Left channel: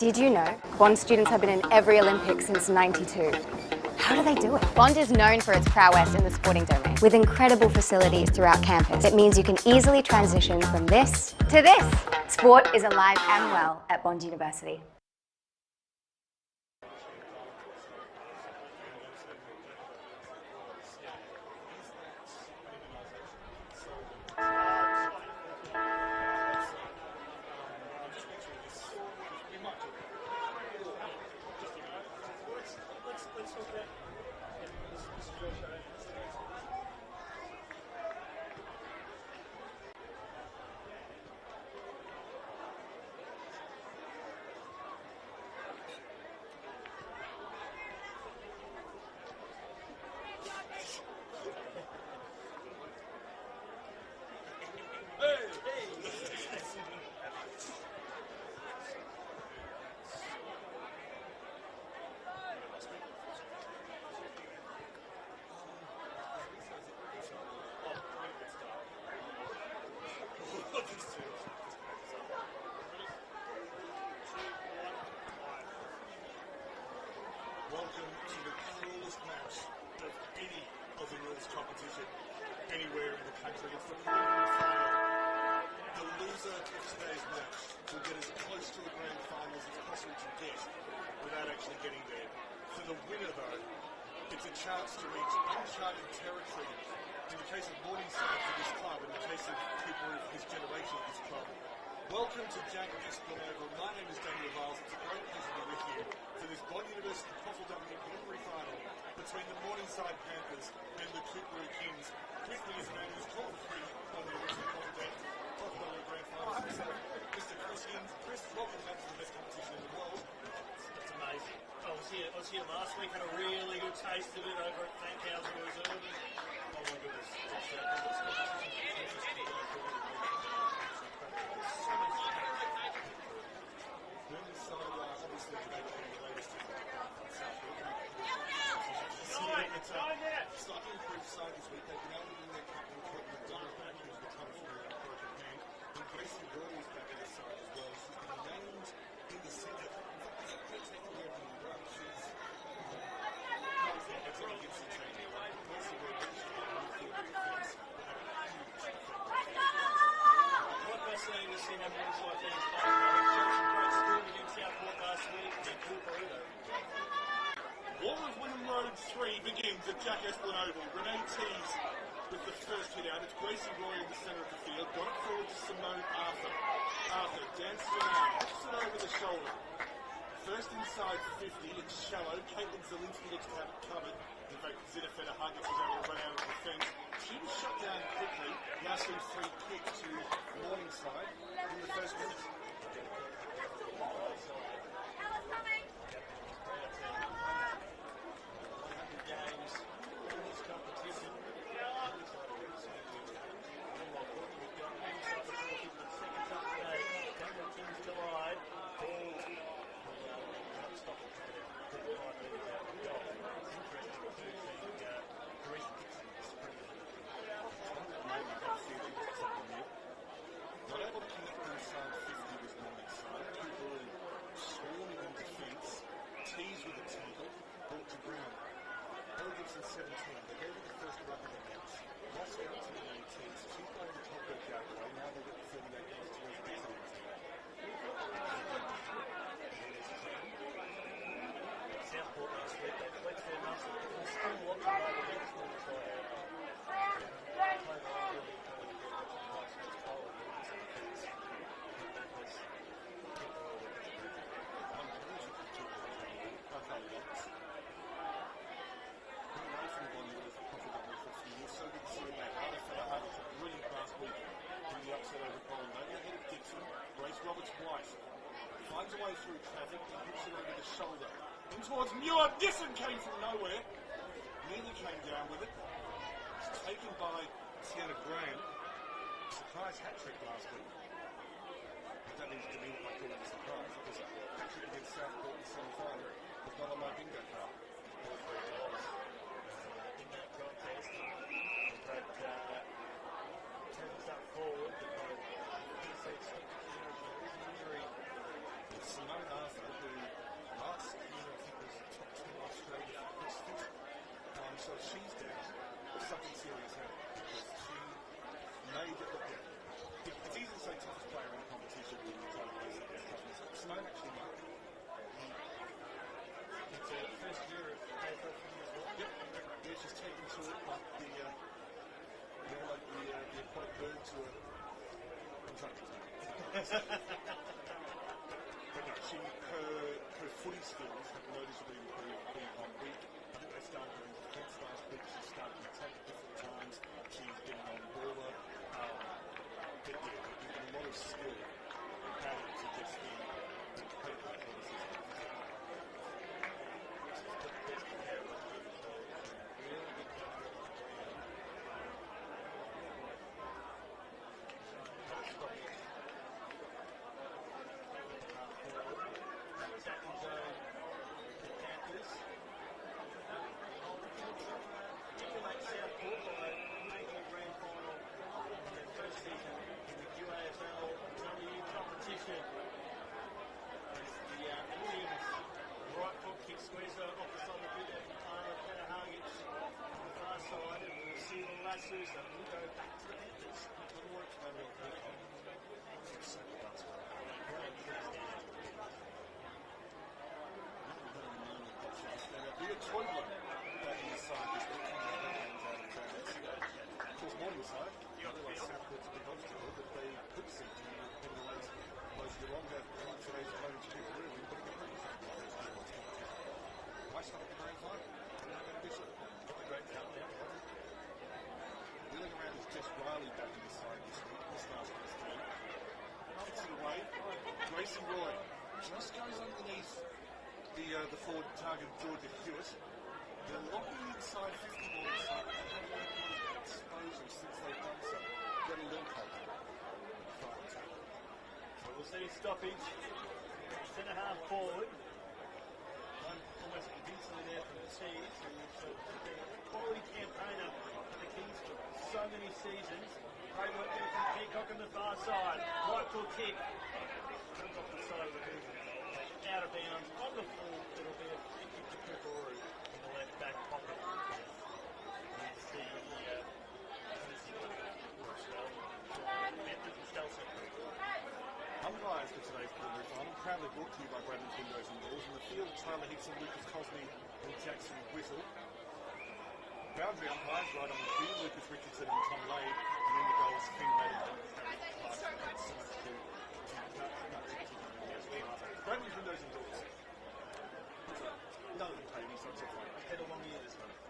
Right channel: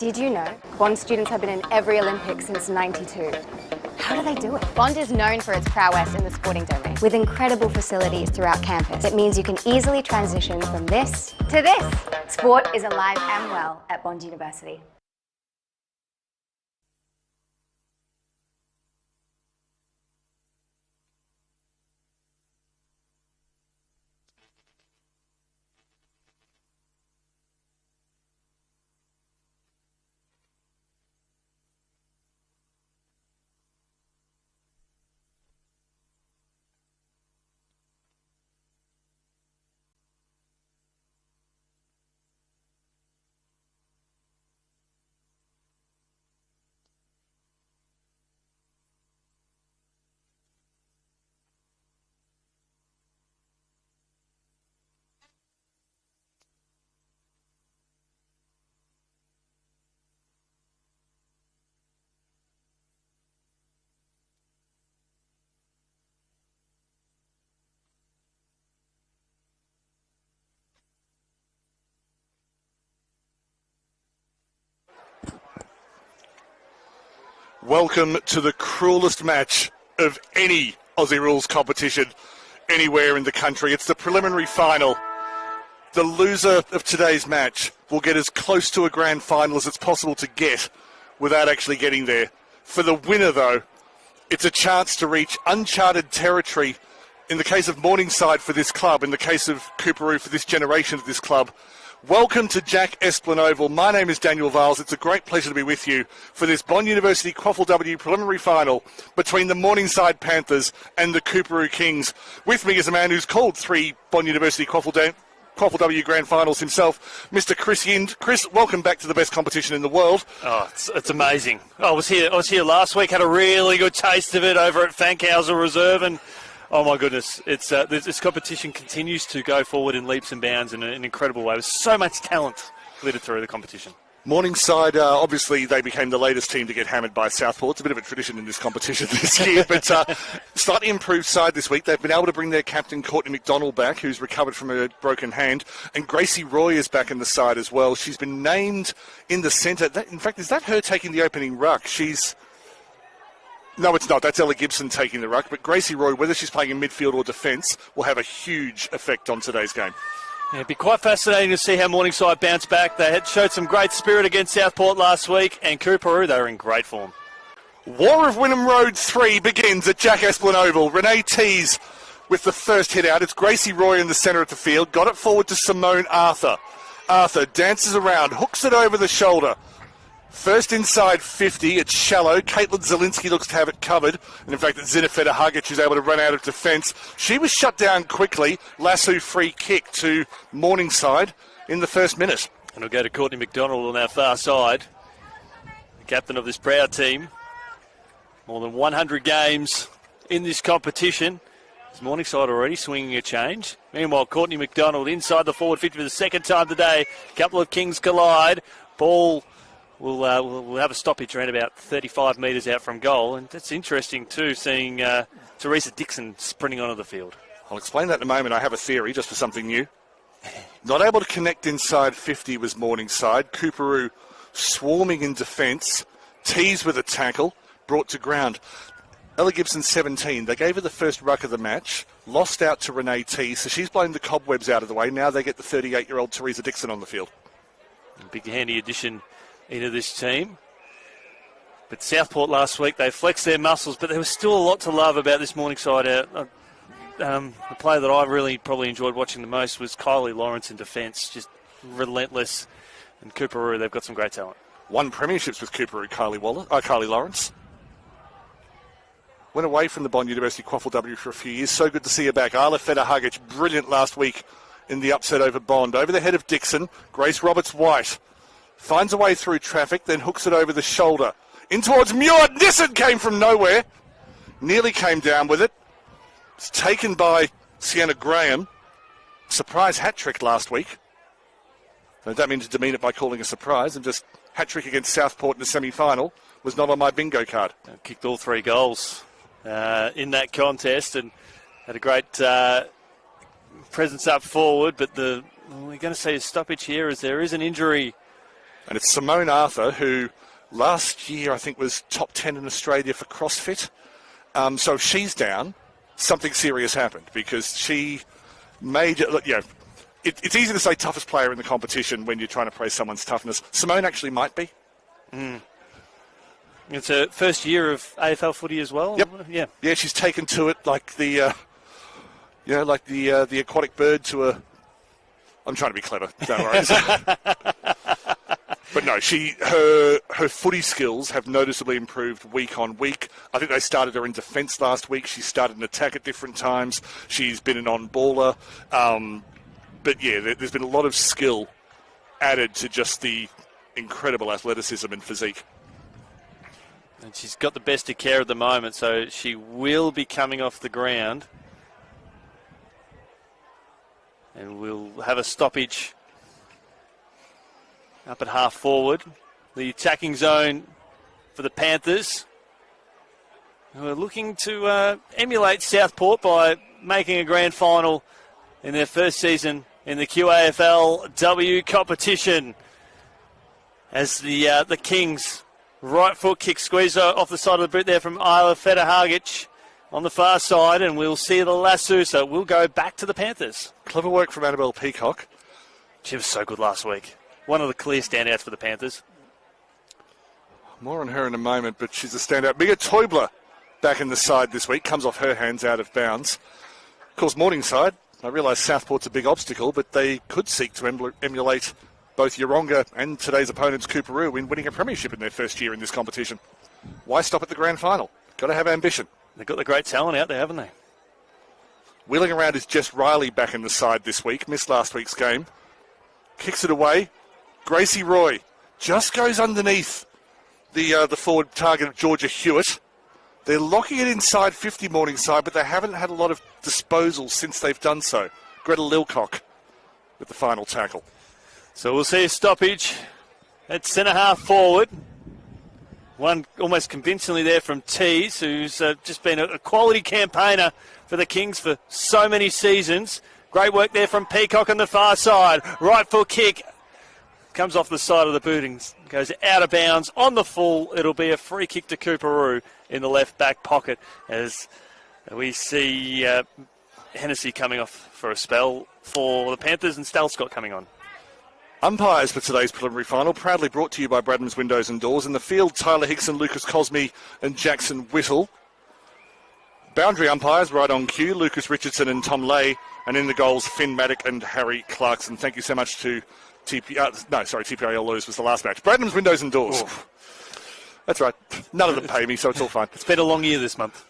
Did you know Bond students have been in every Olympics since '92? How do they do it? Bond is known for its prowess in the sporting domain. With incredible facilities throughout campus, it means you can easily transition from this to this. Sport is alive and well at Bond University. Welcome to the cruelest match of any Aussie rules competition anywhere in the country. It's the preliminary final. The loser of today's match will get as close to a grand final as it's possible to get without actually getting there. For the winner, though, it's a chance to reach uncharted territory. In the case of Morningside for this club, in the case of Coorparoo for this generation of this club. Welcome to Jack Esplin Oval. My name is Daniel Viles. It's a great pleasure to be with you for this Bond University QAFLW preliminary final between the Morningside and the Coorparoo Kings. With me is a man who's called 3 Bond University QAFLW Grand Finals himself, Mr. Chris Yind. Chris, welcome back to the best competition in the world. Oh, it's amazing. I was here last week, had a really good taste of it over at Fankhauser Reserve, and oh my goodness, it's this competition continues to go forward in leaps and bounds in an incredible way. There's so much talent littered through the competition. Morningside, obviously they became the latest team to get hammered by Southport. It's a bit of a tradition in this competition this year, but slightly improved side this week. They've been able to bring their captain Courtney McDonald back, who's recovered from a broken hand, and Gracie Roy is back in the side as well. She's been named in the centre. In fact, is that her taking the opening ruck? No, it's not. That's Ella Gibson taking the ruck. But Gracie Roy, whether she's playing in midfield or defence, will have a huge effect on today's game. Yeah, it'd be quite fascinating to see how Morningside bounce back. They had showed some great spirit against Southport last week, and Coorparoo, they were in great form. War of Wynnum Road 3 begins at Jack Esplin Oval. Renee Tees with the first hit out. It's Gracie Roy in the centre of the field. Got it forward to Simone Arthur. Arthur dances around, hooks it over the shoulder. First inside 50, it's shallow. Caitlin Zielinski looks to have it covered. And in fact, it's Zinafeta Hagic who's able to run out of defence. She was shut down quickly. Lasso free kick to Morningside in the first minute. And we'll go to Courtney McDonald on our far side. Captain of this proud team. More than 100 games in this competition. It's Morningside already swinging a change. Meanwhile, Courtney McDonald inside the forward 50 for the second time today. A couple of Kings collide. Ball We'll have a stoppage around about 35 metres out from goal, and that's interesting too, seeing Teresa Dixon sprinting onto the field. I'll explain that in a moment. I have a theory just for something new. Not able to connect inside 50 was Morningside. Coorparoo swarming in defence. Tees with a tackle, brought to ground. Ella Gibson 17. They gave her the first ruck of the match. Lost out to Renee Tees, so she's blown the cobwebs out of the way. Now they get the 38-year-old Teresa Dixon on the field. A big handy addition into this team. But Southport last week, they flexed their muscles, but there was still a lot to love about this Morningside. The player that I really probably enjoyed watching the most was Kylie Lawrence in defence, relentless. And Coorparoo, they've got some great talent. Won premierships with Coorparoo, Kylie Lawrence. Went away from the Bond University QAFLW for a few years. So good to see her back. Arla Feta-Hagic, brilliant last week in the upset over Bond. Over the head of Dixon, Grace Roberts-White. Finds a way through traffic, then hooks it over the shoulder. In towards Muir. Nissen came from nowhere. Nearly came down with it. It's taken by Sienna Graham. Surprise hat-trick last week. I don't mean to demean it by calling a surprise. And just hat-trick against Southport in the semi-final was not on my bingo card. Kicked all 3 goals in that contest and had a great presence up forward. But we're going to see a stoppage here as there is an injury And it's Simone Arthur, who last year I think was top 10 in Australia for CrossFit. So if she's down, something serious happened, because she made it, look, it's easy to say toughest player in the competition when you're trying to praise someone's toughness. Simone actually might be. It's her first year of AFL footy as well. Yep. Yeah, she's taken to it like the aquatic bird to a. I'm trying to be clever. Don't worry. But no, her footy skills have noticeably improved week on week. I think they started her in defence last week. She started an attack at different times. She's been an on-baller. But yeah, there's been a lot of skill added to just the incredible athleticism and physique. And she's got the best of care at the moment, so she will be coming off the ground. And we'll have a stoppage up at half forward. The attacking zone for the Panthers, who are looking to emulate Southport by making a grand final in their first season in the QAFLW competition. As the Kings right foot kick squeeze off the side of the boot there from Isla Federhagic on the far side, and we'll see the lasso, so we'll go back to the Panthers. Clever work from Annabelle Peacock. She was so good last week. One of the clear standouts for the Panthers. More on her in a moment, but she's a standout. Mia Teubler back in the side this week, comes off her hands out of bounds. Of course, Morningside, I realise Southport's a big obstacle, but they could seek to emulate both Yeronga and today's opponents, Coorparoo, in winning a premiership in their first year in this competition. Why stop at the grand final? Got to have ambition. They've got the great talent out there, haven't they? Wheeling around is Jess Riley back in the side this week. Missed last week's game. Kicks it away. Gracie Roy just goes underneath the forward target of Georgia Hewitt. They're locking it inside 50 Morningside, but they haven't had a lot of disposals since they've done so. Greta Lilcock with the final tackle. So we'll see a stoppage at centre half forward. One almost convincingly there from Tees, who's just been a quality campaigner for the Kings for so many seasons. Great work there from Peacock on the far side. Right foot kick. Comes off the side of the boot and goes out of bounds on the full. It'll be a free kick to Coorparoo in the left back pocket as we see Hennessy coming off for a spell for the Panthers and Stalscott coming on. Umpires for today's preliminary final, proudly brought to you by Bradham's Windows and Doors. In the field, Tyler Hickson, Lucas Cosme and Jackson Whittle. Boundary umpires right on cue, Lucas Richardson and Tom Lay. And in the goals, Finn Maddock and Harry Clarkson. Thank you so much to TPIL Lewis was the last match. Bradham's Windows and Doors. Oof. That's right. None of them pay me, so it's all fine. It's been a long year this month.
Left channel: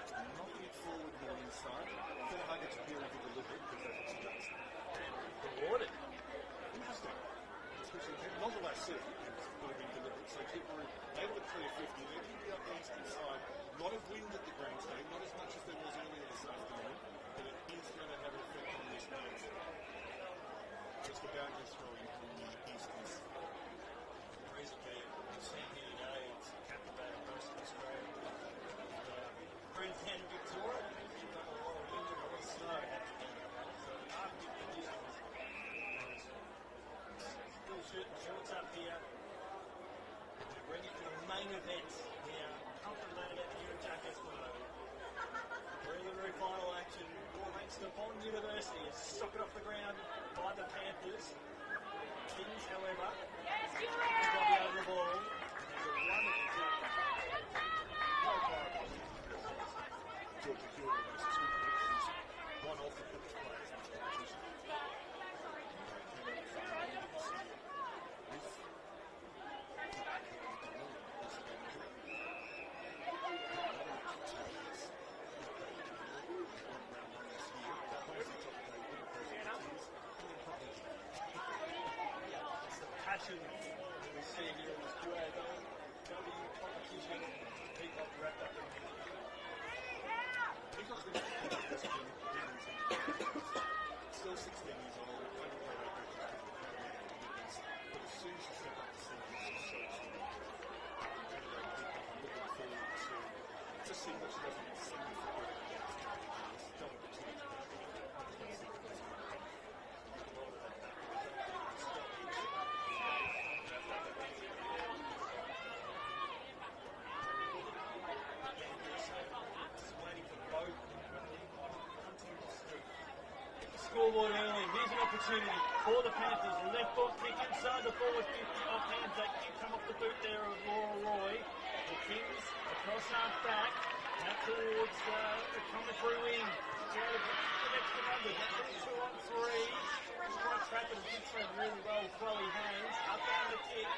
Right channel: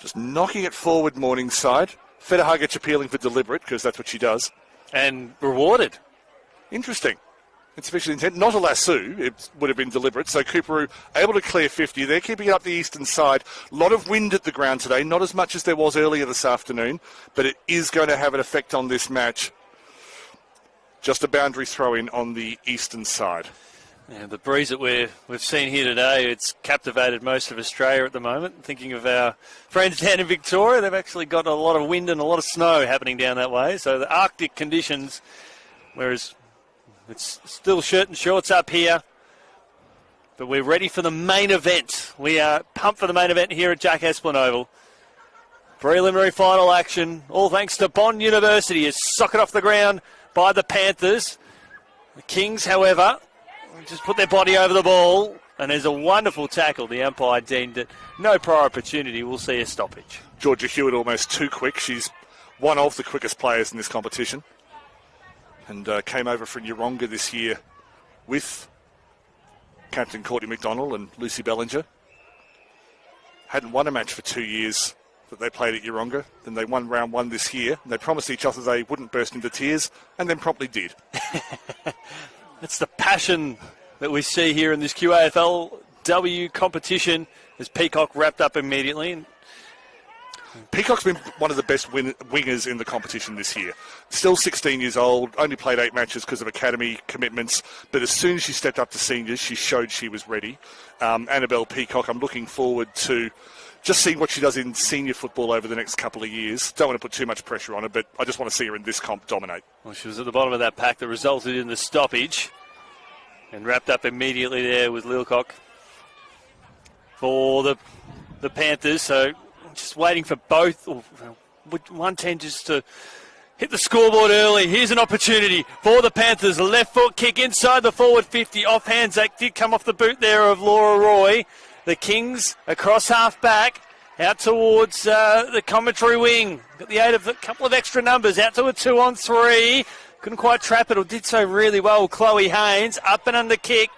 Just knocking it forward, Morningside. Federhagic appealing for deliberate, because that's what she does. And rewarded. Interesting. Insufficient intent. Not a lasso. It would have been deliberate. So Coorparoo able to clear 50. They're keeping it up the eastern side. A lot of wind at the ground today. Not as much as there was earlier this afternoon. But it is going to have an effect on this match. Just a boundary throw in on the eastern side. Yeah, the breeze that we've seen here today, it's captivated most of Australia at the moment. Thinking of our friends down in Victoria, they've actually got a lot of wind and a lot of snow happening down that way. So the Arctic conditions, whereas it's still shirt and shorts up here. But we're ready for the main event. We are pumped for the main event here at Jack Esplin Oval. Preliminary final action, all thanks to Bond University, is socket off the ground by the Panthers. The Kings, however, just put their body over the ball, and there's a wonderful tackle. The umpire deemed it no prior opportunity. We'll see a stoppage. Georgia Hewitt almost too quick. She's one of the quickest players in this competition. And came over from Yeronga this year with Captain Courtney McDonald and Lucy Bellinger. Hadn't won a match for 2 years that they played at Yeronga. Then they won round one this year. And they promised each other they wouldn't burst into tears, and then promptly did. It's the passion that we see here in this QAFLW competition as Peacock wrapped up immediately. Peacock's been one of the best wingers in the competition this year. Still 16 years old, only played 8 matches because of academy commitments, but as soon as she stepped up to seniors, she showed she was ready. Annabelle Peacock, I'm looking forward to just seeing what she does in senior football over the next couple of years. Don't want to put too much pressure on her, but I just want to see her in this comp dominate. Well, she was at the bottom of that pack that resulted in the stoppage and wrapped up immediately there with Lilcock for the Panthers. So just waiting for both, 110 just to hit the scoreboard early. Here's an opportunity for the Panthers. Left foot kick inside the forward 50. Off hands. That did come off the boot there of Laura Roy. The Kings across half back. Out towards the commentary wing. Got the aid of a couple of extra numbers. Out to a 2-on-3. Couldn't quite trap it, or did so really well. Chloe Haynes up and under kick.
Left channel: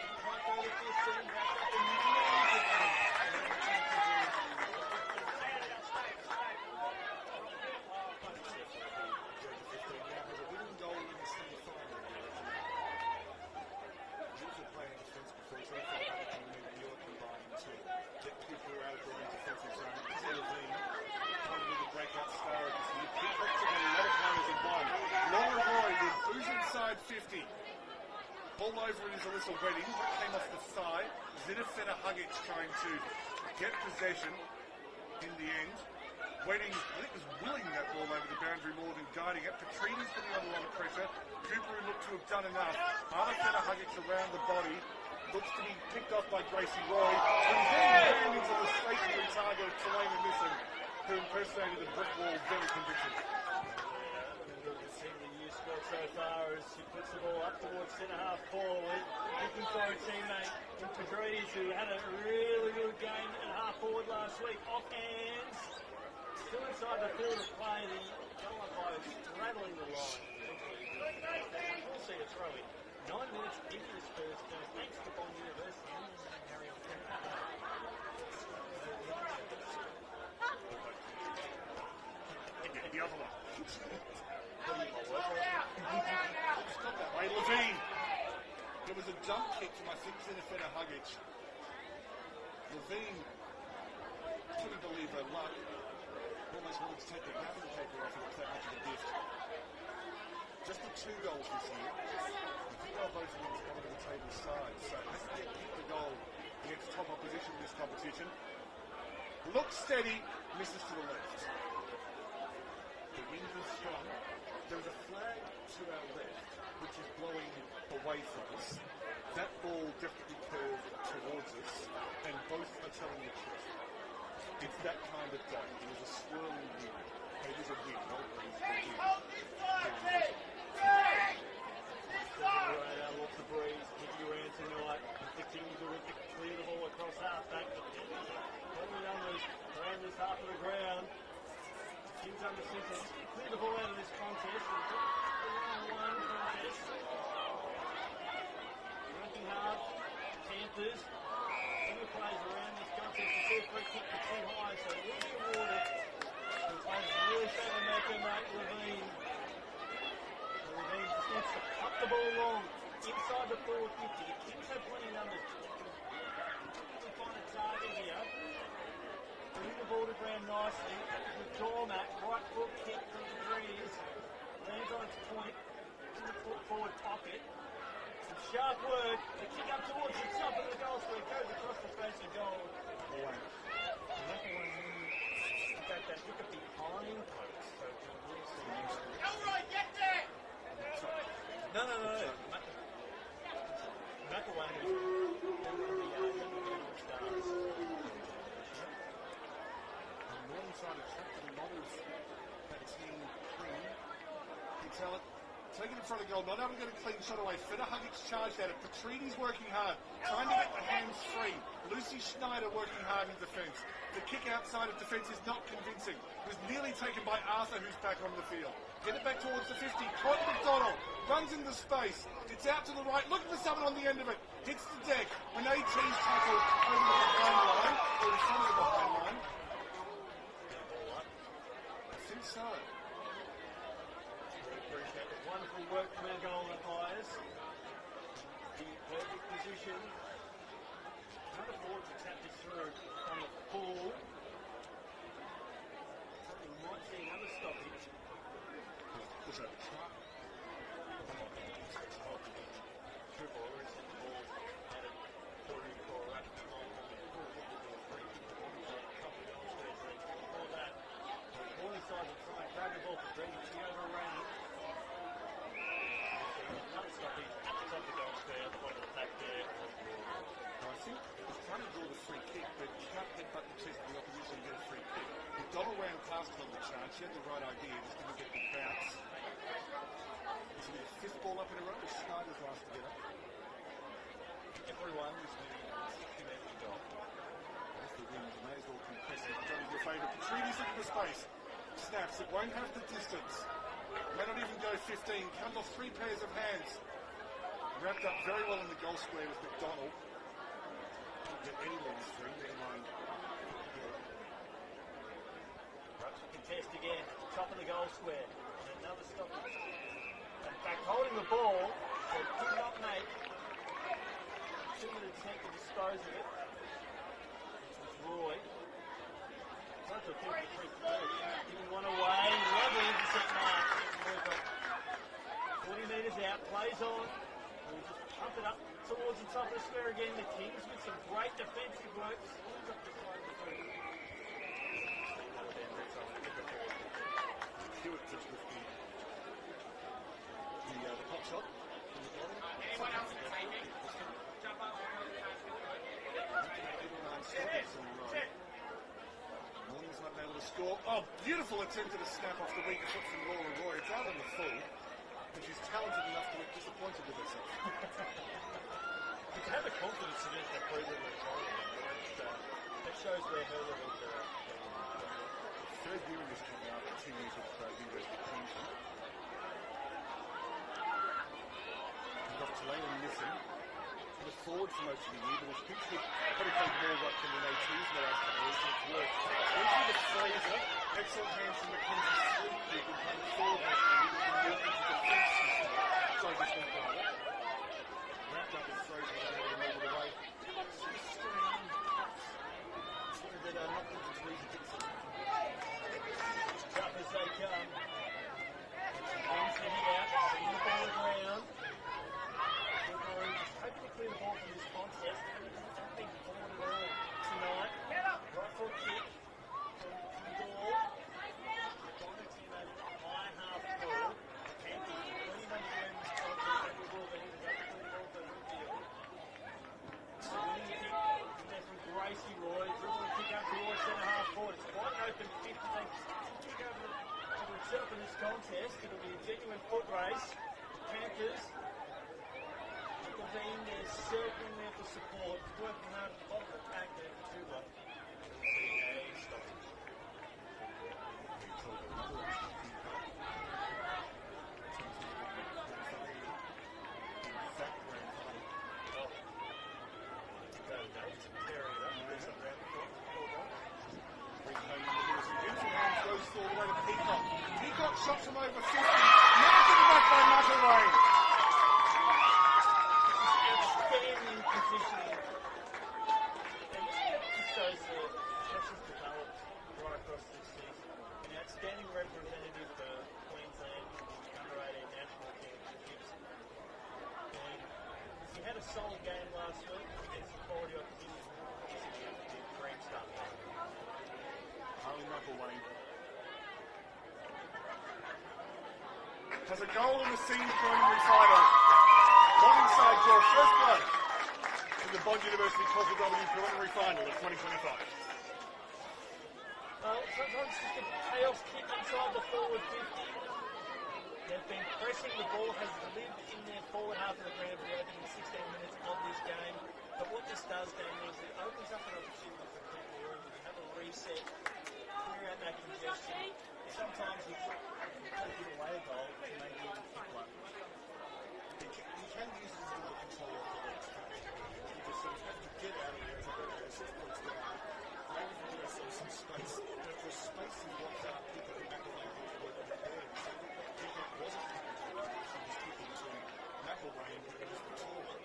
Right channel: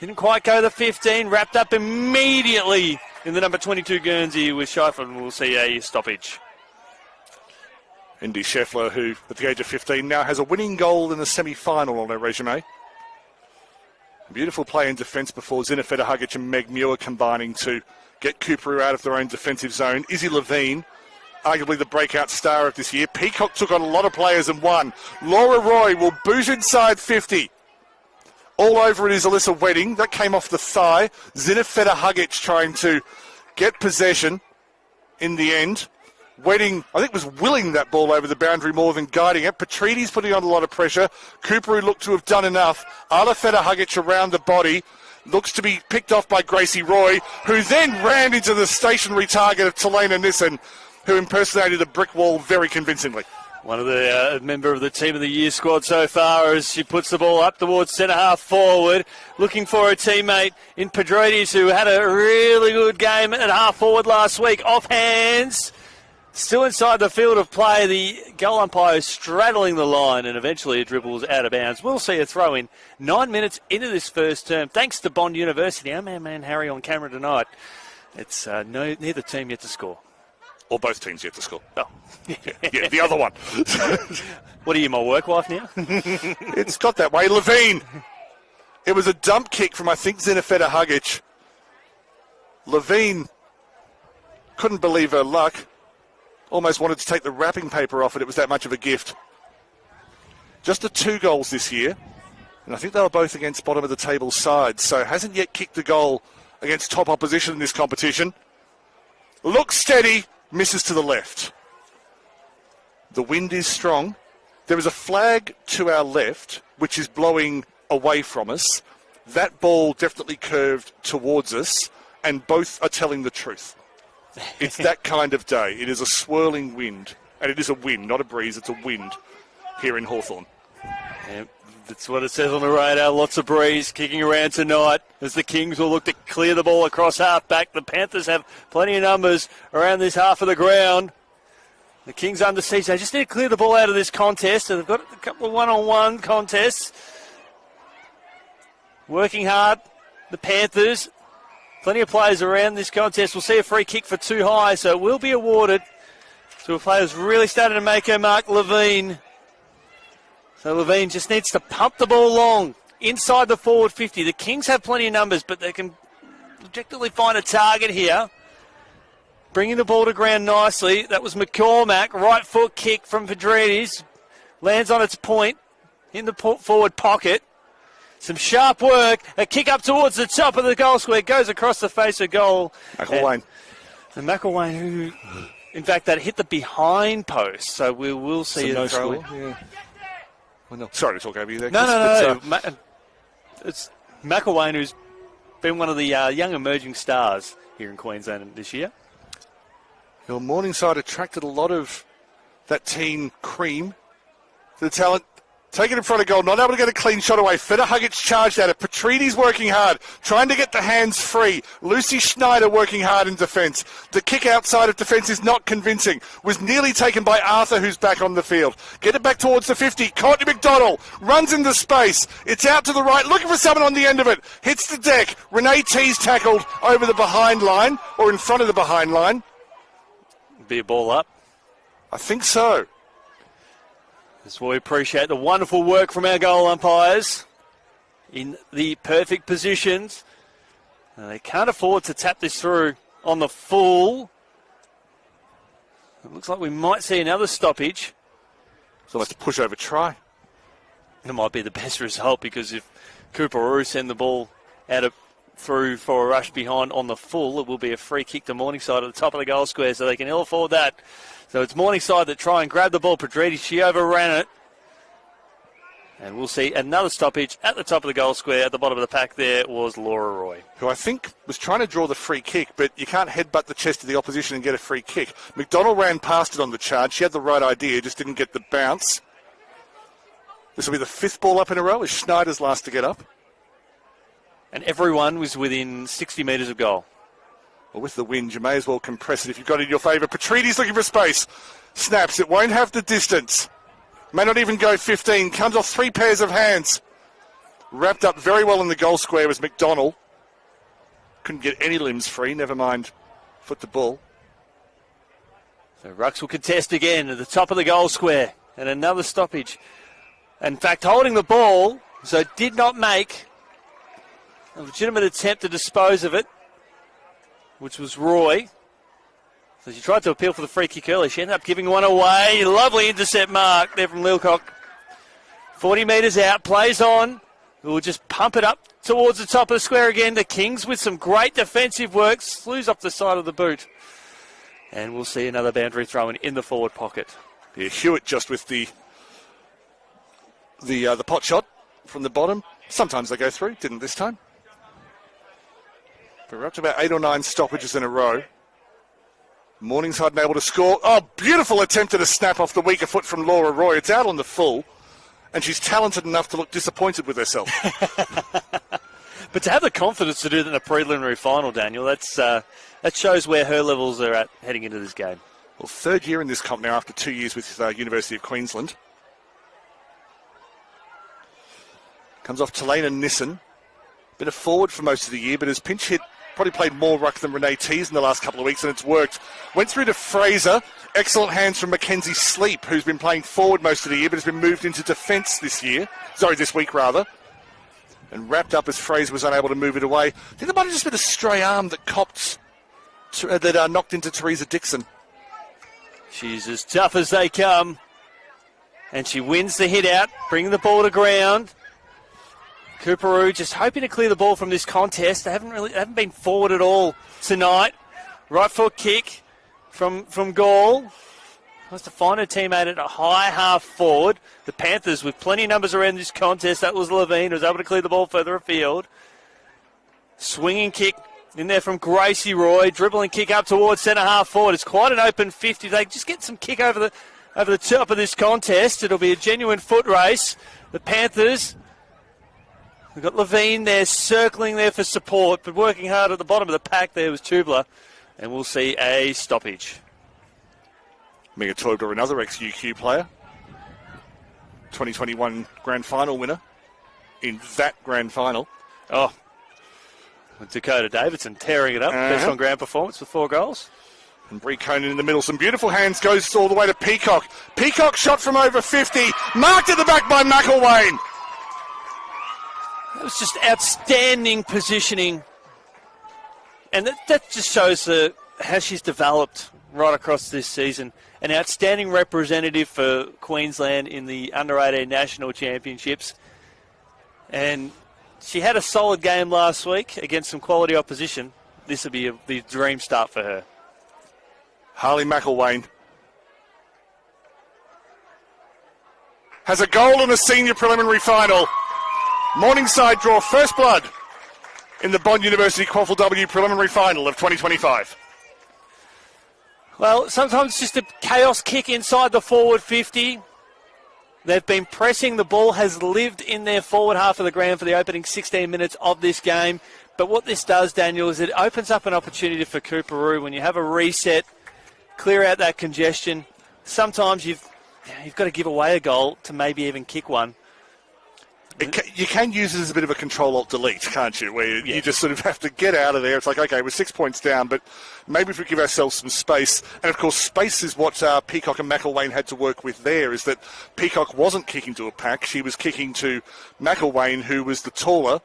Didn't quite go the 15. Wrapped up immediately in the number 22 Guernsey with Scheifler. We'll see a stoppage. Indy Scheffler, who at the age of 15 now has a winning goal in the semi-final on her resume. Beautiful play in defence before Zina Federhugic and Meg Muir combining to get Coorparoo out of their own defensive zone. Izzy Levine, arguably the breakout star of this year. Peacock took on a lot of players and won. Laura Roy will boot inside 50. All over it is Alyssa Wedding. That came off the thigh. Zina Federhugic trying to get possession in the end. Wedding, I think, was willing that ball over the boundary more than guiding it. Petrides putting on a lot of pressure. Coorparoo looked to have done enough. Ala Federhugic around the body. Looks to be picked off by Gracie Roy, who then ran into the stationary target of Talena Nissen, who impersonated a brick wall very convincingly. One of the member of the Team of the Year squad so far as she puts the ball up towards centre half forward, looking for her teammate in Petrides, who had a really good game at half forward last week. Off hands. Still inside the field of play, the goal umpire straddling the line, and eventually it dribbles out of bounds. We'll see a throw in 9 minutes into this first term. Thanks to Bond University. Our man Harry on camera tonight. It's neither team yet to score. Or both teams yet to score. Oh, yeah, the other one. What are you, my work wife now? It's got that way. Levine. It was a dump kick from, I think, Zina Federhugic. Levine couldn't believe her luck. Almost wanted to take the wrapping paper off it. It was that much of a gift. Just the 2 goals this year. And I think they were both against bottom of the table sides. So hasn't yet kicked a goal against top opposition in this competition. Looks steady. Misses to the left. The wind is strong. There is a flag to our left, which is blowing away from us. That ball definitely curved towards us. And both are telling the truth. It's that kind of day. It is a swirling wind, and it is a wind, not a breeze. It's a wind here in Hawthorn. Yep, that's what it says on the radar. Lots of breeze kicking around tonight as the Kings will look to clear the ball across half back. The Panthers have plenty of numbers around this half of the ground. The Kings under siege. They just need to clear the ball out of this contest. They've got a couple of one-on-one contests. Working hard, the Panthers. Plenty of players around this contest. We'll see a free kick for too high, so it will be awarded to a player who's really started to make her mark, Levine. So Levine just needs to pump the ball long inside the forward 50. The Kings have plenty of numbers, but they can objectively find a target here. Bringing the ball to ground nicely. That was McCormack. Right foot kick from Petrides. Lands on its point in the forward pocket. Some sharp work, a kick up towards the top of the goal square, goes across the face of goal. McElwain. And McElwain, who, in fact, that hit the behind post, so we will see a throw. Yeah. Well, no, sorry to talk over you there. No. It's McElwain, who's been one of the young emerging stars here in Queensland this year. Well, Morningside attracted a lot of that teen cream, the talent. Taken in front of goal, not able to get a clean shot away. Federhugic charged at it. Petrides working hard, trying to get the hands free. Lucy Schneider working hard in defence. The kick outside of defence is not convincing. Was nearly taken by Arthur, who's back on the field. Get it back towards the 50. Courtney McDonald runs into space. It's out to the right, looking for someone on the end of it. Hits the deck. Renee T's tackled over the behind line, or in front of the behind line. Be a ball up. I think so. So we appreciate the wonderful work from our goal umpires in the perfect positions. They can't afford to tap this through on the full. It looks like we might see another stoppage. So let's push over try. It might be the best result, because if Coorparoo send the ball out of through for a rush behind on the full. It will be a free kick to Morningside at the top of the goal square, so they can ill afford that. So it's Morningside that try and grab the ball. Pedretti, she overran it. And we'll see another stoppage at the top of the goal square. At the bottom of the pack there was Laura Roy, who I think was trying to draw the free kick, but you can't headbutt the chest of the opposition and get a free kick. McDonald ran past it on the charge. She had the right idea, just didn't get the bounce. This will be the 5th ball up in a row as Schneider's last to get up. And everyone was within 60 metres of goal. Well, with the wind, you may as well compress it if you've got it in your favour. Petriti's looking for space. Snaps. It won't have the distance. May not even go 15. Comes off 3 pairs of hands. Wrapped up very well in the goal square was McDonald. Couldn't get any limbs free, never mind foot the ball. So Rucks will contest again at the top of the goal square. And another stoppage. In fact, holding the ball, so did not make a legitimate attempt to dispose of it, which was Roy. So she tried to appeal for the free kick early. She ended up giving one away. Lovely intercept mark there from Lilcock. 40 metres out, plays on. We'll just pump it up towards the top of the square again. The Kings with some great defensive work. Slews off the side of the boot. And we'll see another boundary throw in the forward pocket. Yeah, Hewitt just with the pot shot from the bottom. Sometimes they go through. Didn't this time. We're up to about 8 or 9 stoppages in a row. Morningside unable to score. Oh, beautiful attempt at a snap off the weaker foot from Laura Roy. It's out on the full, and she's talented enough to look disappointed with herself. But to have the confidence to do that in a preliminary final, Daniel, that shows where her levels are at heading into this game. Well, 3rd year in this comp now after 2 years with University of Queensland. Comes off Talena Nissen. Been a forward for most of the year, but has pinch hit. Probably played more ruck than Renee Tees in the last couple of weeks, and it's worked. Went through to Fraser. Excellent hands from Mackenzie Sleep, who's been playing forward most of the year, but has been moved into defence this week. And wrapped up as Fraser was unable to move it away. I think there might have just been a stray arm that knocked into Teresa Dixon. She's as tough as they come. And she wins the hit out, bringing the ball to ground. Coorparoo just hoping to clear the ball from this contest. They haven't been forward at all tonight. Right foot kick from Gall. Wants to find her teammate at a high half forward. The Panthers with plenty of numbers around this contest. That was Levine, who was able to clear the ball further afield. Swinging kick in there from Gracie Roy. Dribbling kick up towards centre half forward. It's quite an open 50. They just get some kick over the top of this contest. It'll be a genuine foot race. The Panthers. We've got Levine there circling there for support, but working hard at the bottom of the pack there was Tubler. And we'll see a stoppage. Mega Toibler, another ex-UQ player. 2021 Grand Final winner in that Grand Final. Oh, Dakota Davidson tearing it up. Best on ground performance with 4 goals. And Bree Conan in the middle. Some beautiful hands. Goes all the way to Peacock. Peacock shot from over 50. Marked at the back by McElwain. It was just outstanding positioning. And that just shows how she's developed right across this season. An outstanding representative for Queensland in the Under-18 National Championships. And she had a solid game last week against some quality opposition. This will be the dream start for her. Harley McElwain has a goal in the senior preliminary final. Morningside draw first blood in the Bond University QAFLW preliminary final of 2025. Well, sometimes just a chaos kick inside the forward 50. They've been pressing. The ball has lived in their forward half of the ground for the opening 16 minutes of this game. But what this does, Daniel, is it opens up an opportunity for Coorparoo when you have a reset, clear out that congestion. Sometimes you've got to give away a goal to maybe even kick one. You can use it as a bit of a Control-Alt-Delete, can't you? Where you just sort of have to get out of there. It's like, okay, we're 6 points down, but maybe if we give ourselves some space. And, of course, space is what Peacock and McElwain had to work with there, is that Peacock wasn't kicking to a pack. She was kicking to McElwain, who was the taller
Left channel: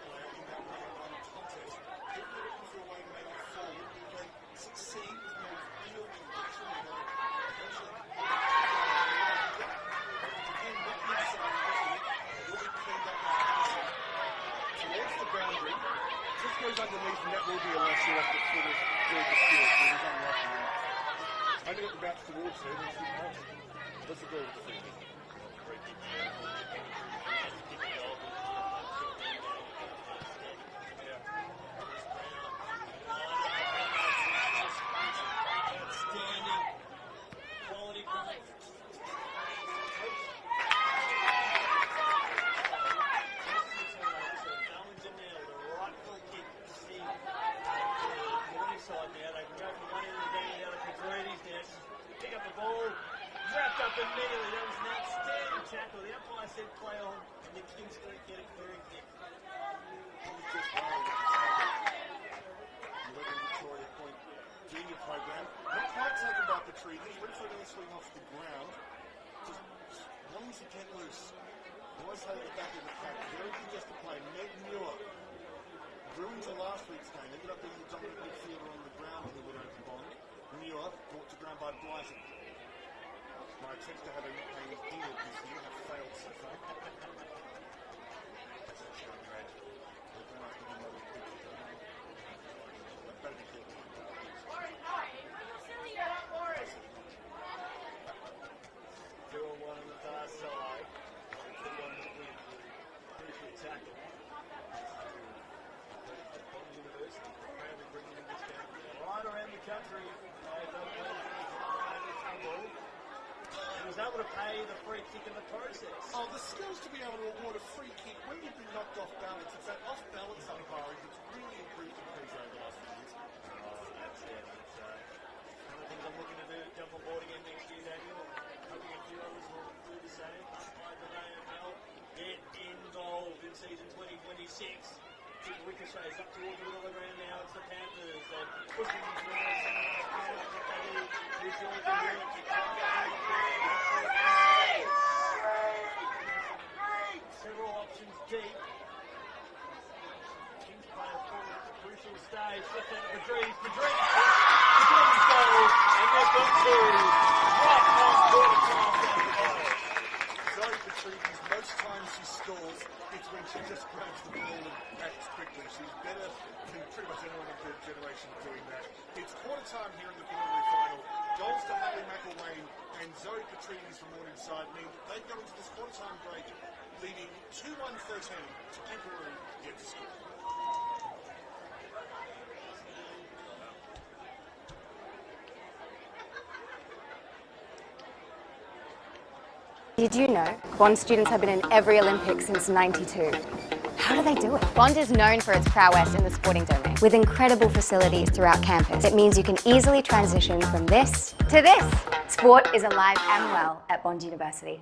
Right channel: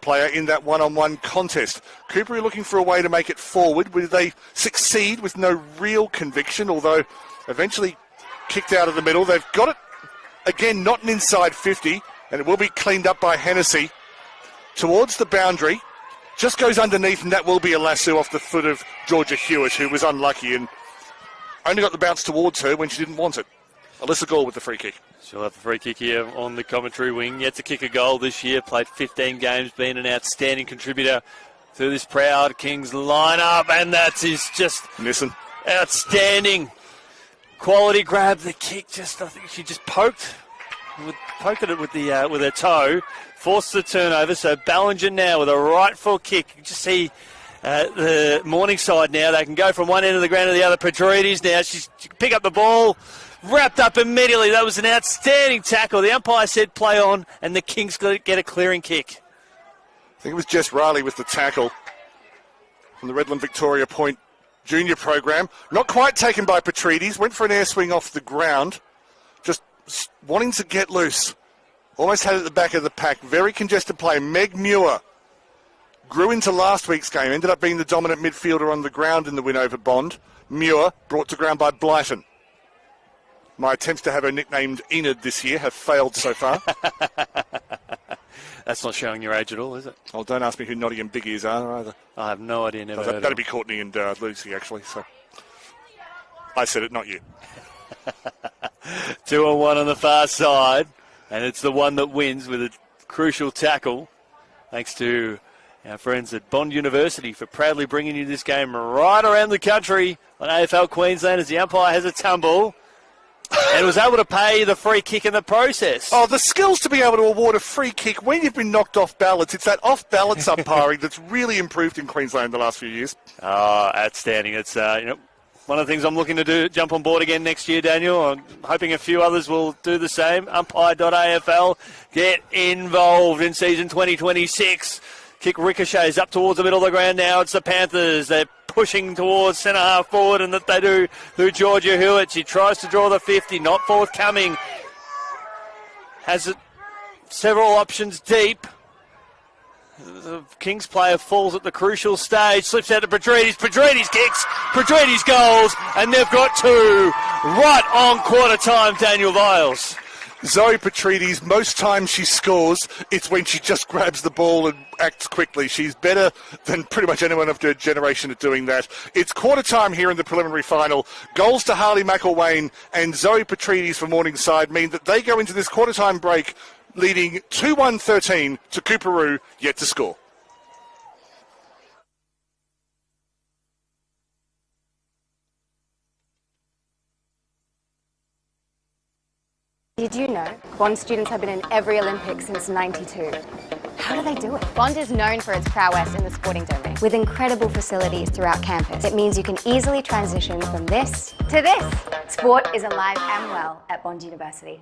player in that one-on-one contest. Coorparoo looking for a way to make it forward. Will they succeed with no real conviction, although eventually kicked out of the middle. They've got it, again, not an inside 50. And it will be cleaned up by Hennessy towards the boundary. just goes underneath, and that will be a lasso off the foot of Georgia Hewitt, who was unlucky and only got the bounce towards her when she didn't want it. Alyssa Gore with the free kick. She'll have the free kick here on the commentary wing. Yet to kick a goal this year, played 15 games, been an outstanding contributor to this proud Kings lineup, and that is just missing. Outstanding quality grab. The kick, I think she just poked at it with her toe, forced the turnover. So Ballinger now with a right foot kick. You just see the Morningside now. They can go from one end of the ground to the other. Petridis now. She can pick up the ball. Wrapped up immediately. That was an outstanding tackle. The umpire said play on, and the Kings get a clearing kick. I think it was Jess Riley with the tackle from the Redland Victoria Point junior program. Not quite taken by Petridis. Went for an air swing off the ground. Just wanting to get loose. Almost had it at the back of the pack. Very congested play. Meg Muir grew into last week's game. Ended up being the dominant midfielder on the ground in the win over Bond. Muir brought to ground by Blyton. My attempts to have her nicknamed Enid this year have failed so far. That's not showing your age at all, is it? Oh, don't ask me who Notty and Biggie is either. I have no idea. Never heard that'd be Courtney and Lucy, actually. So I said it, not you. 2-on-1 on the far side, and it's the one that wins with a crucial tackle. Thanks to our friends at Bond University for proudly bringing you this game right around the country on AFL Queensland as the umpire has a tumble. And was able to pay the free kick in the process. Oh, the skills to be able to award a free kick when you've been knocked off balance. It's that off-balance umpiring that's really improved in Queensland the last few years. Oh, outstanding. It's one of the things I'm looking to do, jump on board again next year, Daniel. I'm hoping a few others will do the same. Umpire.afl, get involved in season 2026. Kick ricochets up towards the middle of the ground now. It's the Panthers. They're pushing towards centre half forward, and that they do through Georgia Hewitt. She tries to draw the 50, not forthcoming. Has several options deep. The Kings player falls at the crucial stage, slips out to Petridis. Petridis kicks, Petridis goals, and they've got two right on quarter time, Daniel Viles. Zoe Petridis, most times she scores, it's when she just grabs the ball and acts quickly. She's better than pretty much anyone of her generation at doing that. It's quarter time here in the preliminary final. Goals to Harley McElwain and Zoe Petridis for Morningside mean that they go into this quarter time break leading 2-1-13 to Coorparoo, yet to score. Did you know Bond students have been in every Olympics since '92? How do they do it? Bond is known for its prowess in the sporting domain. With incredible facilities throughout campus, it means you can easily transition from this to this. Sport is alive and well at Bond University.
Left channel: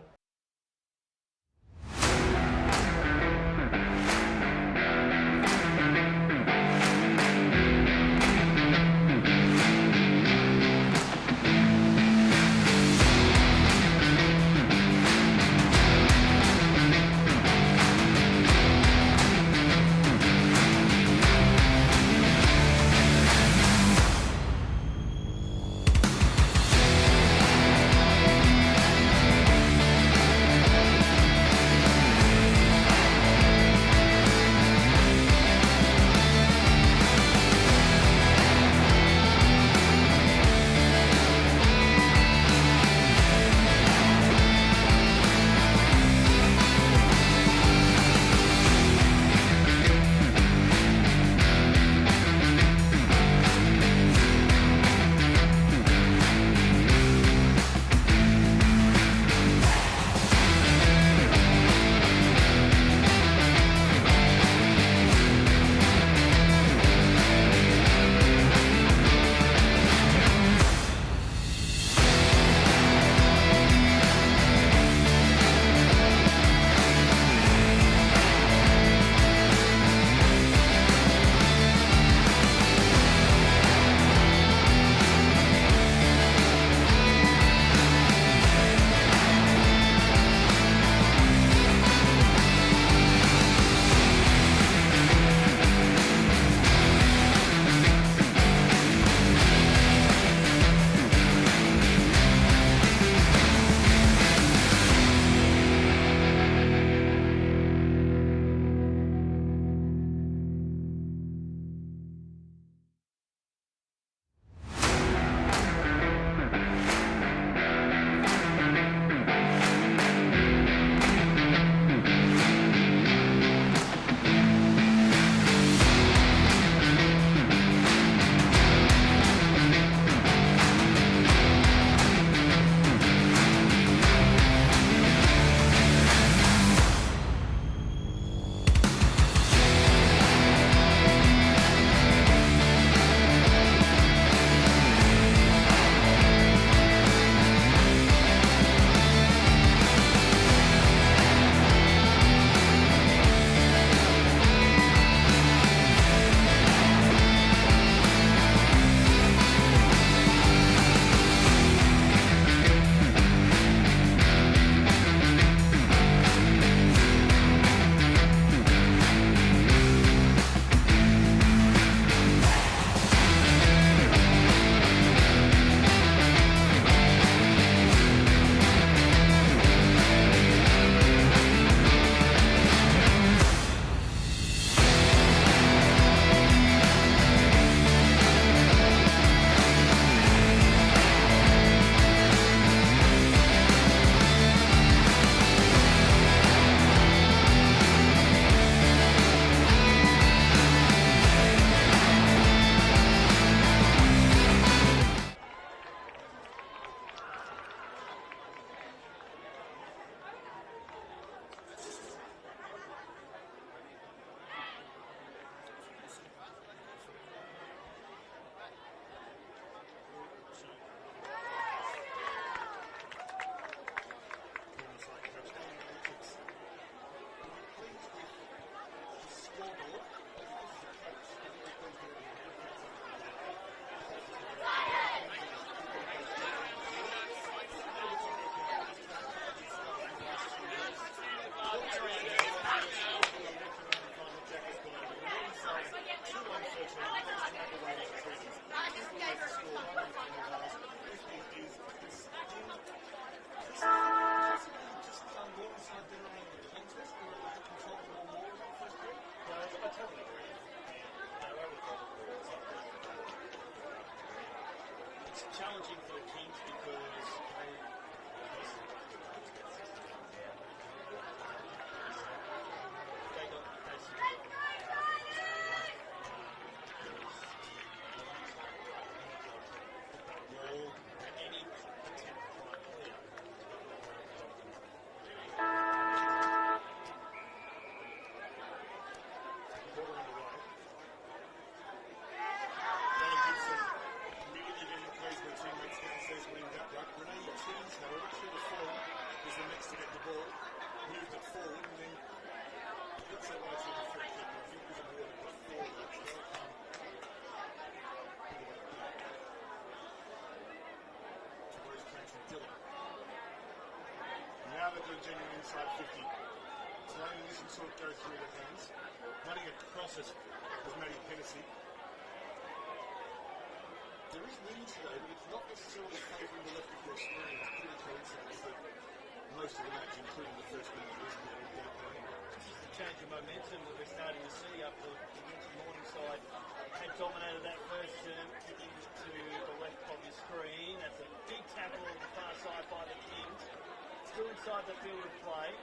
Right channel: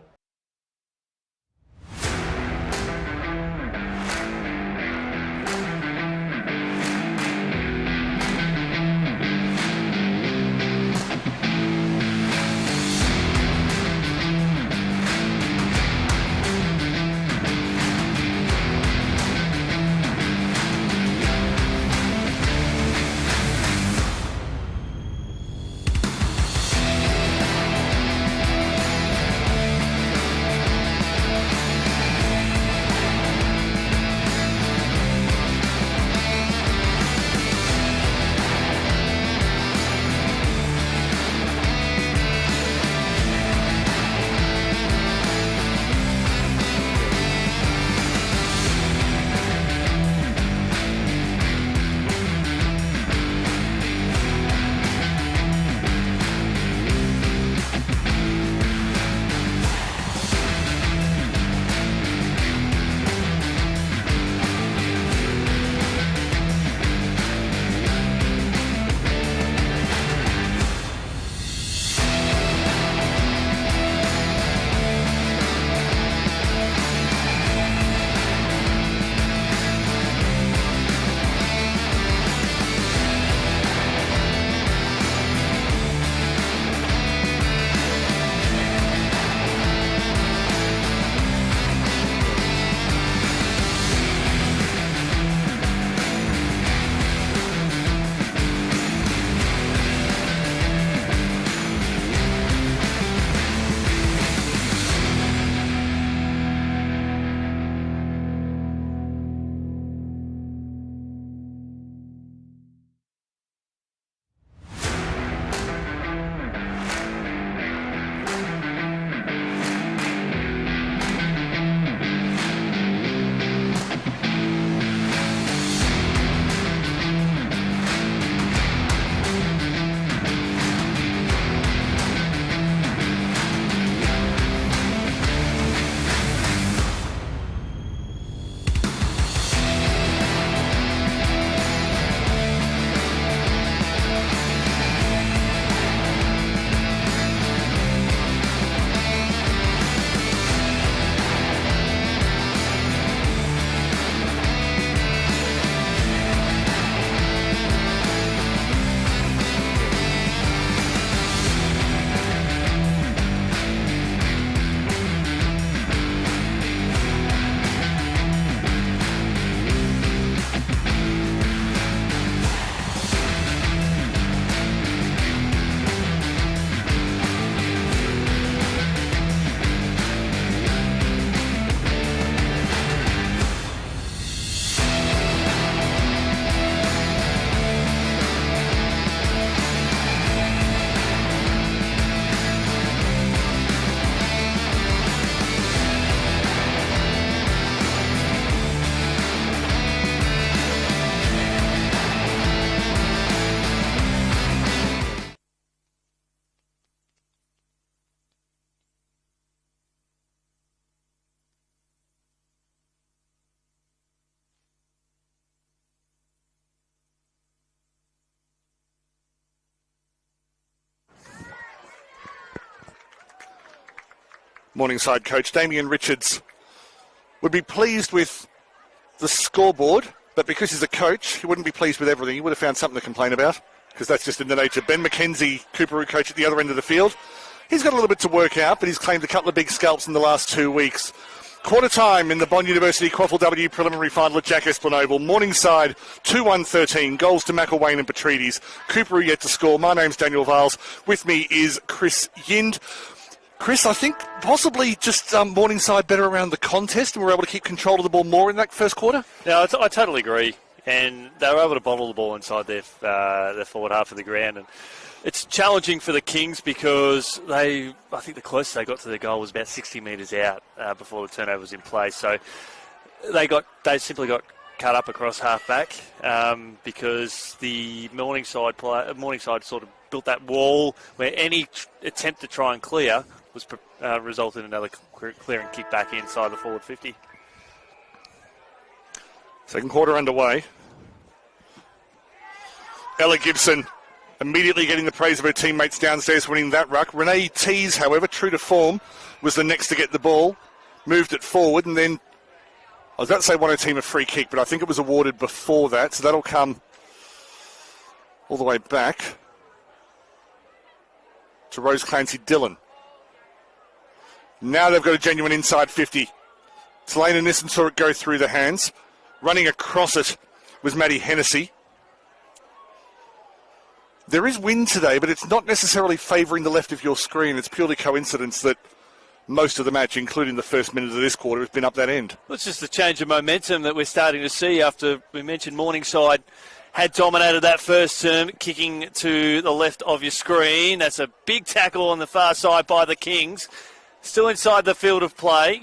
Morningside coach Damien Richards would be pleased with the scoreboard, but because he's a coach, he wouldn't be pleased with everything. He would have found something to complain about, because that's just in the nature. Ben McKenzie, Coorparoo coach at the other end of the field, he's got a little bit to work out, but he's claimed a couple of big scalps in the last 2 weeks. Quarter time in the Bond University QAFLW preliminary final at Jack Esplanade. Morningside 2-1-13. Goals to McElwain and Petrides. Coorparoo yet to score. My name's Daniel Viles. With me is Chris Yind. Chris, I think possibly just Morningside better around the contest and were able to keep control of the ball more in that first quarter? No, I totally agree. And they were able to bottle the ball inside their forward half of the ground. And it's challenging for the Kings because I think the closest they got to the goal was about 60 metres out before the turnover was in place. So they simply got cut up across half back because the Morningside sort of built that wall where any attempt to try and clear was resulted in another clearing kick back inside the forward 50. Second quarter underway. Ella Gibson immediately getting the praise of her teammates downstairs, winning that ruck. Renee Tees, however, true to form, was the next to get the ball, moved it forward, and then I was about to say won her team a free kick, but I think it was awarded before that, so that'll come all the way back to Rose Clancy Dillon. Now they've got a genuine inside 50. Selena Nissen saw it go through the hands. Running across it was Maddie Hennessy. There is wind today, but it's not necessarily favouring the left of your screen. It's purely coincidence that most of the match, including the first minute of this quarter, has been up that end. Well, it's just the change of momentum that we're starting to see after we mentioned Morningside had dominated that first term, kicking to the left of your screen. That's a big tackle on the far side by the Kings. Still inside the field of play.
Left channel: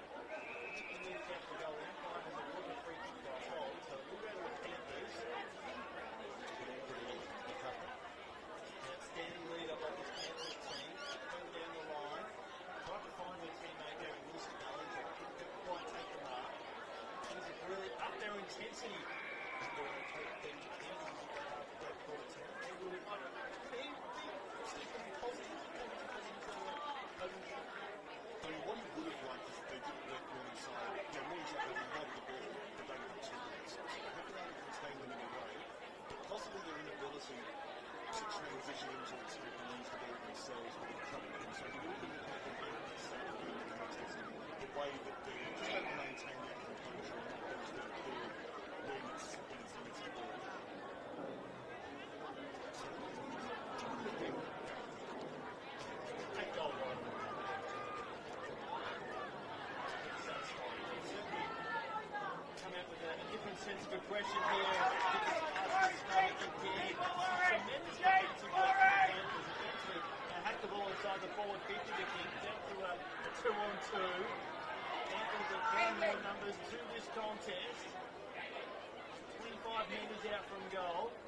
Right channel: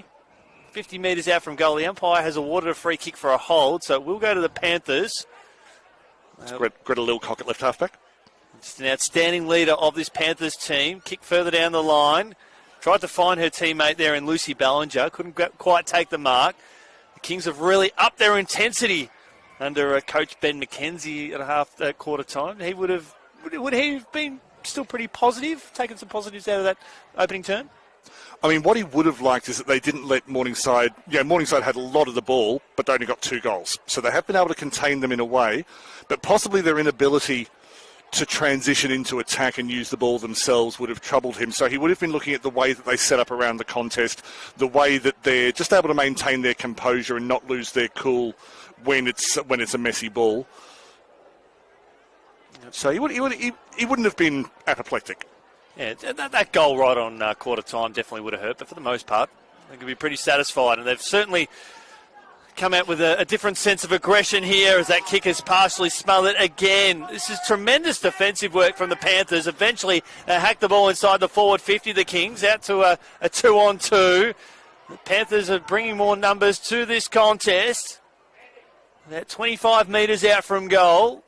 50 metres out from goal. The umpire has awarded a free kick for a hold, so it will go to the Panthers. Greta Lilcock at left halfback. Just an outstanding leader of this Panthers team. Kick further down the line. Tried to find her teammate there in Lucy Ballinger. Couldn't quite take the mark. The Kings have really upped their intensity under Coach Ben McKenzie at quarter time. Would he have been still pretty positive, taking some positives out of that opening turn? I mean, what he would have liked is that they didn't let Morningside... Morningside had a lot of the ball, but they only got 2 goals. So they have been able to contain them in a way, but possibly their inability to transition into attack and use the ball themselves would have troubled him. So he would have been looking at the way that they set up around the contest, the way that they're just able to maintain their composure and not lose their cool when it's a messy ball. So he wouldn't have been apoplectic. Yeah, that goal right on quarter time definitely would have hurt, but for the most part, they could be pretty satisfied. And they've certainly come out with a different sense of aggression here as that kick is partially smothered again. This is tremendous defensive work from the Panthers. Eventually, they hack the ball inside the forward 50. The Kings out to a 2-on-2. The Panthers are bringing more numbers to this contest. They're 25 metres out from goal.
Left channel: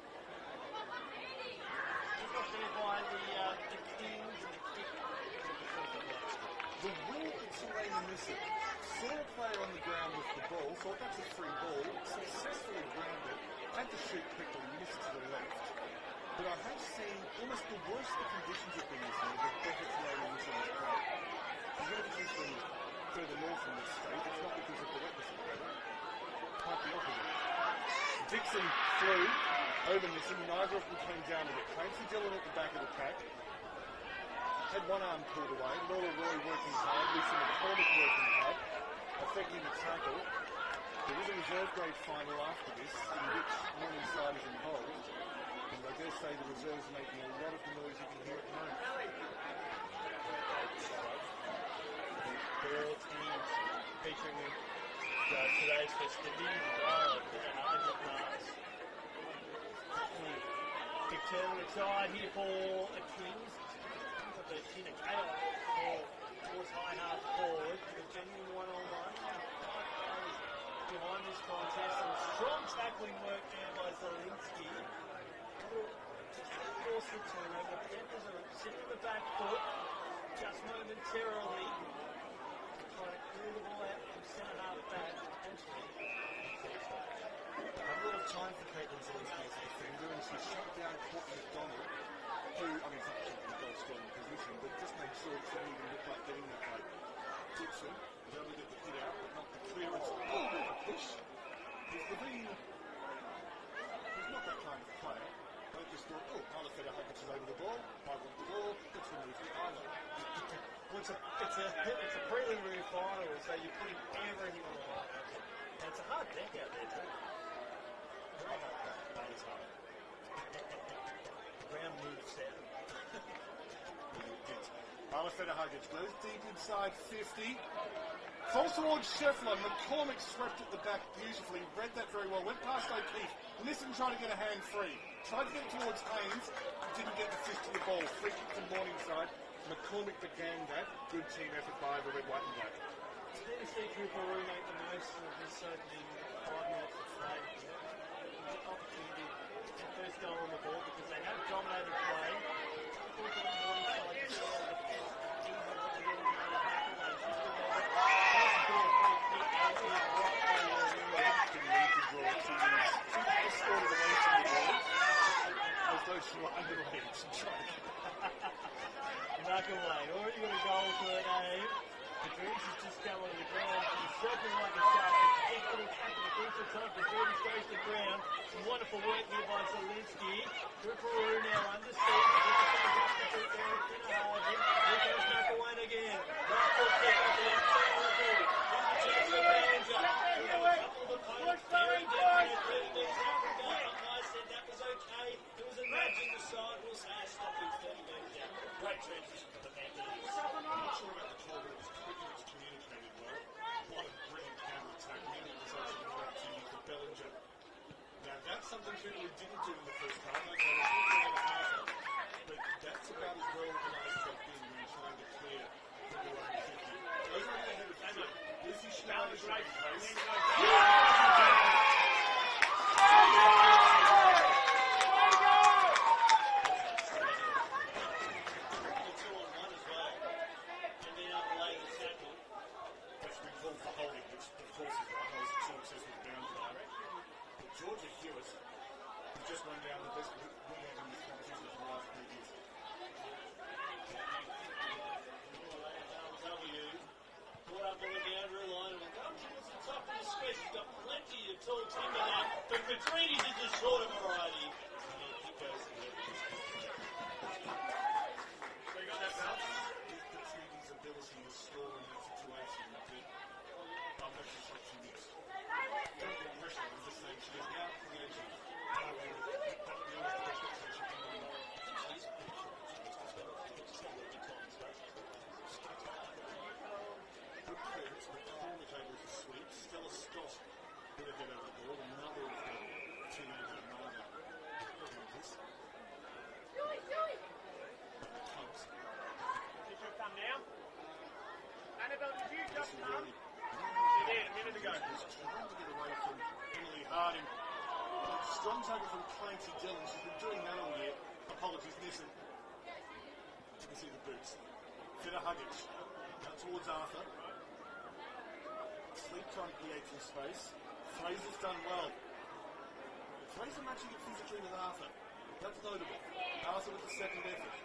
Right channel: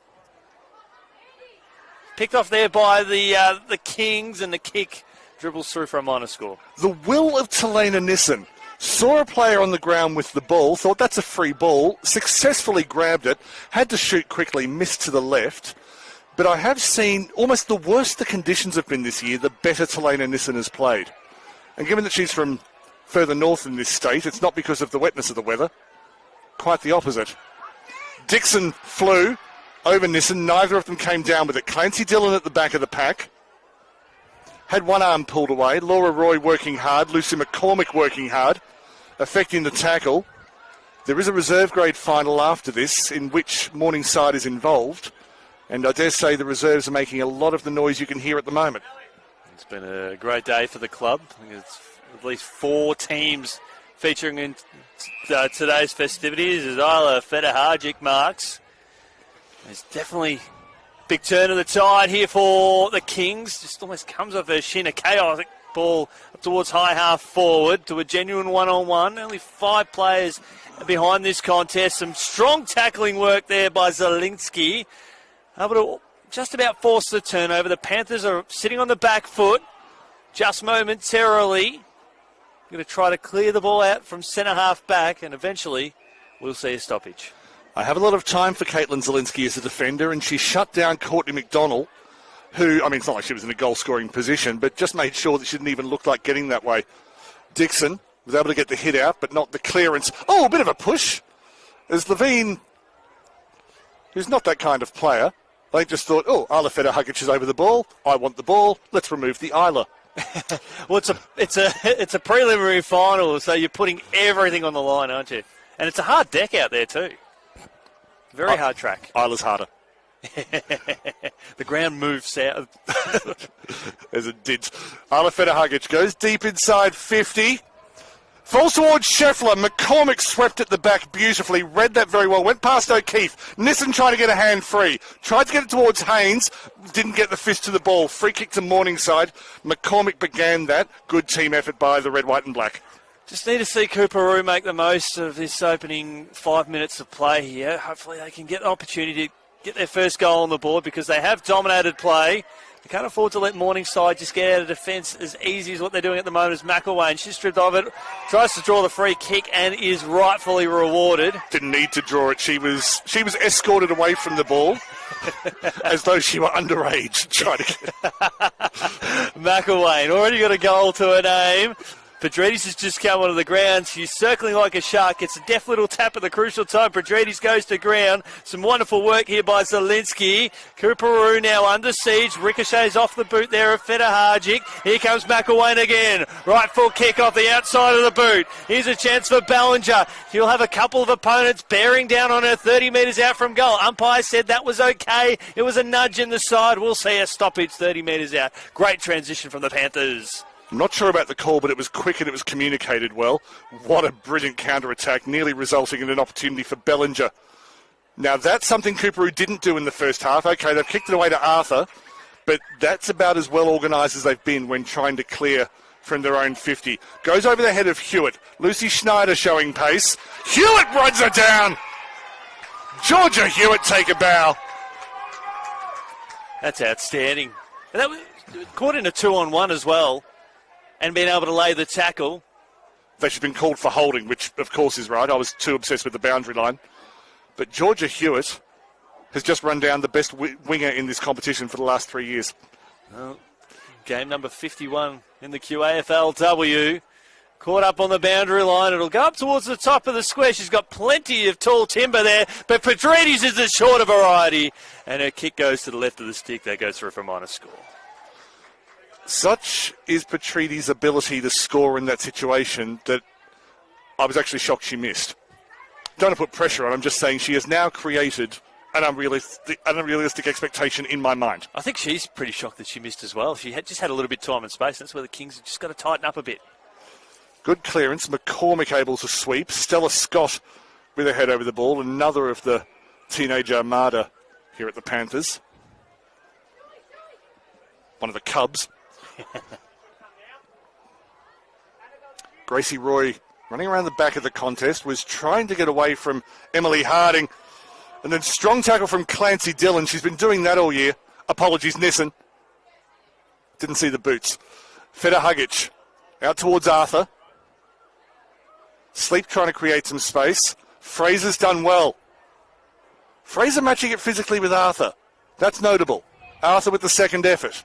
Picked off there by the Kings, and the kick dribbles through for a minor score. The will of Telena Nissen. Saw a player on the ground with the ball, thought that's a free ball, successfully grabbed it, had to shoot quickly, missed to the left. But I have seen almost the worse the conditions have been this year, the better Telena Nissen has played. And given that she's from further north in this state, it's not because of the wetness of the weather. Quite the opposite. Dixon flew over Nissen. Neither of them came down with it. Clancy Dillon at the back of the pack. Had one arm pulled away. Laura Roy working hard. Lucy McCormick working hard, affecting the tackle. There is a reserve grade final after this in which Morningside is involved. And I dare say the reserves are making a lot of the noise you can hear at the moment. It's been a great day for the club. It's at least 4 teams featuring in today's festivities as Isla Fetaharjic marks. There's definitely big turn of the tide here for the Kings. Just almost comes off a shin, a chaotic ball up towards high half forward to a genuine one-on-one. Only 5 players behind this contest. Some strong tackling work there by Zielinski. Able to just about force the turnover. The Panthers are sitting on the back foot just momentarily. Going to try to clear the ball out from centre half back, and eventually we'll see a stoppage. I have a lot of time for Caitlin Zielinski as a defender, and she shut down Courtney McDonald, who, I mean, it's not like she was in a goal-scoring position, but just made sure that she didn't even look like getting that way. Dixon was able to get the hit out, but not the clearance. Oh, a bit of a push. As Levine, who's not that kind of player, they just thought, oh, Isla Federhugic is over the ball. I want the ball. Let's remove the Isla. Well, it's a preliminary final, so you're putting everything on the line, aren't you? And it's a hard deck out there too. Very hard track. Isla's harder. The ground moves south. As it did. Isla Federhugic goes deep inside 50. Falls towards Scheffler. McCormick swept at the back beautifully. Read that very well. Went past O'Keefe. Nissen trying to get a hand free. Tried to get it towards Haynes. Didn't get the fist to the ball. Free kick to Morningside. McCormick began that. Good team effort by the red, white and black. Just need to see Coorparoo make the most of this opening 5 minutes of play here. Hopefully they can get the opportunity to get their first goal on the board because they have dominated play. You can't afford to let Morningside just get out of defence as easy as what they're doing at the moment as McElwain. She's stripped of it, tries to draw the free kick and is rightfully rewarded. Didn't need to draw it. She was escorted away from the ball as though she were underage. Trying to get McElwain already got a goal to her name. Pedredes has just come onto the ground. She's circling like a shark. Gets a deft little tap at the crucial time. Pedredes goes to ground. Some wonderful work here by Zielinski. Coorparoo now under siege. Ricochets off the boot there of Federhugic. Here comes McElwain again. Right full kick off the outside of the boot. Here's a chance for Ballinger. He'll have a couple of opponents bearing down on her 30 metres out from goal. Umpire said that was okay. It was a nudge in the side. We'll see a stoppage 30 metres out. Great transition from the Panthers. I'm not sure about the call, but it was quick and it was communicated well. What a brilliant counter-attack, nearly resulting in an opportunity for Bellinger. Now, that's something Coorparoo didn't do in the first half. Okay, they've kicked it away to Arthur, but that's about as well organised as they've been when trying to clear from their own 50. Goes over the head of Hewitt. Lucy Schneider showing pace. Hewitt runs her down. Georgia Hewitt take a bow. That's outstanding. And that was caught in a 2-on-1 as well. And being able to lay the tackle. That she's been called for holding, which of course is right. I was too obsessed with the boundary line. But Georgia Hewitt has just run down the best winger in this competition for the last 3 years. Well, game number 51 in the QAFLW. Caught up on the boundary line. It'll go up towards the top of the square. She's got plenty of tall timber there. But Pedredes is the shorter variety. And her kick goes to the left of the stick. That goes through for a minor score. Such is Petridis' ability to score in that situation that I was actually shocked she missed. Don't want to put pressure on, I'm just saying she has now created an unrealistic expectation in my mind. I think she's pretty shocked that she missed as well. She just had a little bit of time and space. That's where the Kings have just got to tighten up a bit. Good clearance. McCormick able to sweep. Stella Scott with her head over the ball. Another of the teenage armada here at the Panthers. One of the Cubs. Gracie Roy, running around the back of the contest, was trying to get away from Emily Harding. And then strong tackle from Clancy Dillon. She's been doing that all year. Apologies, Nissen. Didn't see the boots. Federhugic out towards Arthur. Sleep trying to create some space. Fraser's done well. Fraser matching it physically with Arthur. That's notable. Arthur with the second effort.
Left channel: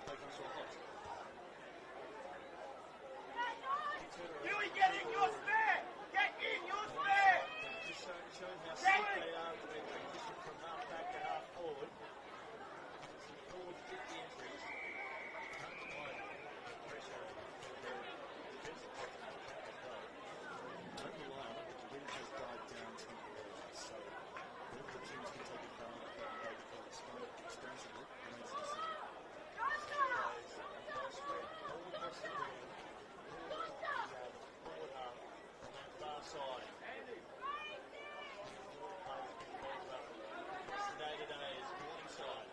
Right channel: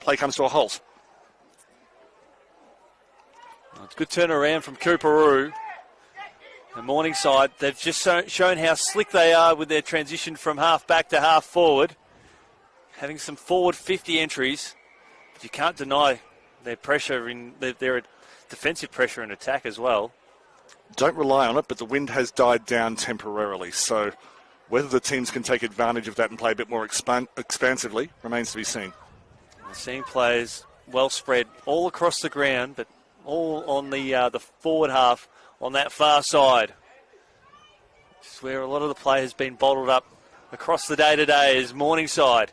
Play comes to a halt. It's a good turnaround from Coorparoo. The Morningside, they've just shown how slick they are with their transition from half back to half forward. Having some forward 50 entries. But you can't deny their pressure, their defensive pressure and attack as well. Don't rely on it, but the wind has died down temporarily. So whether the teams can take advantage of that and play a bit more expansively remains to be seen. We're seeing players well spread all across the ground, but all on the forward half on that far side. This is where a lot of the play has been bottled up across the day-to-day as Morningside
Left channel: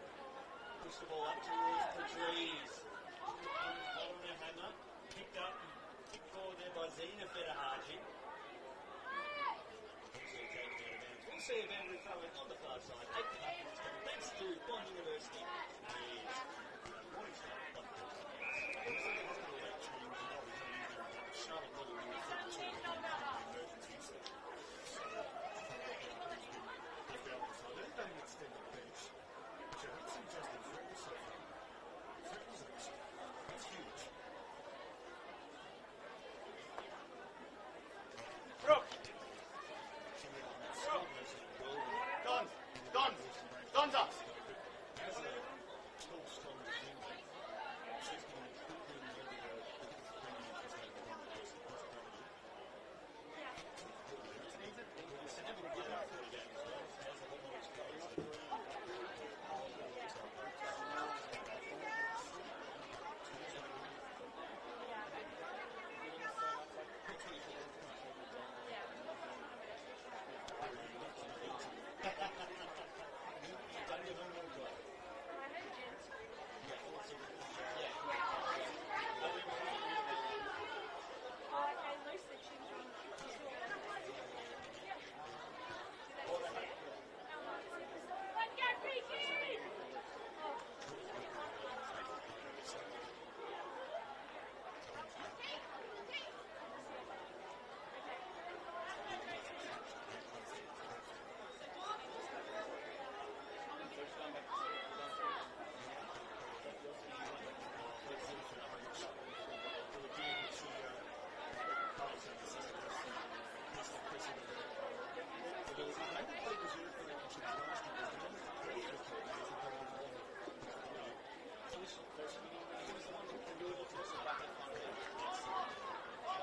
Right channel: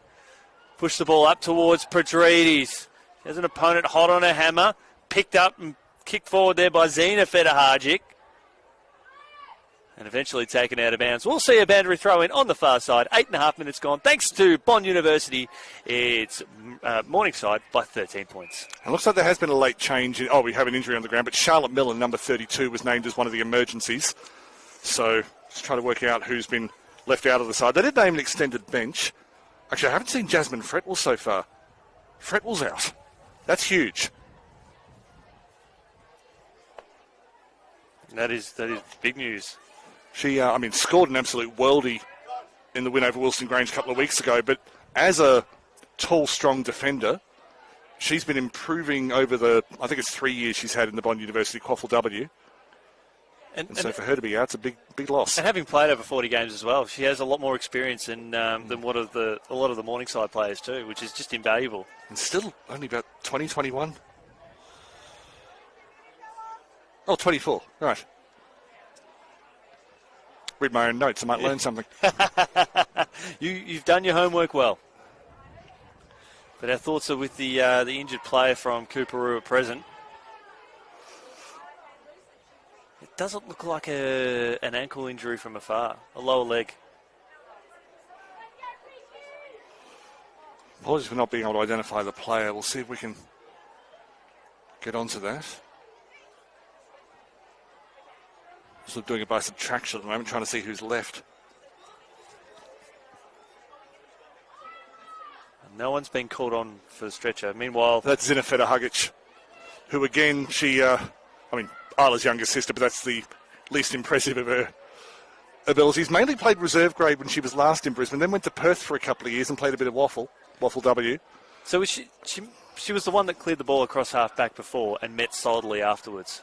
push the ball up towards Pedredes. There's an opponent hot on a hammer, picked up and kicked forward there by Zina Federhugic. And eventually taken out of bounds. We'll see a boundary throw in on the far side. 8.5 minutes gone. Thanks to Bond University, it's Morningside by 13 points. It looks like there has been a late change. We have an injury on the ground, but Charlotte Millen, number 32, was named as one of the emergencies. So just trying to work out who's been left out of the side. They did name an extended bench. Actually, I haven't seen Jasmine Fretwell so far. Fretwell's out. That's huge. That is big news. She, scored an absolute worldie in the win over Wilson Grange a couple of weeks ago, but as a tall, strong defender, she's been improving over I think it's 3 years she's had in the Bond University QAFLW. And so for her to be out, it's a big loss. And having played over 40 games as well, she has a lot more experience than a lot of the Morningside players too, which is just invaluable. And still only about 20, 21. Oh, 24, right. Read my own notes, I might learn something. You've done your homework well. But our thoughts are with the injured player from Coorparoo at present. It doesn't look like an ankle injury from afar, a lower leg. Apologies for not being able to identify the player. We'll see if we can get onto that. Sort of doing it by subtraction at the moment, trying to see who's left. No one's been called on for the stretcher. Meanwhile, that's Zinafeta Hugic, who again, Isla's younger sister, but that's the least impressive of her abilities. Mainly played reserve grade when she was last in Brisbane, then went to Perth for a couple of years and played a bit of waffle W. So was she was the one that cleared the ball across half back before and met solidly afterwards.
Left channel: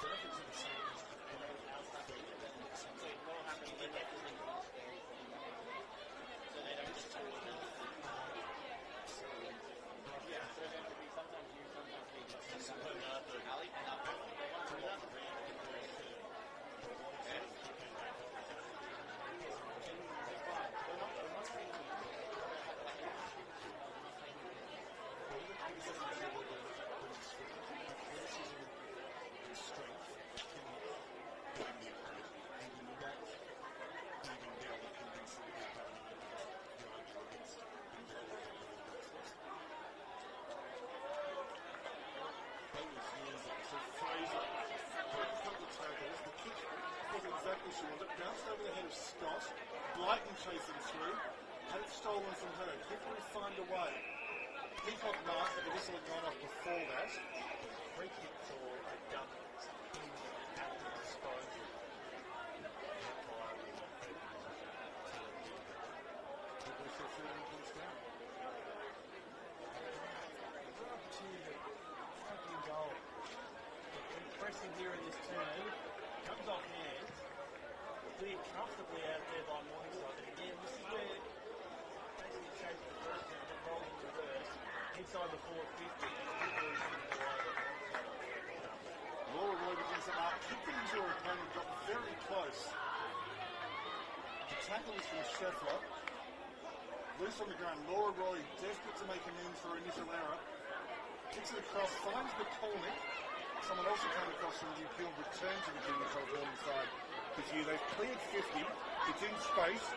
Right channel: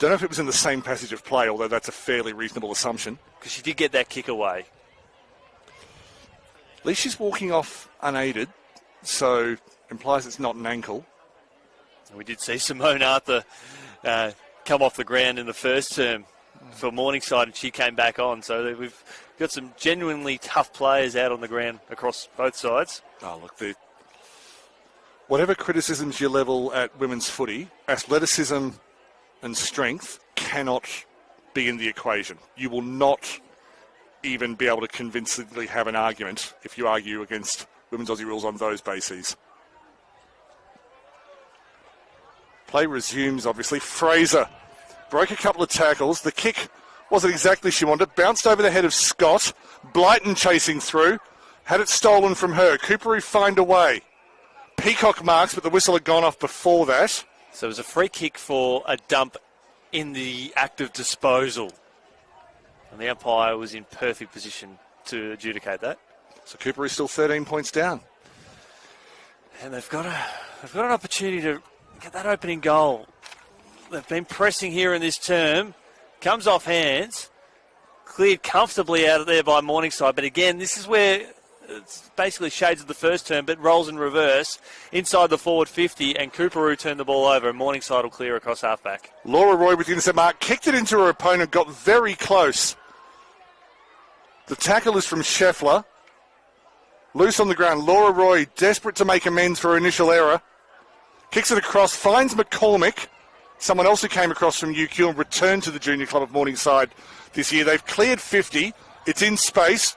Don't know if it was in the same passage of play, although that's a fairly reasonable assumption. Because she did get that kick away. At least she's walking off unaided, so implies it's not an ankle. We did see Simone Arthur come off the ground in the first term for Morningside, and she came back on. So we've got some genuinely tough players out on the ground across both sides. Oh, look, whatever criticisms you level at women's footy, athleticism and strength cannot be in the equation. You will not even be able to convincingly have an argument if you argue against women's Aussie rules on those bases. Play resumes, obviously. Fraser broke a couple of tackles. The kick wasn't exactly she wanted. Bounced over the head of Scott. Blyton chasing through. Had it stolen from her. Coorparoo find a way. Peacock marks, but the whistle had gone off before that. So it was a free kick for a dump in the act of disposal. And the umpire was in perfect position to adjudicate that. So Coorparoo still 13 points down. And they've got an opportunity to get that opening goal. They've been pressing here in this term. Comes off hands. Cleared comfortably out of there by Morningside. But again, this is where it's basically shades of the first term, but rolls in reverse inside the forward 50, and Coorparoo turned the ball over, and Morningside will clear across halfback. Laura Roy with the intercept mark, kicked it into her opponent, got very close. The tackle is from Scheffler. Loose on the ground. Laura Roy, desperate to make amends for her initial error. Kicks it across, finds McCormick, someone else who came across from UQ and returned to the junior club of Morningside this year. They've cleared 50. It's in space.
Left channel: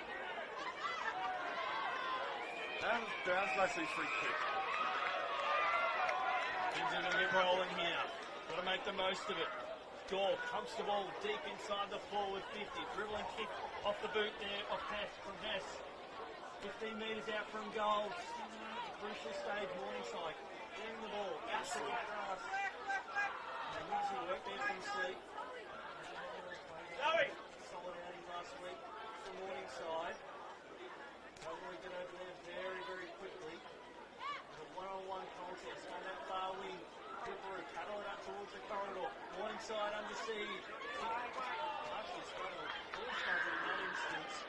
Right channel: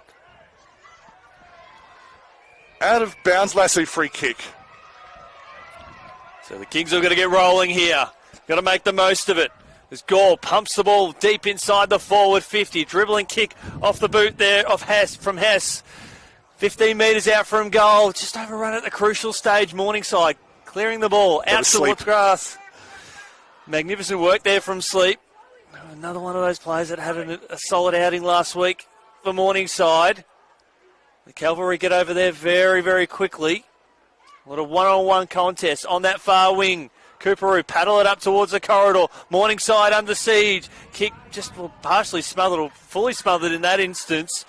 Out of bounds, Lasso free kick. So the Kings are going to get rolling here. Got to make the most of it. As Gore pumps the ball deep inside the forward 50. Dribbling kick off the boot there of from Hess. 15 metres out from goal. Just overrun at the crucial stage. Morningside clearing the ball out towards grass. Magnificent work there from Sleep. Another one of those players that had a solid outing last week for Morningside. The Cavalry get over there very, very quickly. What a one-on-one contest on that far wing. Coorparoo paddle it up towards the corridor. Morningside under siege. Kick just partially smothered or fully smothered in that instance.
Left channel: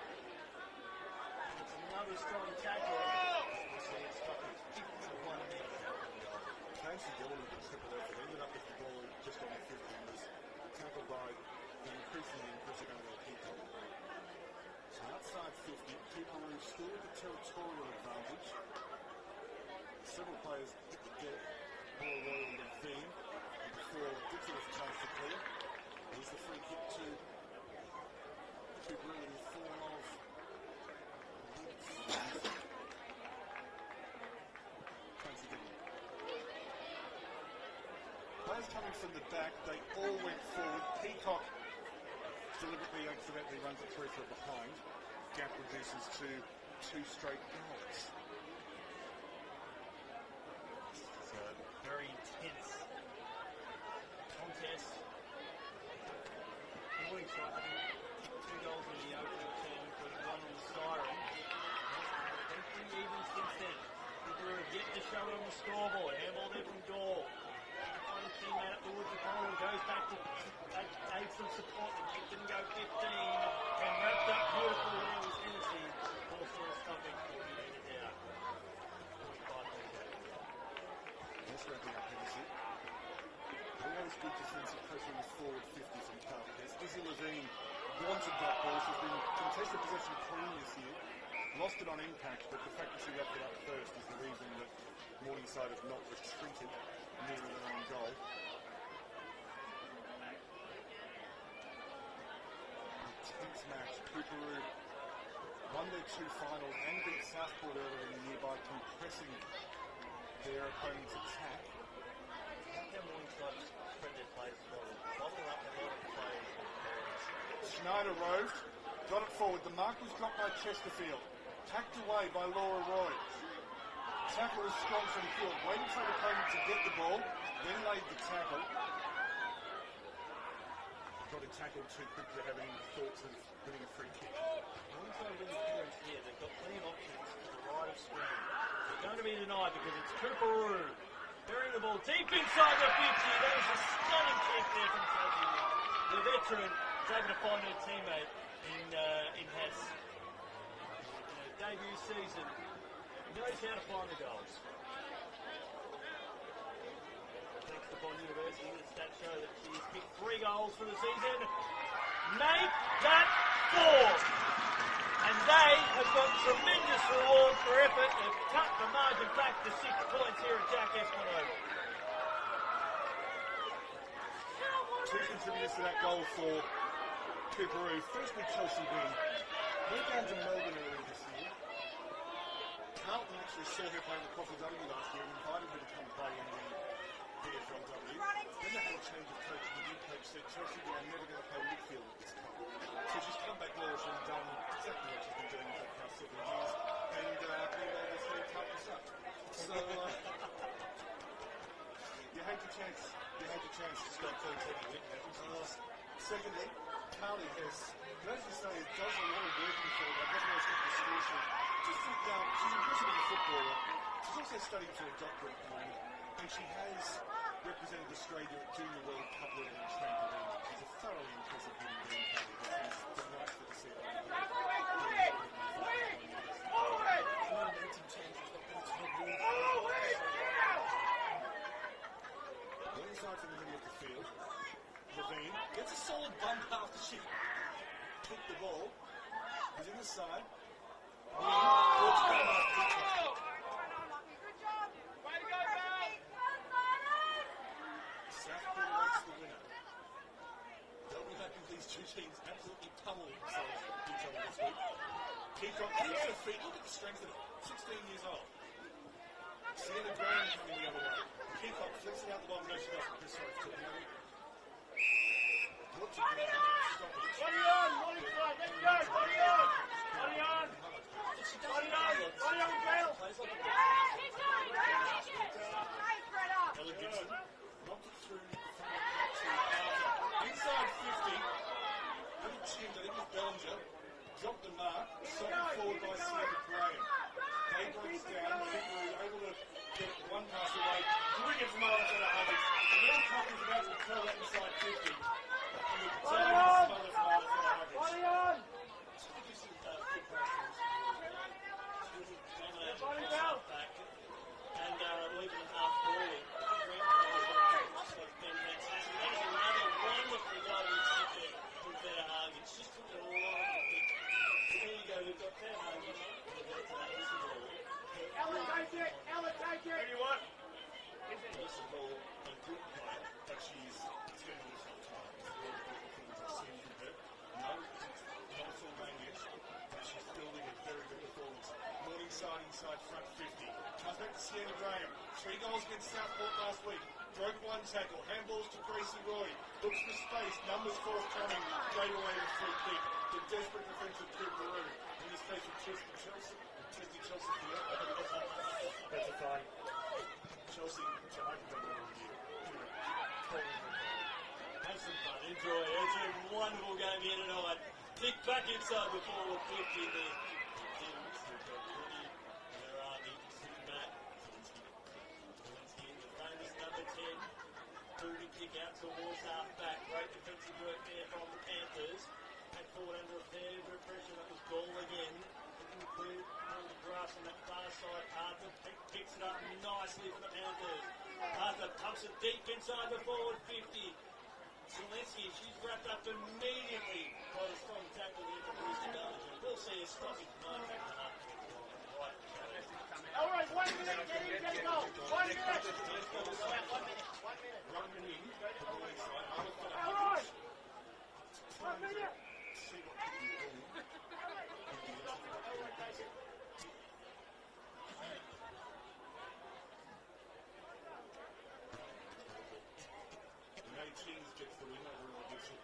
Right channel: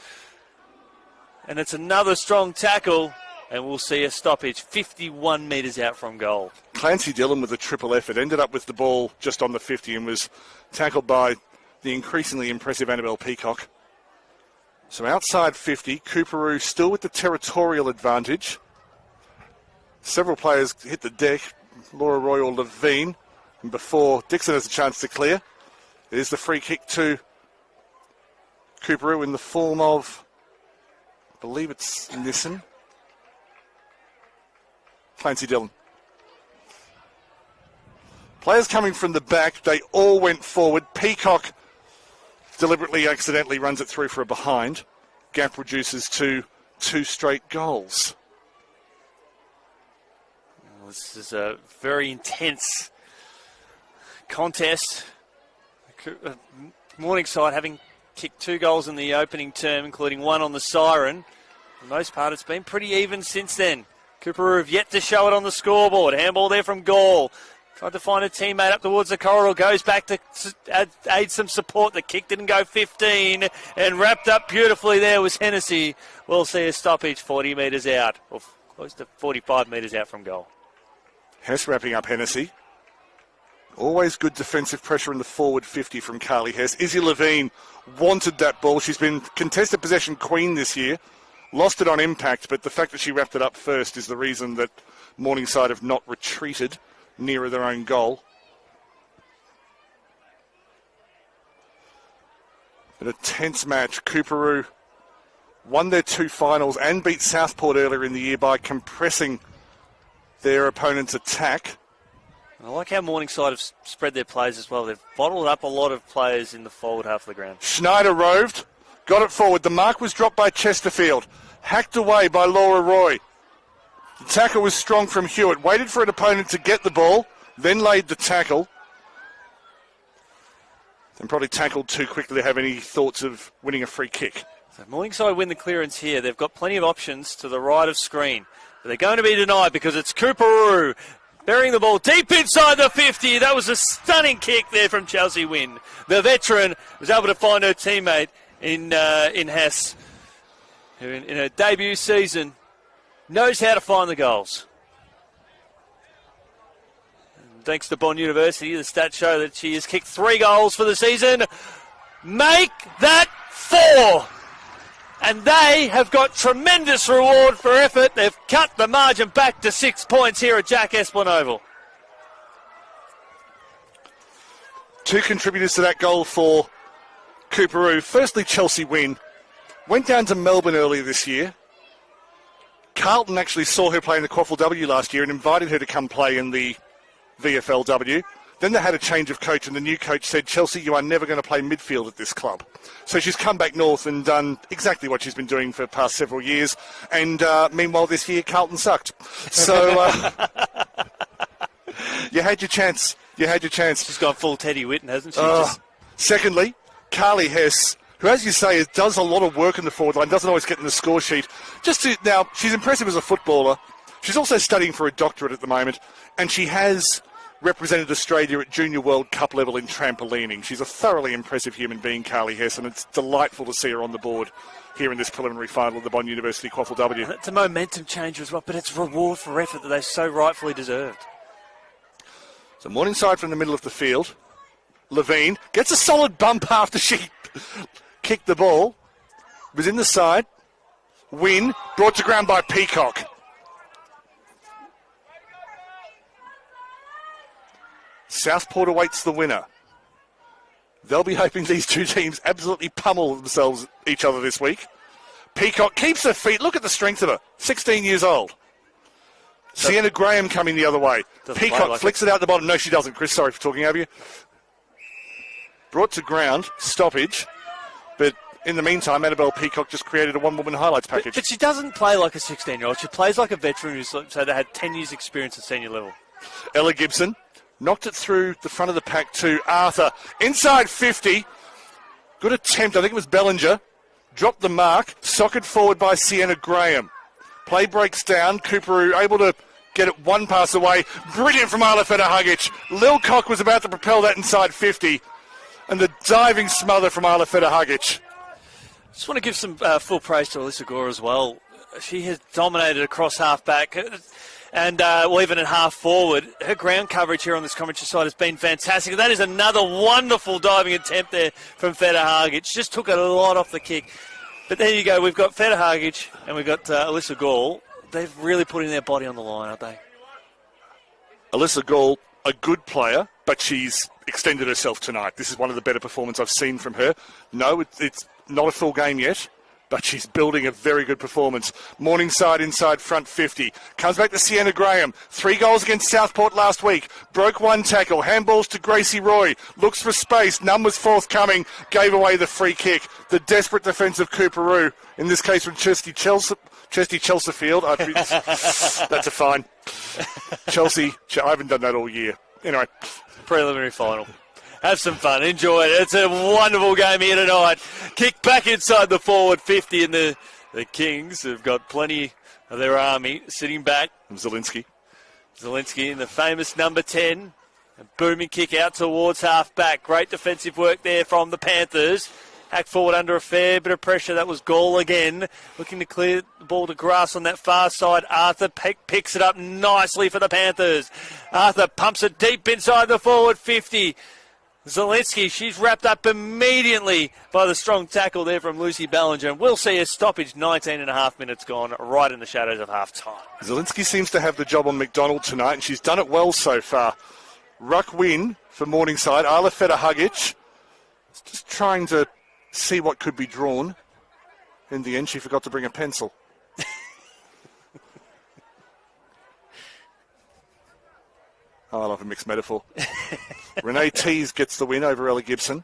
And it's another strong tackle. And we'll see a stoppage 51 metres out from goal. Clancy Dillon with a triple effort. Ended up with the ball just on the 50 and was tackled by the increasingly impressive Annabelle Peacock. So outside 50, Coorparoo still with the territorial advantage. Several players hit the deck. Laura Roy or Levine. And before Dixon has a chance to clear, there's the free kick to Coorparoo in the form of, I believe it's Nissen. Clancy Dillon. Players coming from the back, they all went forward. Peacock deliberately, accidentally runs it through for a behind. Gap reduces to 2 straight goals. This is a very intense contest. Morningside having kicked 2 goals in the opening term, including 1 on the siren. For the most part, it's been pretty even since then. Coorparoo have yet to show it on the scoreboard. Handball there from Gall. Tried to find a teammate up towards the corridor. Goes back to aid some support. The kick didn't go 15. And wrapped up beautifully there was Hennessy. We'll see a stoppage 40 metres out. Or close to 45 metres out from goal. Hess wrapping up Hennessy. Always good defensive pressure in the forward 50 from Carly Hess. Izzy Levine wanted that ball. She's been contested possession queen this year. Lost it on impact, but the fact that she wrapped it up first is the reason that Morningside have not retreated nearer their own goal. In a tense match, Coorparoo won their 2 finals and beat Southport earlier in the year by compressing their opponent's attack. I like how Morningside have spread their plays as well. They've bottled up a lot of players in the forward half of the ground. Schneider roved, got it forward. The mark was dropped by Chesterfield. Hacked away by Laura Roy. The tackle was strong from Hewitt. Waited for an opponent to get the ball, then laid the tackle. And probably tackled too quickly to have any thoughts of winning a free kick. So Morningside win the clearance here. They've got plenty of options to the right of screen. But they're going to be denied because it's Coorparoo burying the ball deep inside the 50. That was a stunning kick there from Chelsea Wynn. The veteran was able to find her teammate in Hess, who in her debut season knows how to find the goals. Thanks to Bond University, the stats show that she has kicked 3 goals for the season. Make that 4. And they have got tremendous reward for effort. They've cut the margin back to 6 points here at Jack Esplin Oval. 2 contributors to that goal for Coorparoo. Firstly, Chelsea Wynn. Went down to Melbourne earlier this year. Carlton actually saw her play in the QAFLW last year and invited her to come play in the VFLW. Then they had a change of coach, and the new coach said, Chelsea, you are never going to play midfield at this club. So she's come back north and done exactly what she's been doing for the past several years. And meanwhile, this year, Carlton sucked. So you had your chance. You had your chance. She's gone full Teddy Whitten, hasn't she? Secondly, Carly Hess, who, as you say, does a lot of work in the forward line, doesn't always get in the score sheet. Now, she's impressive as a footballer. She's also studying for a doctorate at the moment, and she has represented Australia at Junior World Cup level in trampolining. She's a thoroughly impressive human being, Carly Hess, and it's delightful to see her on the board here in this preliminary final of the Bond University QAFLW. It's a momentum changer as well, but it's reward for effort that they so rightfully deserved. So Morningside from the middle of the field. Levine gets a solid bump after she kicked the ball. Was in the side. Win, brought to ground by Peacock. Southport awaits the winner. They'll be hoping these 2 teams absolutely pummel themselves each other this week. Peacock keeps her feet. Look at the strength of her. 16 years old. Sienna Graham coming the other way. Peacock flicks it out the bottom. No, she doesn't. Chris, sorry for talking over you. Brought to ground. Stoppage. But in the meantime, Annabelle Peacock just created a one-woman highlights package. But she doesn't play like a 16-year-old. She plays like a veteran who's so they had 10 years' experience at senior level. Ella Gibson knocked it through the front of the pack to Arthur. Inside 50. Good attempt. I think it was Bellinger. Dropped the mark. Socked forward by Sienna Graham. Play breaks down. Coorparoo able to get it one pass away. Brilliant from Arla Feta-Hugic. Lil Cock was about to propel that inside 50. And the diving smother from Arla Feta-Hugic. Just want to give some full praise to Alyssa Gore as well. She has dominated across half-back. And even at half forward, her ground coverage here on this commentary side has been fantastic. That is another wonderful diving attempt there from Feta-Hugic. Just took a lot off the kick. But there you go. We've got Feta-Hugic and we've got Alyssa Gall. They're really putting their body on the line, aren't they? Alyssa Gall, a good player, but she's extended herself tonight. This is one of the better performances I've seen from her. No, it's not a full game yet, but she's building a very good performance. Morningside inside front 50. Comes back to Sienna Graham. 3 goals against Southport last week. Broke 1 tackle. Handballs to Gracie Roy. Looks for space. Numbers forthcoming. Gave away the free kick. The desperate defence of Coorparoo. In this case from Chesty Chelseafield. That's a fine. Chelsea, I haven't done that all year. Anyway. Preliminary final. Have some fun. Enjoy it. It's a wonderful game here tonight. Kick back inside the forward 50, and the Kings have got plenty of their army sitting back. Zielinski in the famous number 10. A booming kick out towards half-back. Great defensive work there from the Panthers. Hack forward under a fair bit of pressure. That was Gall again. Looking to clear the ball to grass on that far side. Arthur picks it up nicely for the Panthers. Arthur pumps it deep inside the forward 50. Zielinski, she's wrapped up immediately by the strong tackle there from Lucy Ballinger. And we'll see a stoppage, 19 and a half minutes gone, right in the shadows of half-time. Zielinski seems to have the job on McDonald tonight, and she's done it well so far. Ruck win for Morningside. Arla Feta-Hugic just trying to see what could be drawn. In the end, she forgot to bring a pencil. Oh, I love a mixed metaphor. Renee Tees gets the win over Ella Gibson.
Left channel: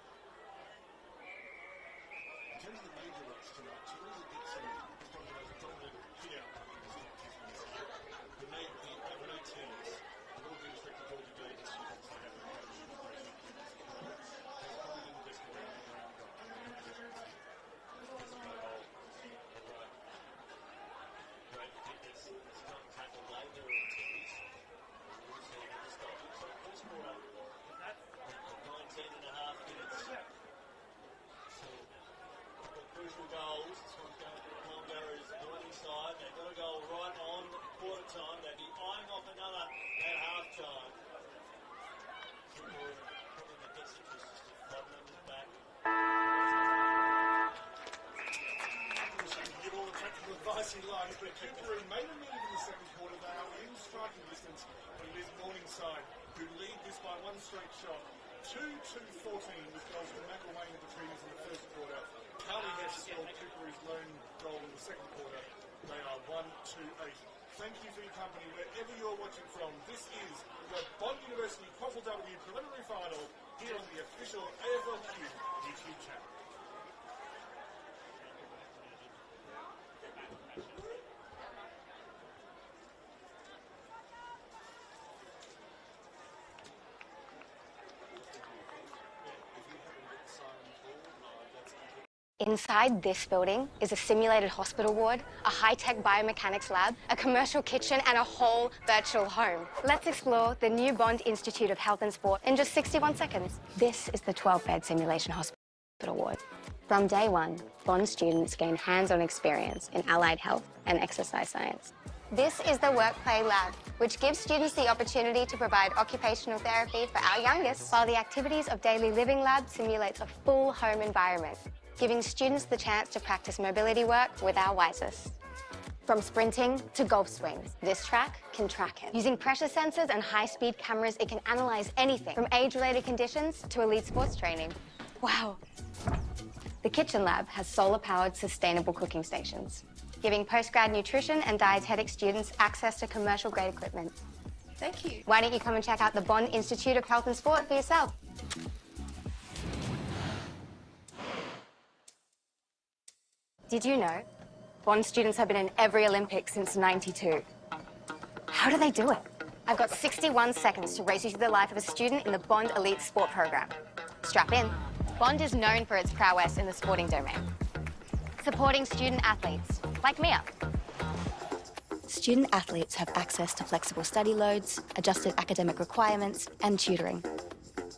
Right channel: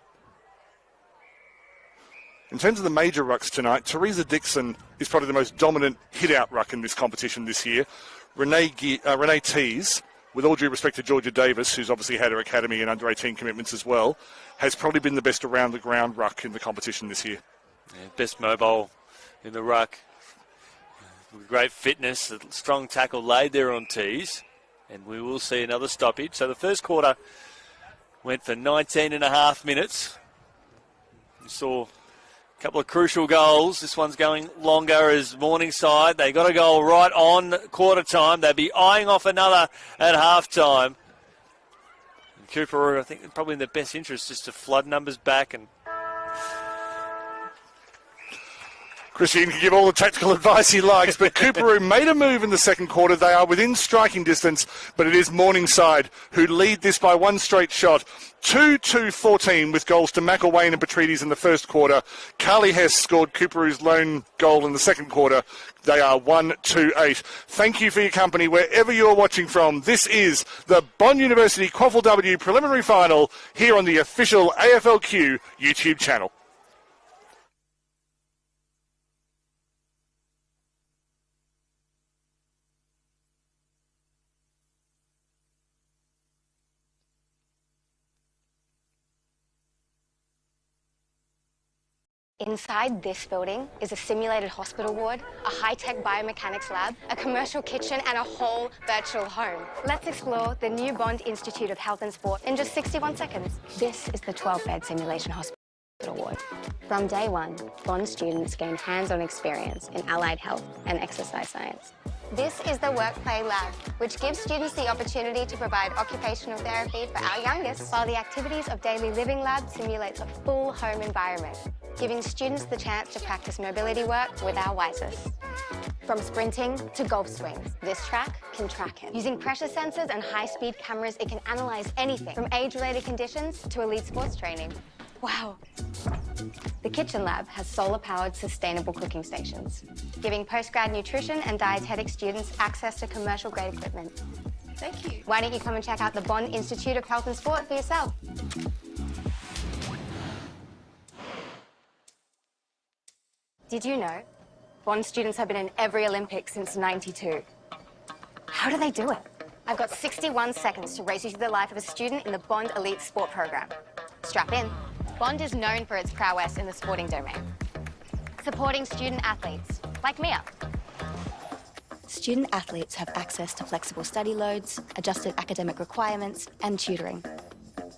In terms of the major rucks tonight, Teresa Dixon is probably the most dominant hit-out ruck in this competition this year. Renee Tees, with all due respect to Georgia Davis, who's obviously had her academy and under-18 commitments as well, has probably been the best around-the-ground ruck in the competition this year. Yeah, best mobile in the ruck. Great fitness, a strong tackle laid there on Tees. And we will see another stoppage. So the first quarter went for 19 and a half minutes. We saw a couple of crucial goals. This one's going longer as Morningside. They got a goal right on quarter time. They'd be eyeing off another at half time. And Coorparoo, I think, probably in their best interest just to flood numbers back. And Christian can give all the tactical advice he likes, but Coorparoo made a move in the second quarter. They are within striking distance, but it is Morningside who lead this by one straight shot. 2-2-14 with goals to McElwain and Petrides in the first quarter. Carly Hess scored Coorparoo's lone goal in the second quarter. They are 1-2-8. Thank you for your company wherever you're watching from. This is the Bond University QAFLW preliminary final here on the official AFLQ YouTube channel. Inside this building is a simulated hospital ward, a high-tech biomechanics lab, a commercial kitchen, and a whole virtual home. Let's explore the new Bond Institute of Health and Sport in just 61 seconds. This is the 12-bed simulation hospital ward. From day one, Bond students gain hands-on experience in allied health and exercise science. This is the Work Play Lab, which gives students the opportunity to provide occupational therapy for our youngest, while the Activities of Daily Living Lab simulates a full home environment, giving students the chance to practice mobility work with our wisest. From sprinting to golf swings, this track can track it. Using pressure sensors and high-speed cameras, it can analyze anything from age-related conditions to elite sports training. Wow. The kitchen lab has solar-powered sustainable cooking stations, giving postgrad nutrition and dietetic students access to commercial-grade equipment. Thank you. Why don't you come and check out the Bond Institute of Health and Sport for yourself? Did you know Bond students have been in every Olympics since '92? How do they do it? I've got 61 seconds to race you through the life of a student in the Bond Elite Sport program. Strap in. Bond is known for its prowess in the sporting domain, supporting student athletes like Mia. Student athletes have access to flexible study loads, adjusted academic requirements, and tutoring.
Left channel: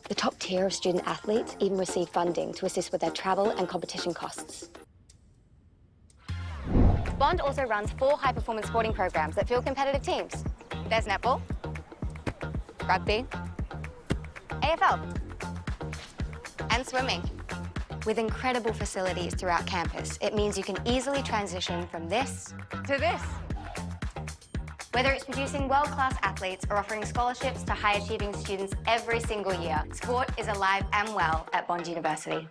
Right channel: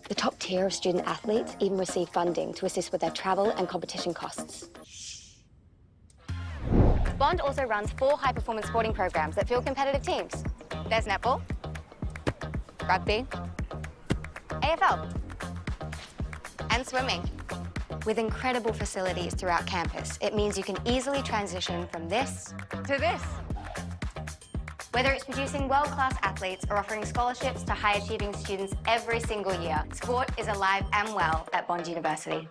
The top tier of student athletes even receive funding to assist with their travel and competition costs. Bond also runs 4 high-performance sporting programs that field competitive teams. There's netball, rugby, AFL, and swimming. With incredible facilities throughout campus, it means you can easily transition from this to this. Whether it's producing world-class athletes or offering scholarships to high-achieving students every single year, sport is alive and well at Bond University.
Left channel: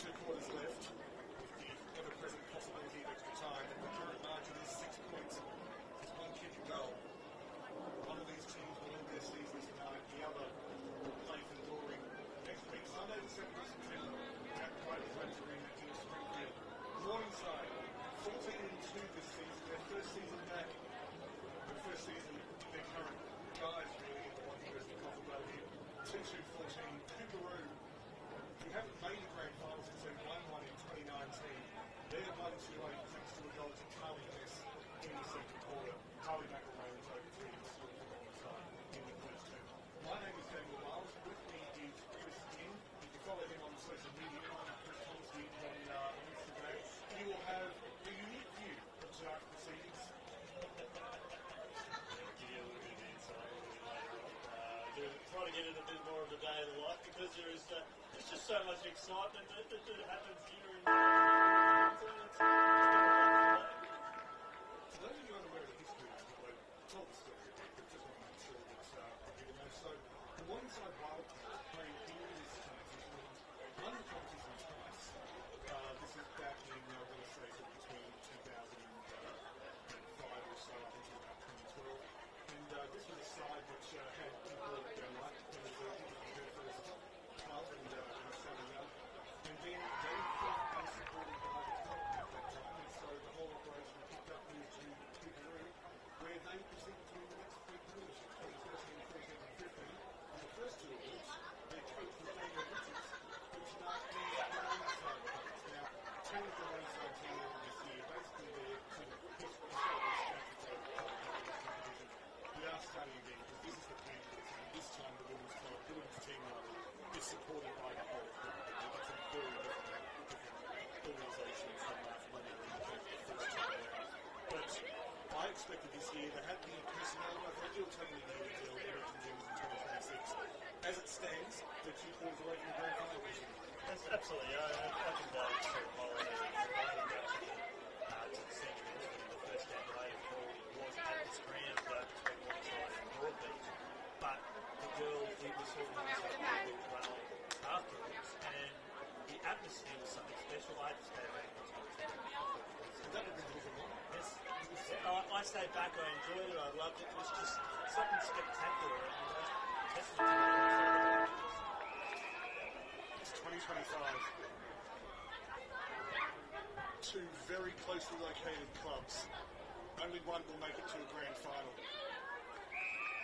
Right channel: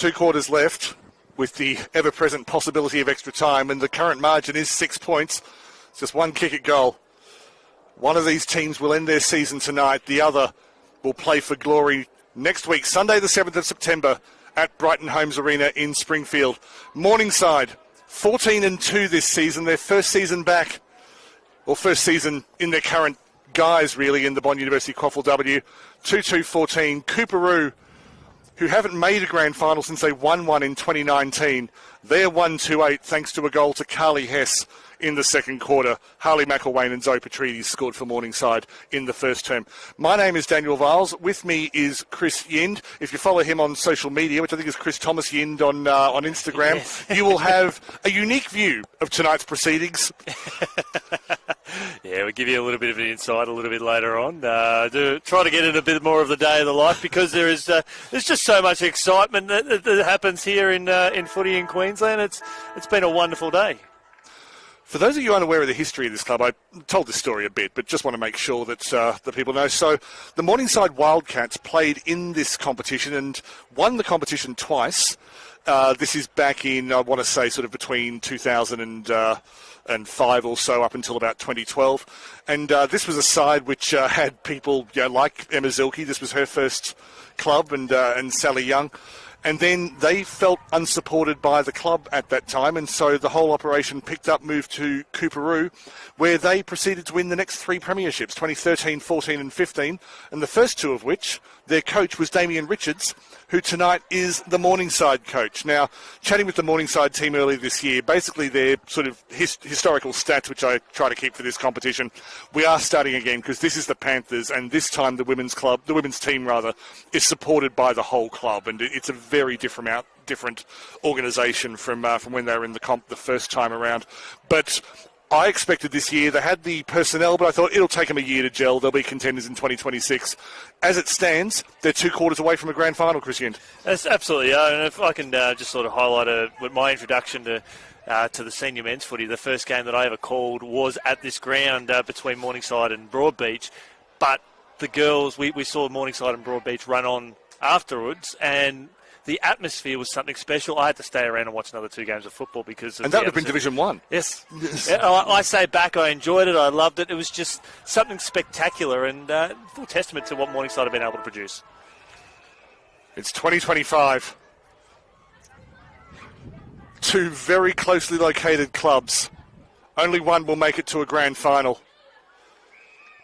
2 quarters left with the ever-present possibility of extra time, and the current margin is 6 points. It's just one kick at goal. One of these teams will end their season tonight. The other will play for glory next week, Sunday the 7th of September at Brighton Homes Arena in Springfield. Morningside, 14-2 this season, their first season back, or first season in their current guise, really, in the Bond University QAFLW. 2-2-14. Coorparoo, who haven't made a grand final since they won one in 2019. They're 1-2-8 thanks to a goal to Carly Hess in the second quarter. Harley McElwain and Zoe Petrides scored for Morningside in the first term. My name is Daniel Viles. With me is Chris Yind. If you follow him on social media, which I think is Chris Thomas Yind on Instagram, yes, you will have a unique view of tonight's proceedings. Yeah, we'll give you a little bit of an insight a little bit later on. Try to get in a bit more of the day of the life, because there's just so much excitement that happens here in footy in Queensland. It's been a wonderful day. For those of you unaware of the history of this club, I told this story a bit, but just want to make sure that the people know. So the Morningside Wildcats played in this competition and won the competition twice. This is back in, I want to say, sort of between 2005 or so up until about 2012. And this was a side which had people like Emma Zilke. This was her first club, and Sally Young. And then they felt unsupported by the club at that time, and so the whole operation picked up, moved to Coorparoo, where they proceeded to win the next 3 premierships, 2013, 14 and 15, and the first 2 of which, their coach was Damien Richards, who tonight is the Morningside coach. Now, chatting with the Morningside team earlier this year, basically their sort of historical stats, which I try to keep for this competition, we are starting again because this is the Panthers, and this time the women's team is supported by the whole club, and it's a very different organisation from when they were in the comp the first time around. But I expected this year, they had the personnel, but I thought it'll take them a year to gel. They'll be contenders in 2026. As it stands, they're 2 quarters away from a grand final, Chris Yind. That's absolutely, and if I can just sort of highlight with my introduction to the senior men's footy, the first game that I ever called was at this ground between Morningside and Broadbeach. But the girls, we saw Morningside and Broadbeach run on afterwards, and the atmosphere was something special. I had to stay around and watch another 2 games of football because of and that would have been Division 1. Yes. I say back, I enjoyed it. I loved it. It was just something spectacular, and full testament to what Morningside have been able to produce. It's 2025. 2 very closely located clubs. Only one will make it to a grand final.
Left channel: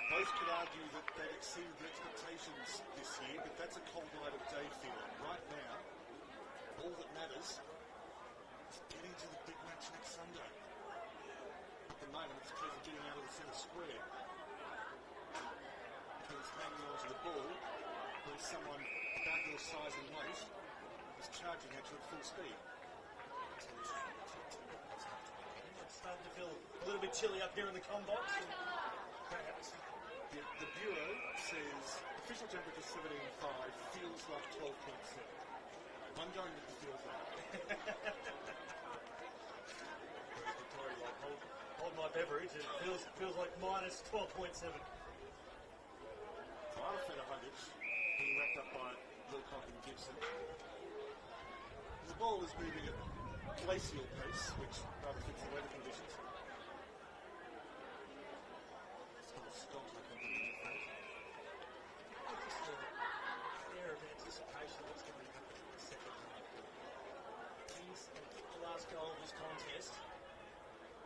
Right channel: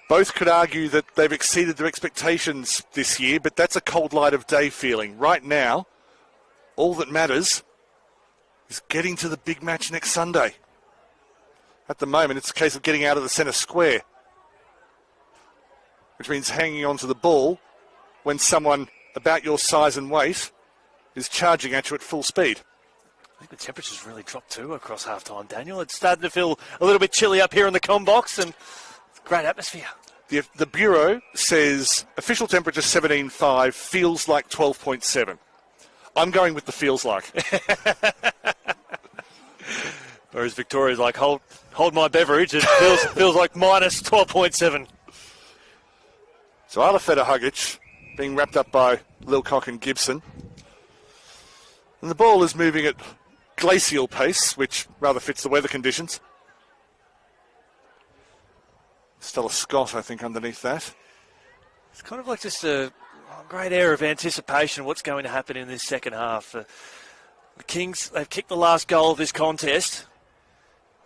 Both could argue that they've exceeded their expectations this year, but that's a cold light of day feeling. Right now, all that matters is getting to the big match next Sunday. At the moment, it's a case of getting out of the centre square, which means hanging on to the ball when someone about your size and weight is charging at you at full speed. I think the temperature's really dropped too across half-time, Daniel. It's starting to feel a little bit chilly up here in the comm box, and great atmosphere. The Bureau says official temperature 17.5, feels like 12.7. I'm going with the feels like. Whereas Victoria's like, hold my beverage. It feels like minus 12.7. So Arlafeta Hugic being wrapped up by Lilcock and Gibson. And the ball is moving at glacial pace, which rather fits the weather conditions. Stella Scott, I think, underneath that. It's kind of like just a great air of anticipation of what's going to happen in this second half. The Kings, they've kicked the last goal of this contest,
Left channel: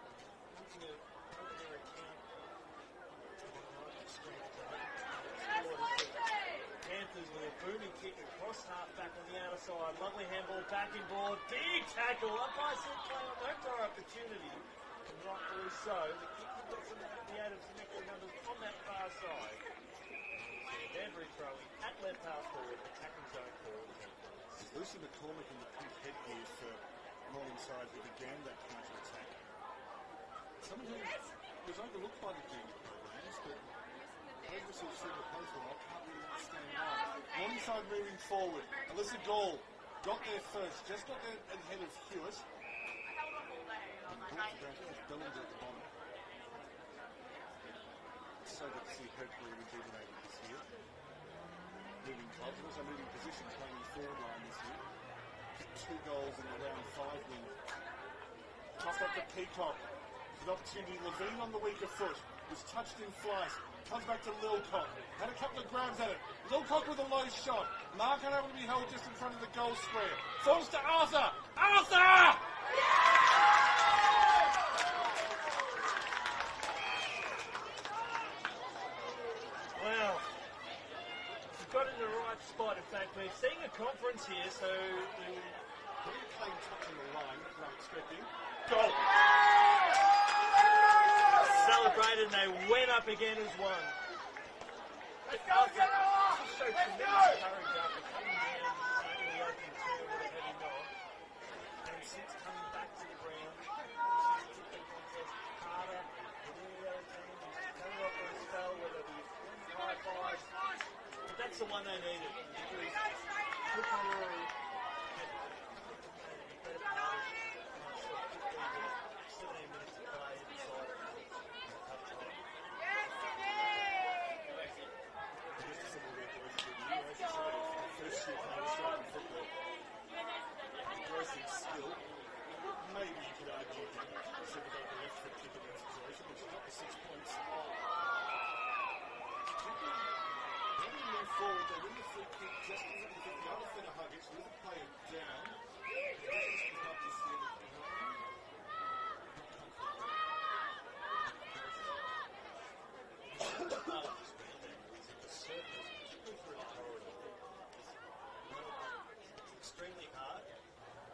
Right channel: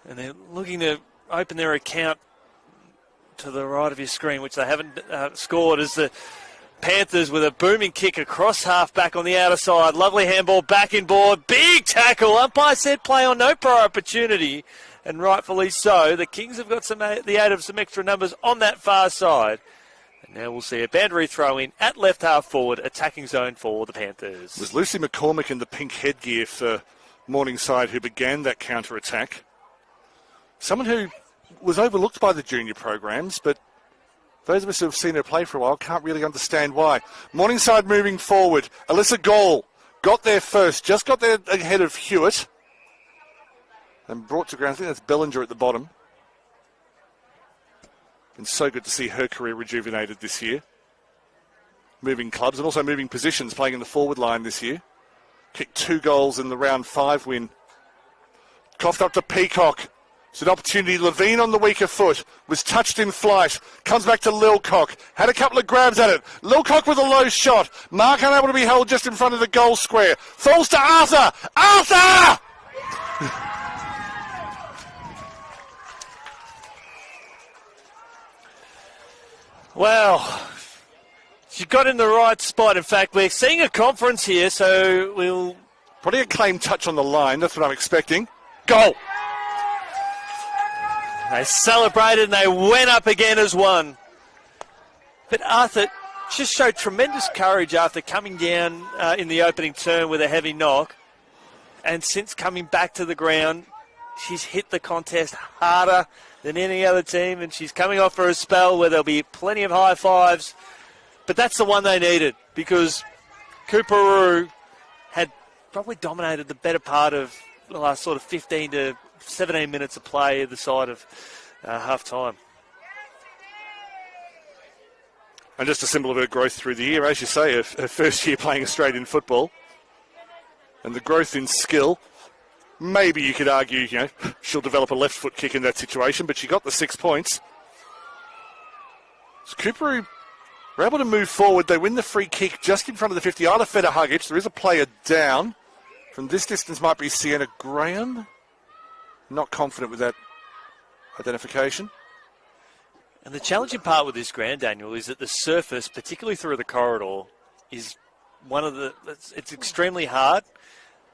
and they're looking to open their account to the right of your screen, which they haven't scored, as the Panthers with a booming kick across half back on the outer side. Lovely handball back in board. Big tackle. Umpire said play on, no prior opportunity. And rightfully so. The Kings have got the aid of some extra numbers on that far side. And now we'll see a boundary throw in at left half forward, attacking zone for the Panthers. It was Lucy McCormick in the pink headgear for Morningside who began that counter-attack. Someone who was overlooked by the junior programs, but those of us who have seen her play for a while can't really understand why. Morningside moving forward. Alyssa Gall got there first, just got there ahead of Hewitt. And brought to ground, I think that's Bellinger at the bottom. And so good to see her career rejuvenated this year. Moving clubs and also moving positions, playing in the forward line this year. Kicked 2 goals in the round 5 win. Coughed up to Peacock. It's an opportunity. Levine on the weaker foot. Was touched in flight. Comes back to Lilcock. Had a couple of grabs at it. Lilcock with a low shot. Mark unable to be held just in front of the goal square. Falls to Arthur. Arthur! Well, she got in the right spot. In fact, we're seeing a conference here, so we'll... Probably a claim touch on the line. That's what I'm expecting. Goal! They celebrated and they went up again as one. But Arthur just showed tremendous courage after coming down in the opening turn with a heavy knock. And since coming back to the ground, she's hit the contest harder than any other team, and she's coming off for a spell where there'll be plenty of high fives. But that's the one they needed, because Coorparoo had probably dominated the better part of the last sort of 15 to 17 minutes of play either side of half-time. And just a symbol of her growth through the year, as you say, her first year playing Australian football. And the growth in skill. Maybe you could argue, she'll develop a left foot kick in that situation, but she got the 6 points. So Coorparoo were able to move forward. They win the free kick just in front of the 50. Isla Feta-Huggich. There is a player down. From this distance might be Sienna Graham. Not confident with that identification. And the challenging part with this ground, Daniel, is that the surface, particularly through the corridor, is it's extremely hard.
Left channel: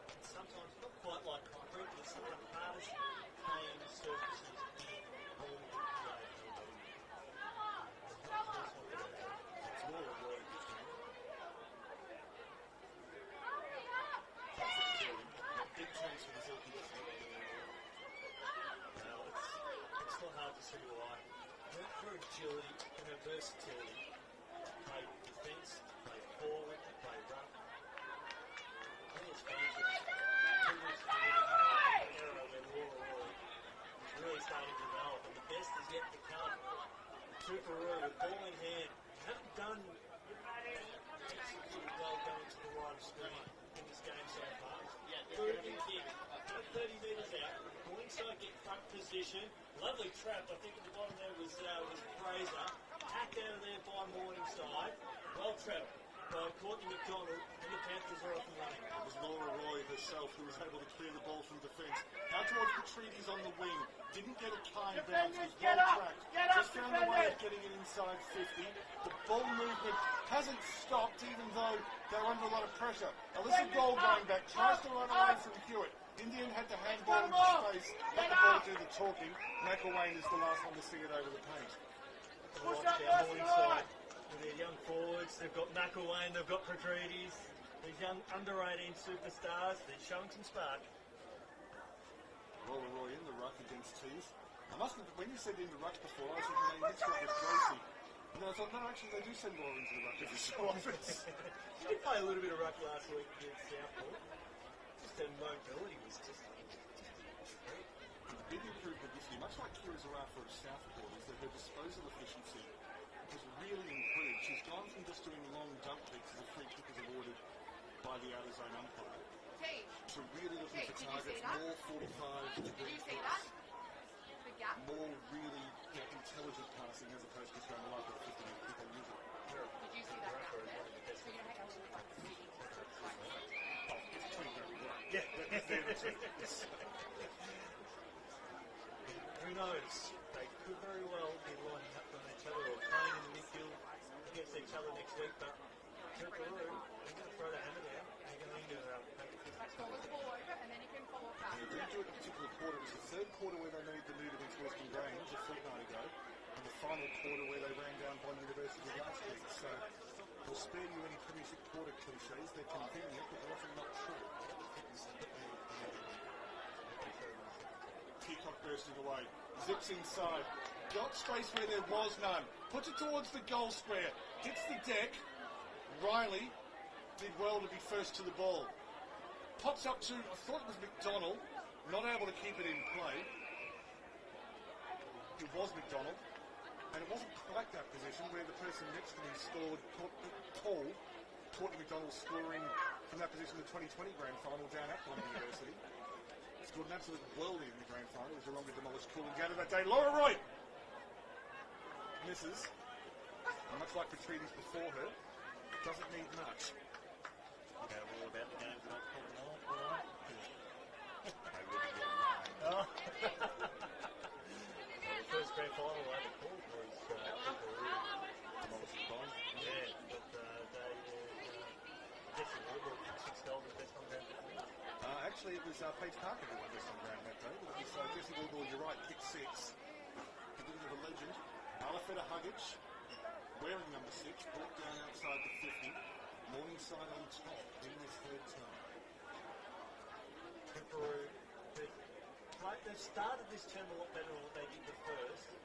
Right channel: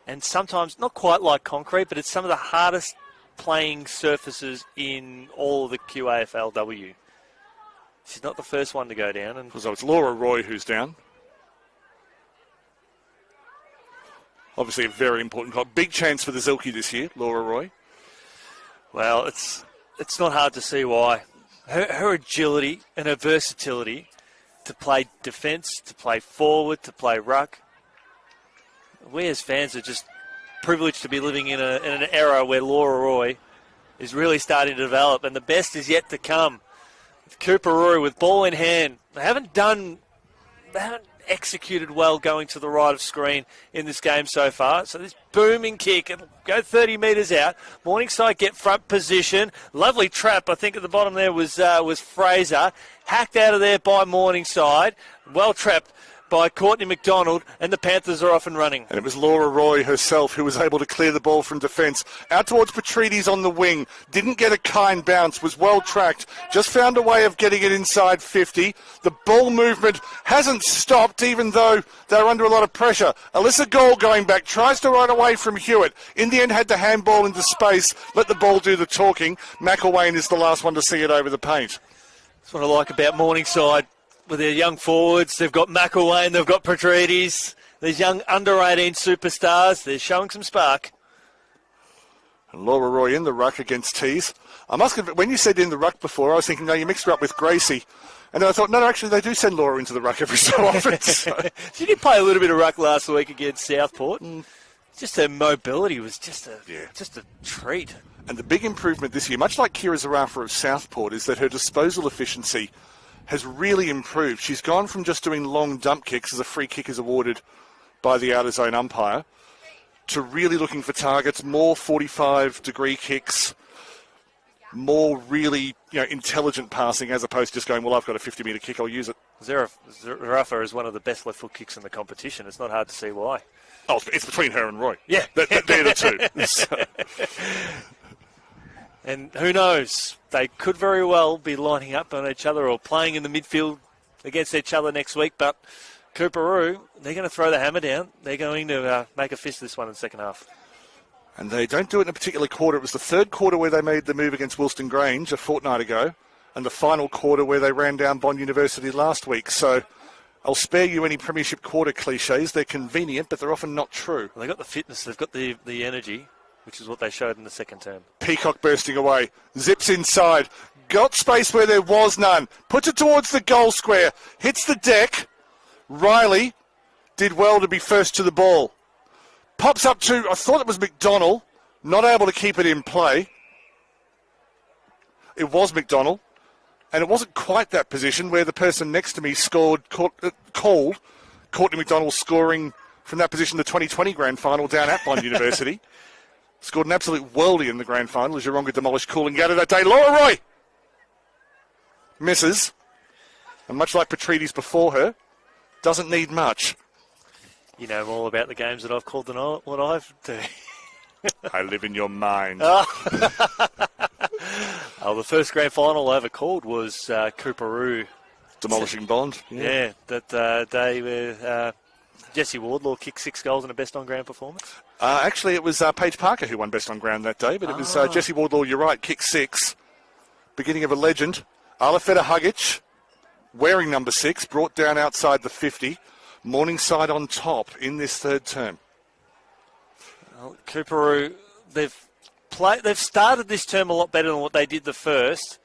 And sometimes, not quite like concrete, but it's some of the hardest playing surfaces in all of the QAFLW. She's not the first one to go down. And so it's Laura Roy who's down. Obviously a very important call. Big chance for the Zilke this year, Laura Roy. Well, it's not hard to see why. Her agility and her versatility to play defence, to play forward, to play ruck. We as fans are just privileged to be living in an era where Laura Roy is really starting to develop, and the best is yet to come. With Coorparoo with ball in hand, they haven't executed well going to the right of screen in this game so far. So this booming kick, it'll go 30 metres out. Morningside get front position. Lovely trap, I think at the bottom there was Fraser. Hacked out of there by Morningside. Well trapped by Courtney McDonald, and the Panthers are off and running. And it was Laura Roy herself who was able to clear the ball from defence. Out towards Petrides on the wing. Didn't get a kind bounce, was well tracked. Just found a way of getting it inside 50. The ball movement hasn't stopped, even though they're under a lot of pressure. Alyssa Gall going back, tries to run away from Hewitt. In the end, had to handball into space, let the ball do the talking. McElwain is the last one to see it over the paint. That's what I like about Morningside. With their young forwards, they've got McElwain, they've got Petrides, these young under-18 superstars. They're showing some spark. And Laura Roy in the ruck against Tees. I must admit, when you said in the ruck before, I was thinking, no, you mixed her up with Gracie. And then I thought, no, actually, they do send Laura into the ruck every so often. So. She did play a little bit of ruck last week against Southport. Just her mobility was just a treat. And the big improvement this year, much like Kira Zarafa of Southport, is that her disposal efficiency has really improved. She's gone from just doing long dump kicks as a free kick is awarded by the outer zone umpire to really looking for targets, more 45-degree kicks, more really intelligent passing as opposed to just going, well, I've got a 50-metre kick, I'll use it. Zarafa is one of the best left foot kicks in the competition. It's not hard to see why. Oh, it's between her and Roy. Yeah. They're the two. So. And who knows, they could very well be lining up on each other or playing in the midfield against each other next week. But Coorparoo, they're going to throw the hammer down. They're going to make a fist of this one in the second half. And they don't do it in a particular quarter. It was the third quarter where they made the move against Wilston Grange a fortnight ago, and the final quarter where they ran down Bond University last week. So I'll spare you any premiership quarter cliches. They're convenient, but they're often not true. Well, they've got the fitness, they've got the energy, which is what they showed in the second term. Peacock bursting away, zips inside, got space where there was none, puts it towards the goal square, hits the deck. Riley did well to be first to the ball. Pops up to, I thought it was McDonald, not able to keep it in play. It was McDonald, and it wasn't quite that position where the person next to me called Courtney McDonald scoring from that position, the 2020 grand final down at Bond University. Scored an absolute worldie in the grand final as Yeronga demolished Coolangatta that day. Laura Roy misses. And much like Petrides before her, doesn't need much. You know all about the games that I've called and what I've do. I live in your mind. Oh, the first grand final I ever called was Coorparoo. Demolishing Bond. Yeah, that day where Jesse Wardlaw kicked 6 goals in a best on ground performance. Actually, it was Paige Parker who won best on ground that day, but it was Jesse Wardlaw, you're right, kicked 6. Beginning of a legend. Alafeta Hugic, wearing number 6, brought down outside the 50. Morningside on top in this third term. Well, Coorparoo, they've started this term a lot better than what they did the first.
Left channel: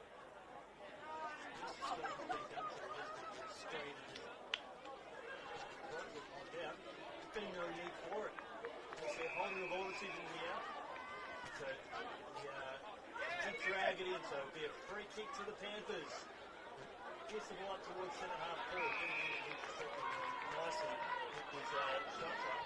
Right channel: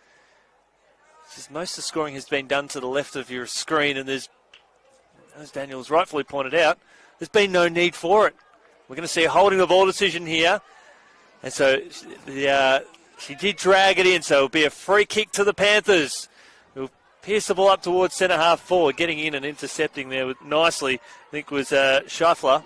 Most of the scoring has been done to the left of your screen, and there's, as Daniel's rightfully pointed out, there's been no need for it. We're going to see a holding the ball decision here. And so she did drag it in, so it'll be a free kick to the Panthers. Who'll pierce the ball up towards centre half forward, getting in and intercepting there nicely. I think it was Scheifler,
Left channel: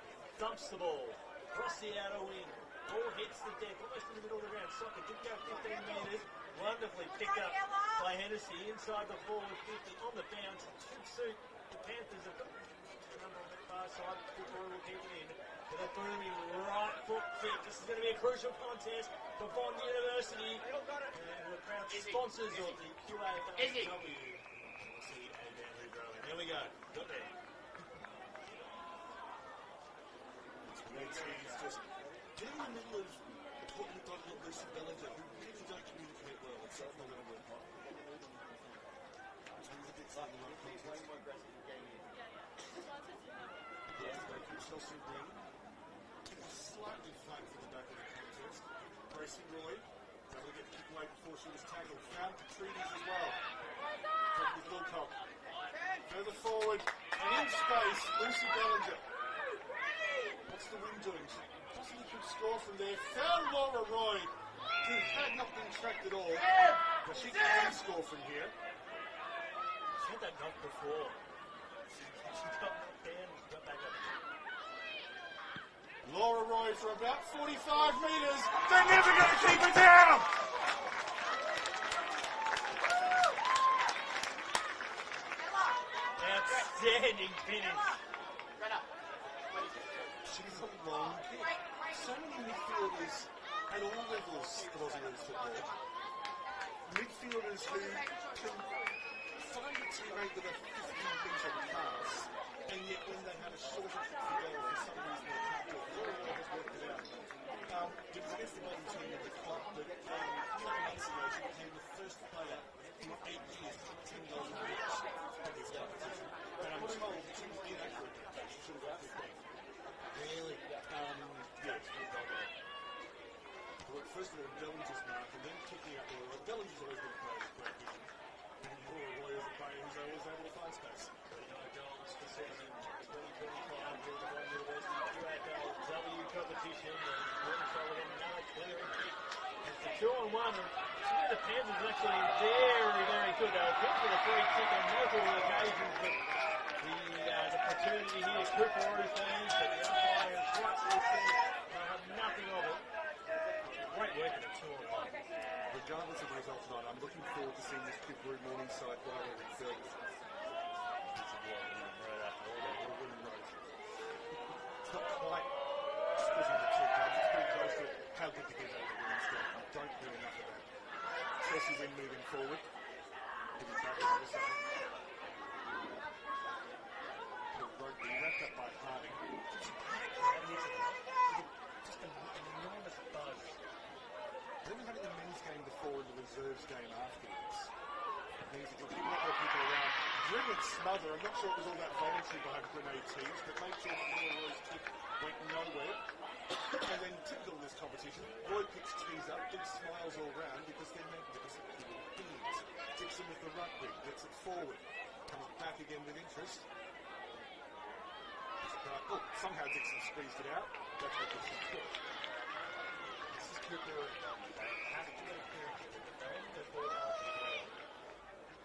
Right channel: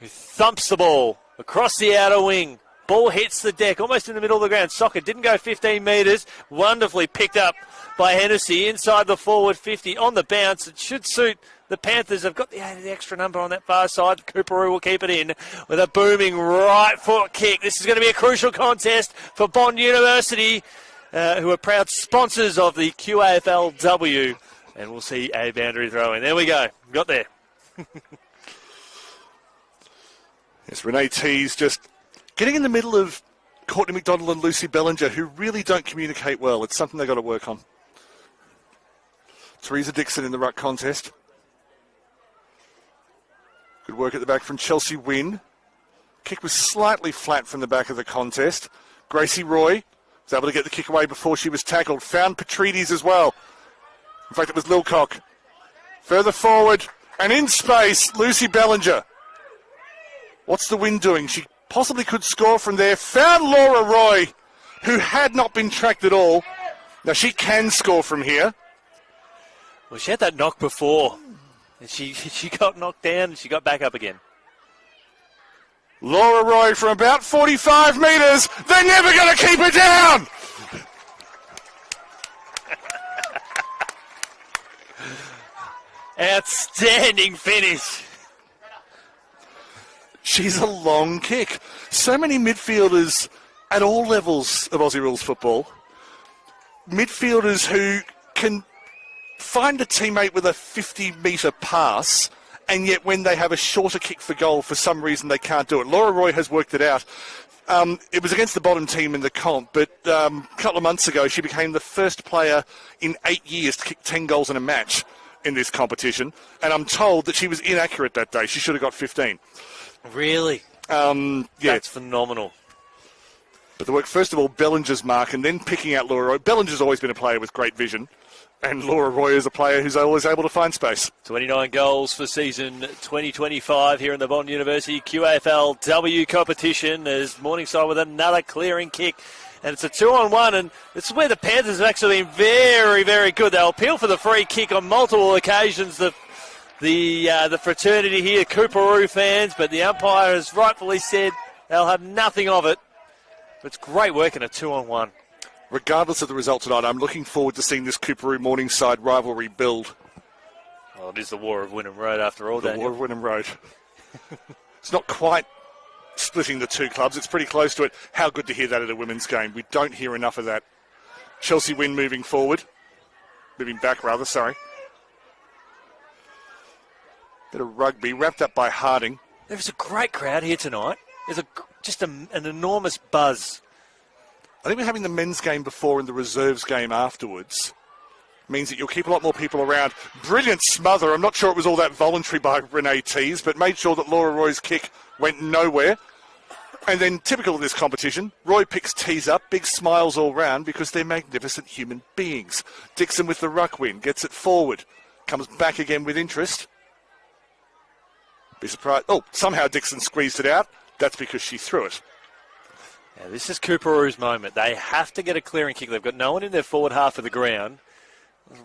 who thumps the ball across the outer wing. Ball hits the deck, almost in the middle of the ground. Soccer didn't go 15 metres. Wonderfully picked up by Hennessy inside the forward 50 on the bounce. It should suit the Panthers. They've got the extra number on that far side. Coorparoo will keep it in with a booming right foot kick. This is going to be a crucial contest for Bond University, who are proud sponsors of the QAFLW. And we'll see a boundary throw in. There we go. Got there. Yes, Renee Tees just getting in the middle of Courtney McDonald and Lucy Bellinger, who really don't communicate well. It's something they've got to work on. Teresa Dixon in the ruck contest. Good work at the back from Chelsea Wynn. Kick was slightly flat from the back of the contest. Gracie Roy was able to get the kick away before she was tackled. Found Petrides as well. In fact, it was Lilcock. Further forward and in space, Lucy Bellinger. What's the Win doing? She possibly could score from there. Found Laura Roy, who had not been tracked at all. Now she can score from here. Well, she had that knock before. And she got knocked down and she got back up again. Laura Roy from about 45 metres. They're never going to keep her down. Outstanding finish. She's a long kick. So many midfielders at all levels of Aussie rules football. Midfielders who can find a teammate with a 50-metre pass, and yet when they have a shorter kick for goal, for some reason they can't do it. Laura Roy has worked it out. It was against the bottom team in the comp, but a couple of months ago she became the first player in 8 years to kick 10 goals in a match in this competition, and I'm told that she was inaccurate that day. She should have got 15. Really? Yeah. That's phenomenal. But the work, first of all, Bellinger's mark, and then picking out Laura Roy. Bellinger's always been a player with great vision, and Laura Roy is a player who's always able to find space. 29 goals for season 2025 here in the Bond University QAFLW competition. There's Morningside with another clearing kick, and it's a 2-on-1, and this is where the Panthers have actually been very, very good. They'll appeal for the free kick on multiple occasions. The fraternity here, Coorparoo fans, but the umpire has rightfully said they'll have nothing of it. It's great work in a 2-on-1. Regardless of the result tonight, I'm looking forward to seeing this Coorparoo Morningside rivalry build. Well, it is the War of Wynnum Road after all, The War of Wynnum Road. It's not quite splitting the two clubs. It's pretty close to it. How good to hear that at a women's game. We don't hear enough of that. Chelsea Wynn moving forward. Moving back, rather, sorry. Bit of rugby, wrapped up by Harding. There's a great crowd here tonight. There's just an enormous buzz. I think we're having the men's game before and the reserves game afterwards. Means that you'll keep a lot more people around. Brilliant smother. I'm not sure it was all that voluntary by Renee Tees, but made sure that Laura Roy's kick went nowhere. And then, typical of this competition, Roy picks Tees up, big smiles all round because they're magnificent human beings. Dixon with the ruck win, gets it forward, comes back again with interest. Be surprised. Oh, somehow Dixon squeezed it out. That's because she threw it. This is Coorparoo's moment. They have to get a clearing kick. They've got no one in their forward half of the ground.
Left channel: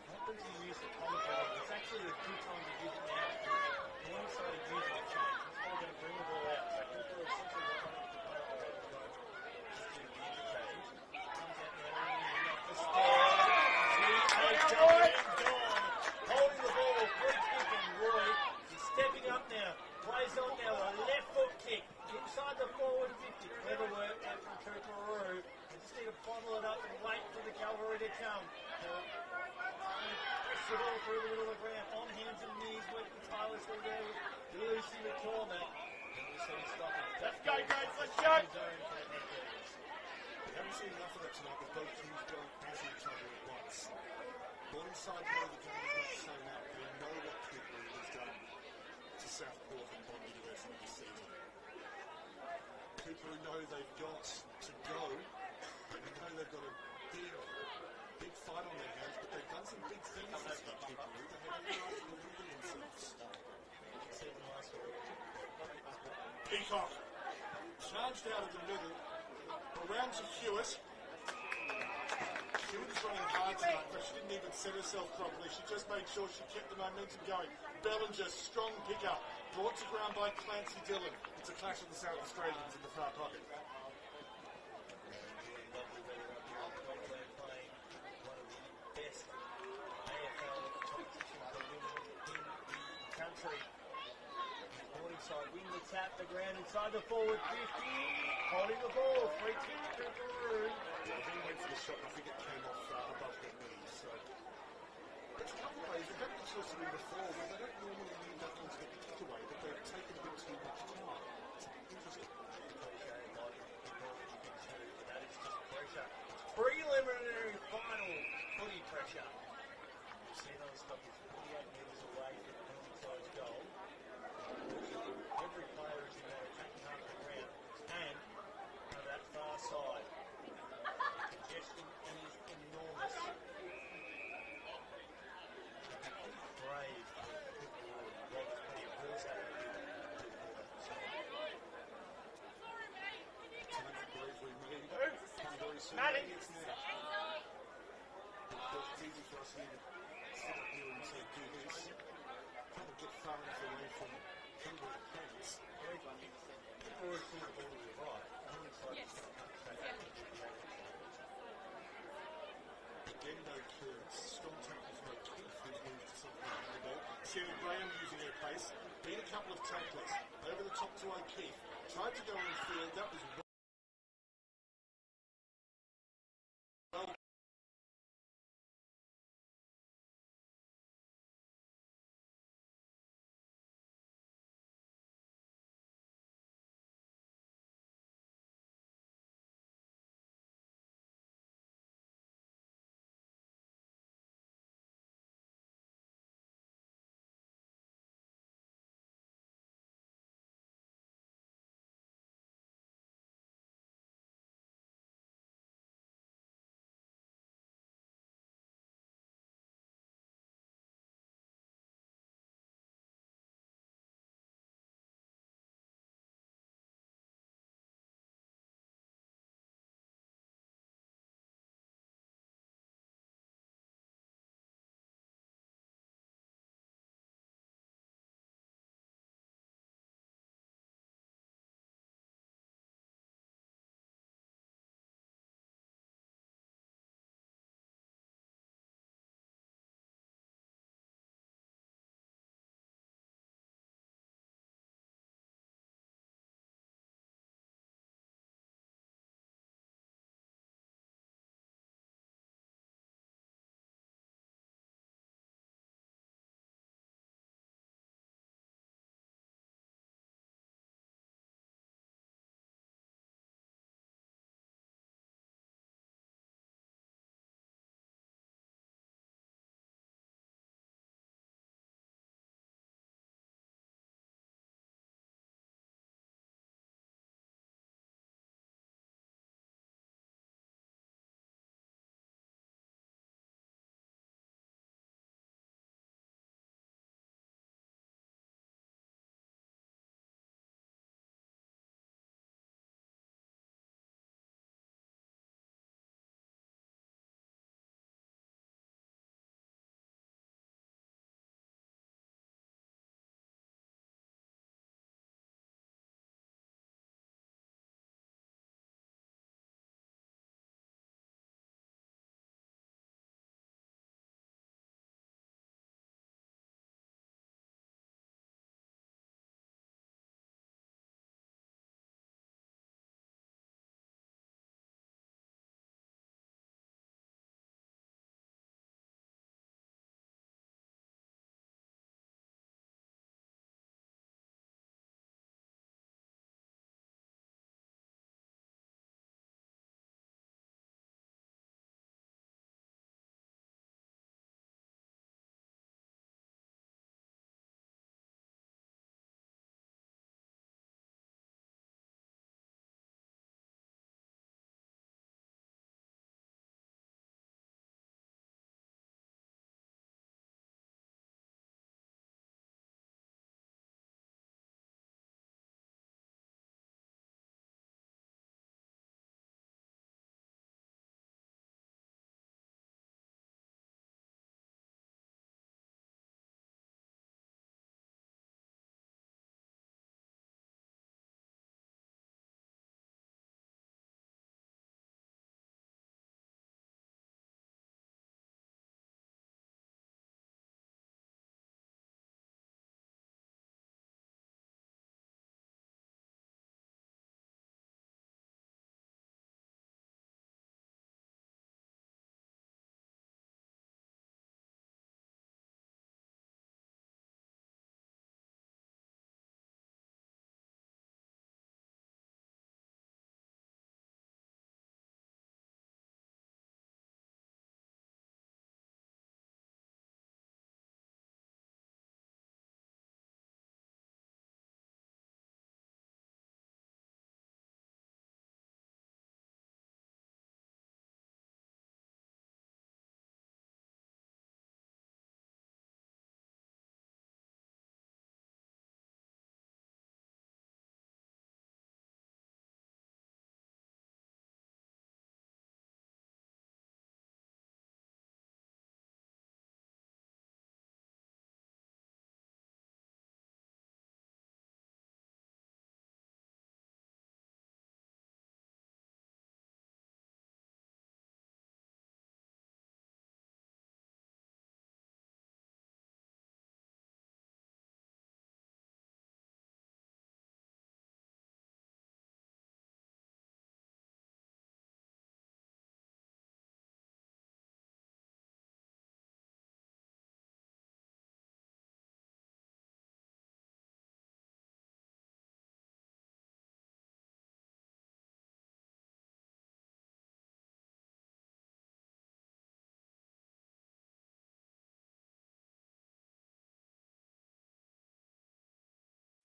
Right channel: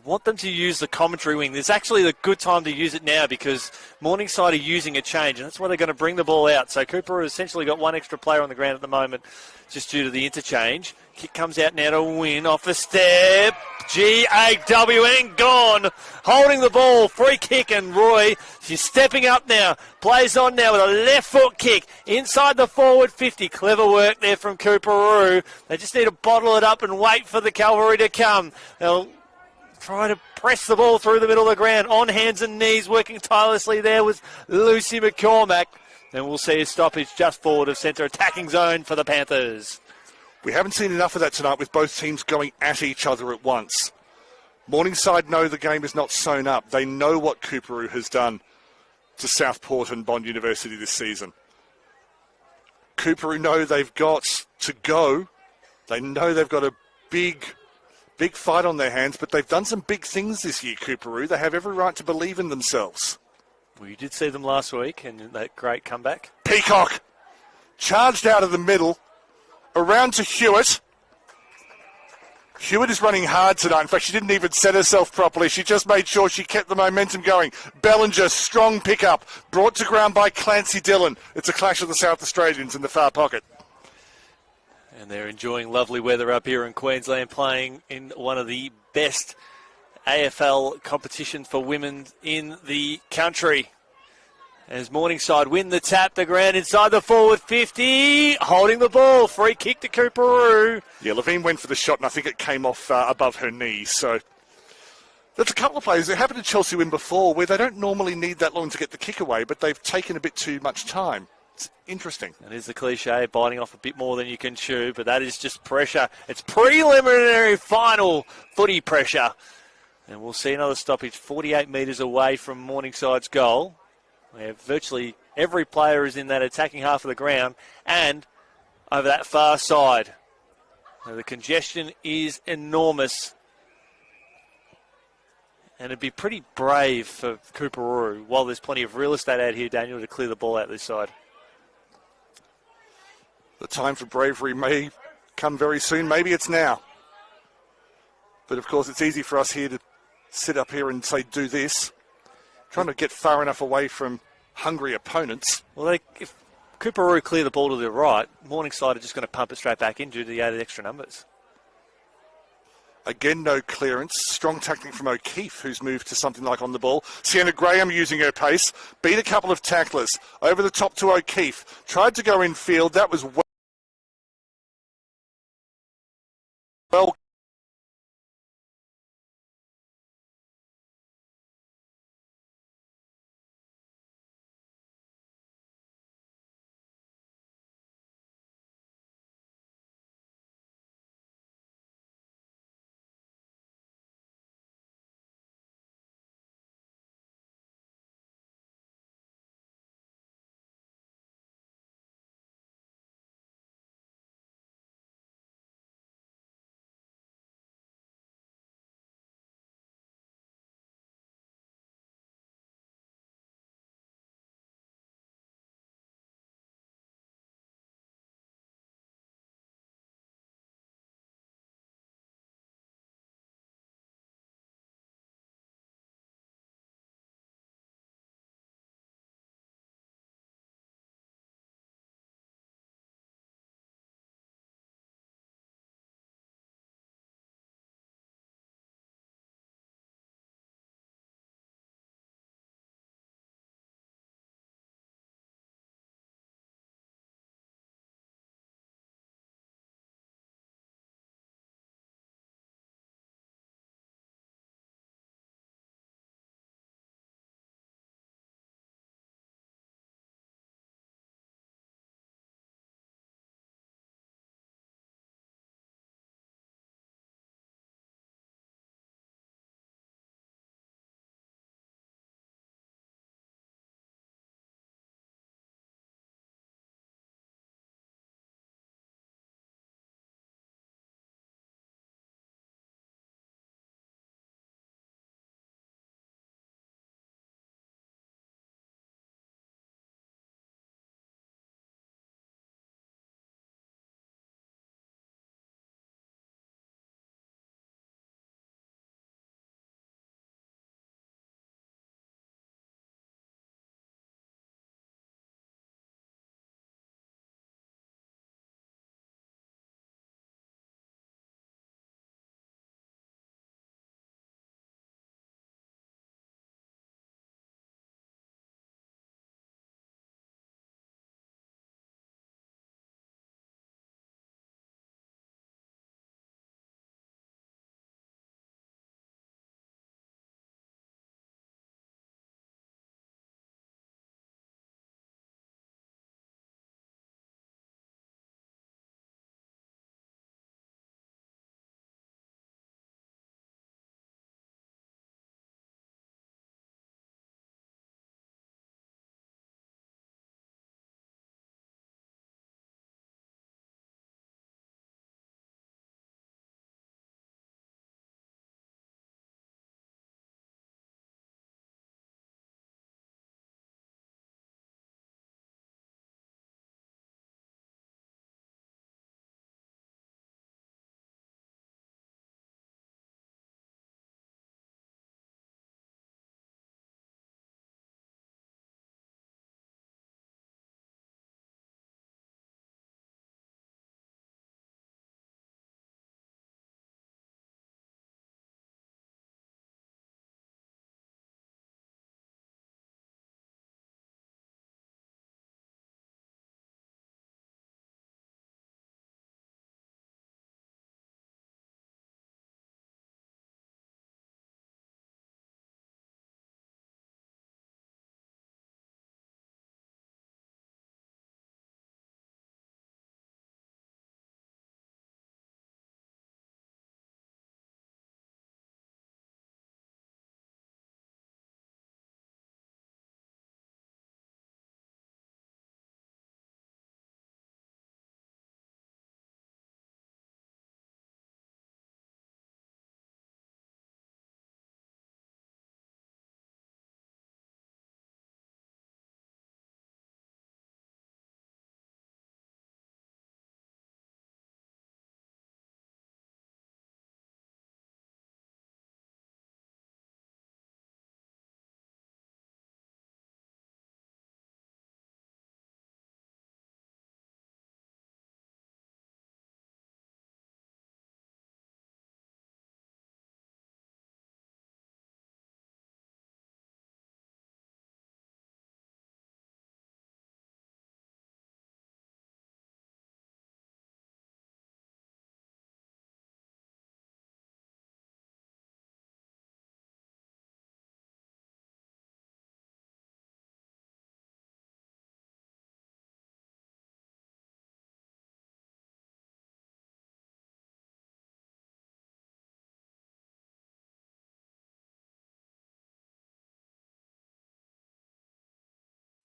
want them to use the commentary wing. There's actually a good time to use it now because Morningside are using a change, and that's why they're going to bring the ball out. So Coorparoo has essentially got one extra player on the ground at the moment just due to the interchange. Kick comes out now to win off the step. QAFLW and gone. Holding the ball. Free kick, and Roy, she's stepping up now. Plays on now with a left foot kick inside the forward 50. Clever work there from Coorparoo. They just need to bottle it up and wait for the cavalry to come. They'll try to press the ball through the middle of the ground on hands and knees, working tirelessly there with Lucy McCormack. And we'll see a stoppage just forward of centre attacking zone for the Panthers. We haven't seen enough of that tonight with both teams going at each other at once. Morningside know the game is not sewn up. They know what Coorparoo has done to Southport and Bond University this season. Coorparoo know they've got to go. They know they've got a big fight on their hands, but they've done some big things this year, Coorparoo. They have every right to believe in themselves. We did see them last week and that great comeback. Peacock charged out of the middle, around to Hewitt. Hewitt is running hard tonight. In fact, she didn't even set herself properly. She just made sure she kept the momentum going. Bellinger, strong pickup, brought to ground by Clancy Dillon. It's a clash of the South Australians in the far pocket. And they're enjoying lovely weather up here in Queensland, playing in one of the best AFL competitions for women in the country. As Morningside win the tap, the ground inside the forward 50, holding the ball, free kick to Coorparoo. Yeah, Levine went for the shot, and I think it came off above her knee. So there's a couple of players. It happened to Chelsea win before, where they don't normally need that long to get the kick away, but they've taken a bit too much time. It's interesting. That is the cliche, biting off a bit more than you can chew, but that is just pressure. It's preliminary final footy pressure. And we'll see another stoppage 48 metres away from Morningside's goal, where virtually every player is in that attacking half of the ground and over that far side. Now, the congestion is enormous. And it'd be pretty brave for Coorparoo, while there's plenty of real estate out here, Daniel, to clear the ball out this side. The time for bravery may come very soon. Maybe it's now. But, of course, it's easy for us here to sit up here and say, do this. Trying to get far enough away from hungry opponents. Well, if Coorparoo clear the ball to the right, Morningside are just going to pump it straight back in due to the added extra numbers. Again, no clearance. Strong tackling from O'Keefe, who's moved to something like on the ball. Sienna Graham using her pace. Beat a couple of tacklers. Over the top to O'Keefe. Tried to go in field. That was well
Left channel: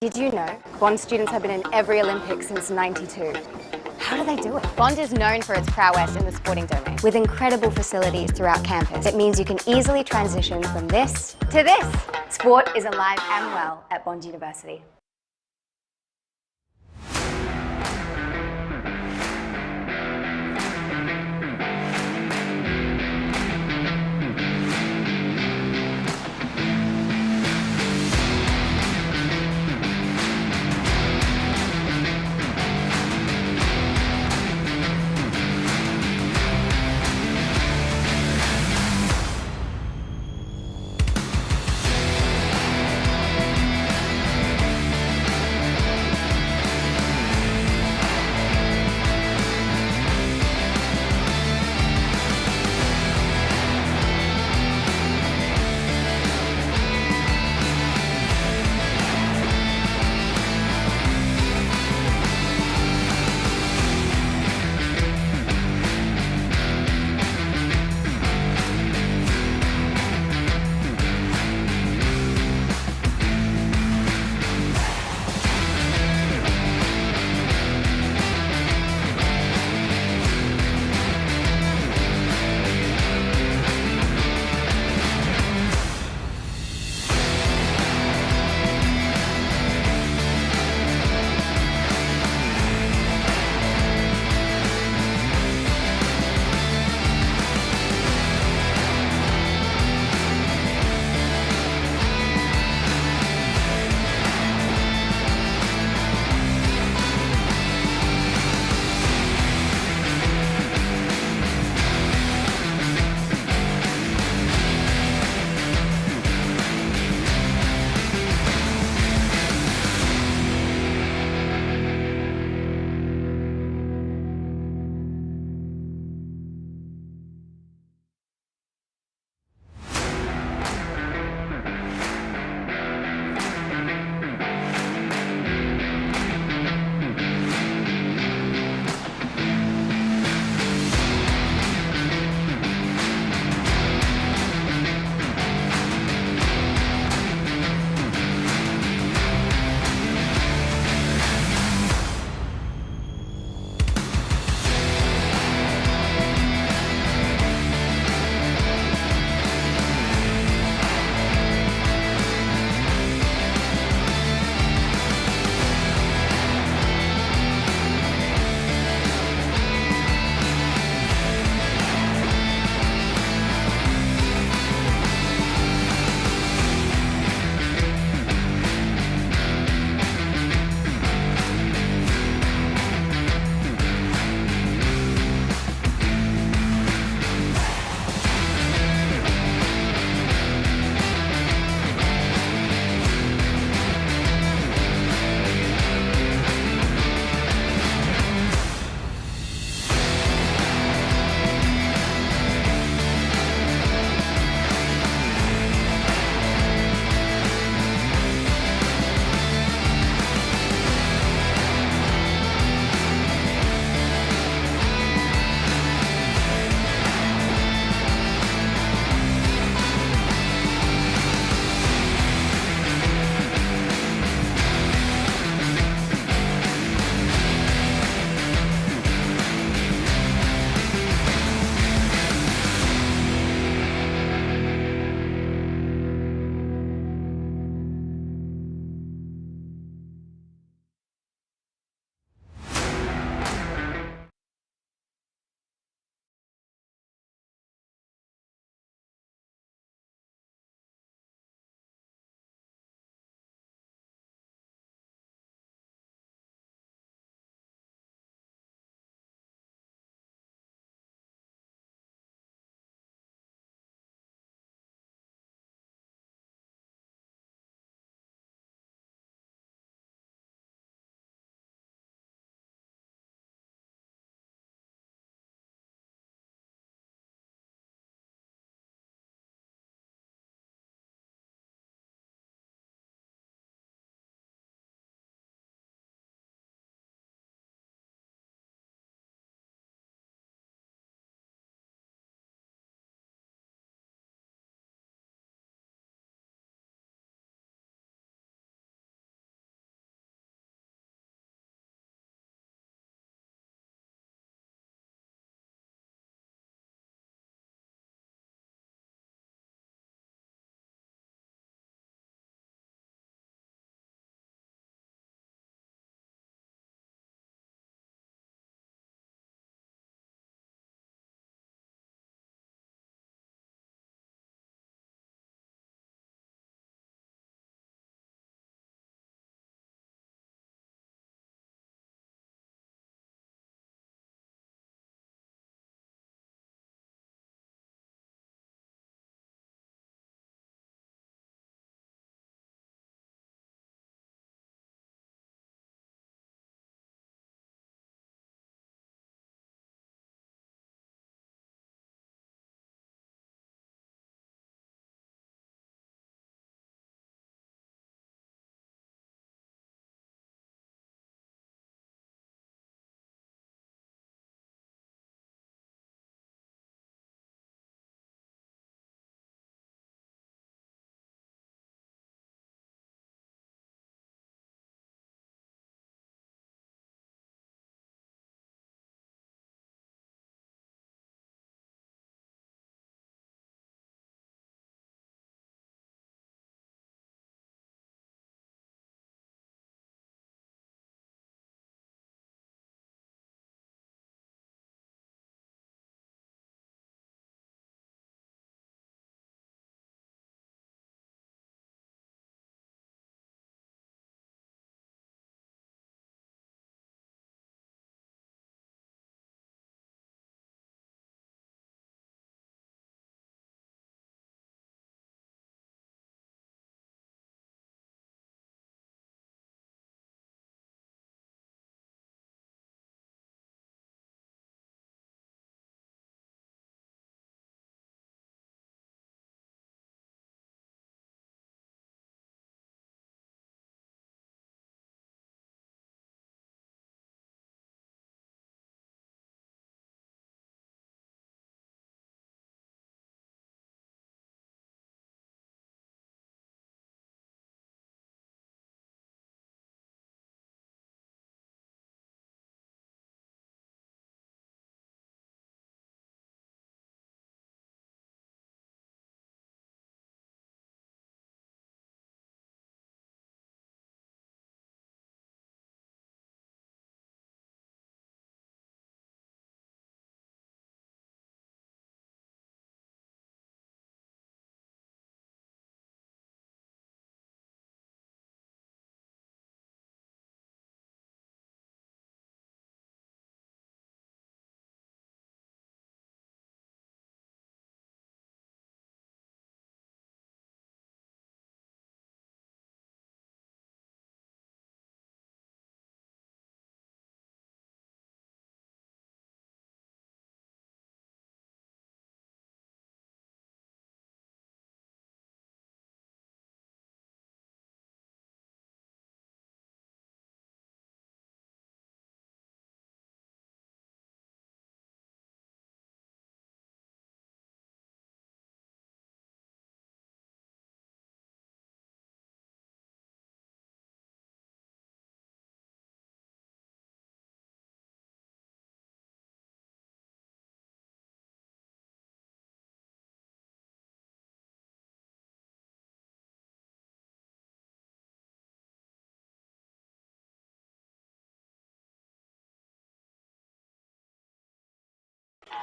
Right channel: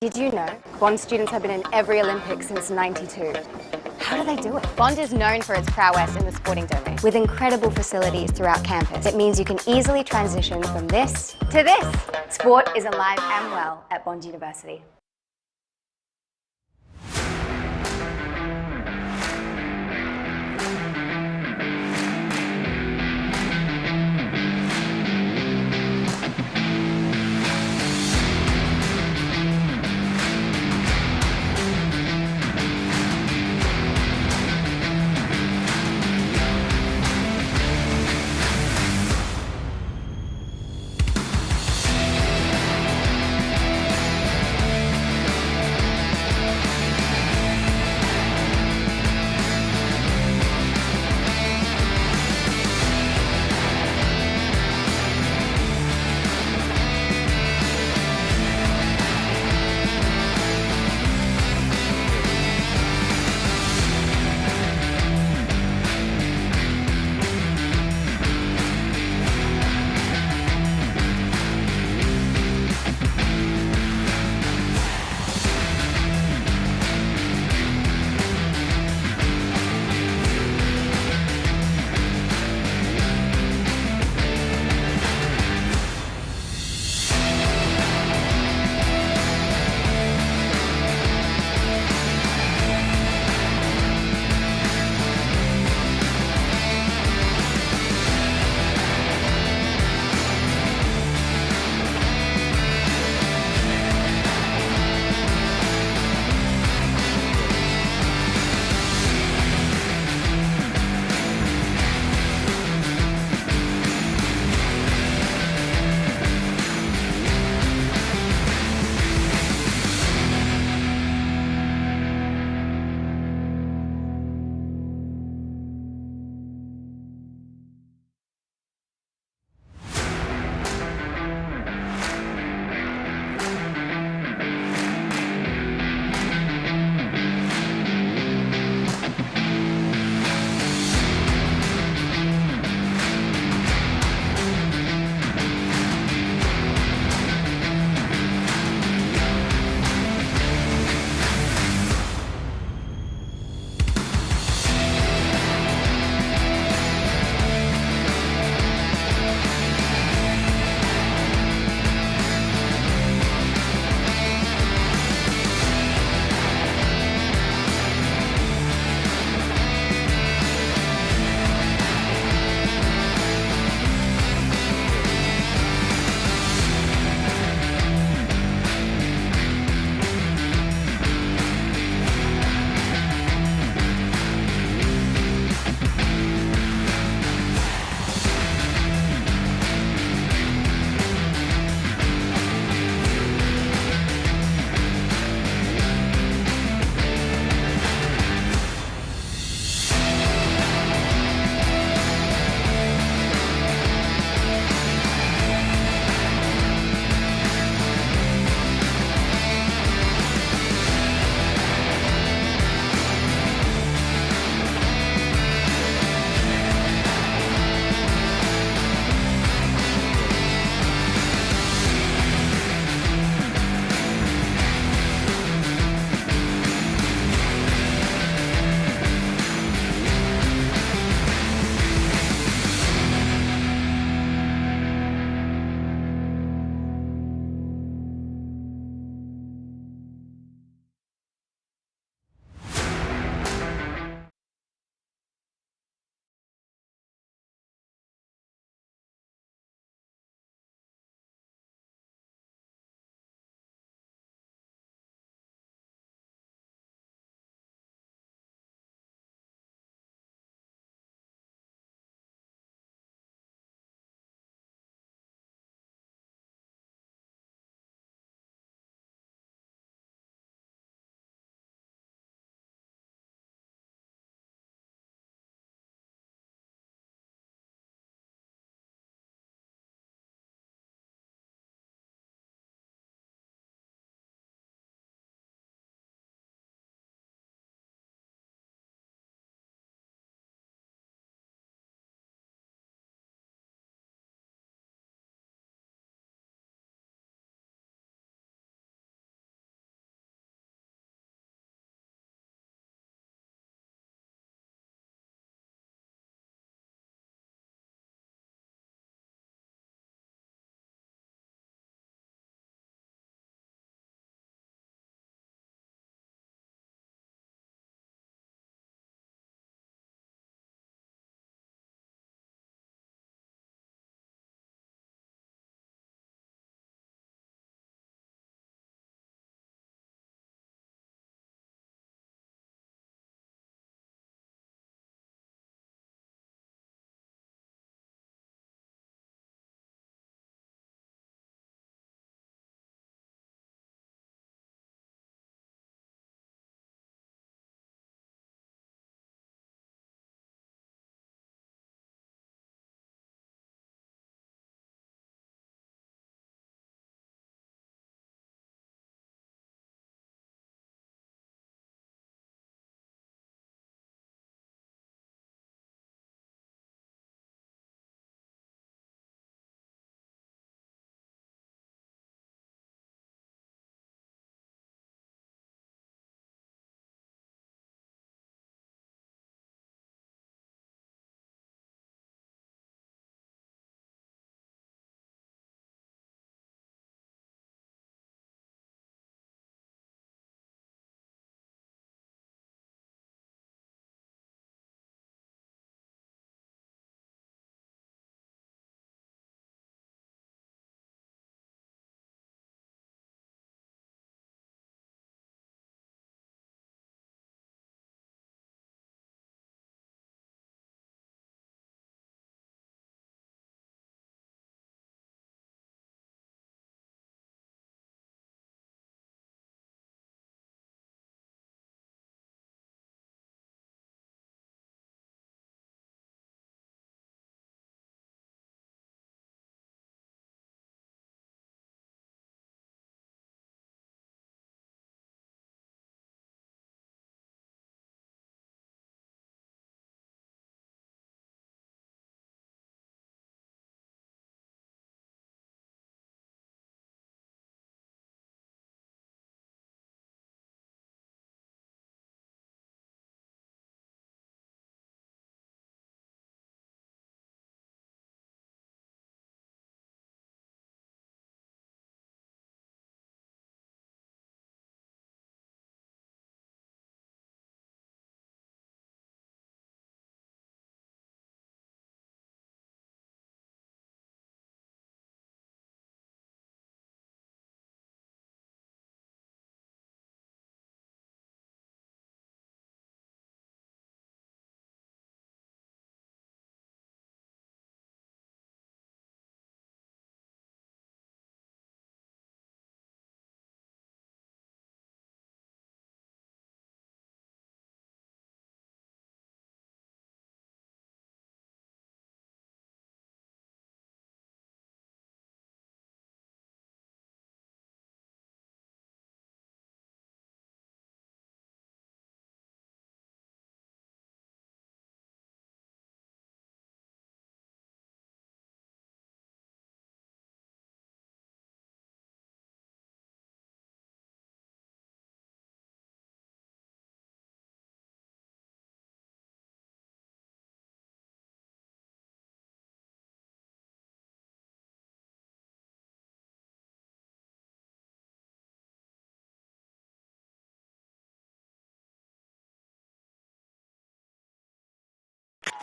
Did you know Bond students have been in every Olympics since '92? How do they do it? Bond is known for its prowess in the sporting domain. With incredible facilities throughout campus, it means you can easily transition from this to this. Sport is alive and well at Bond University.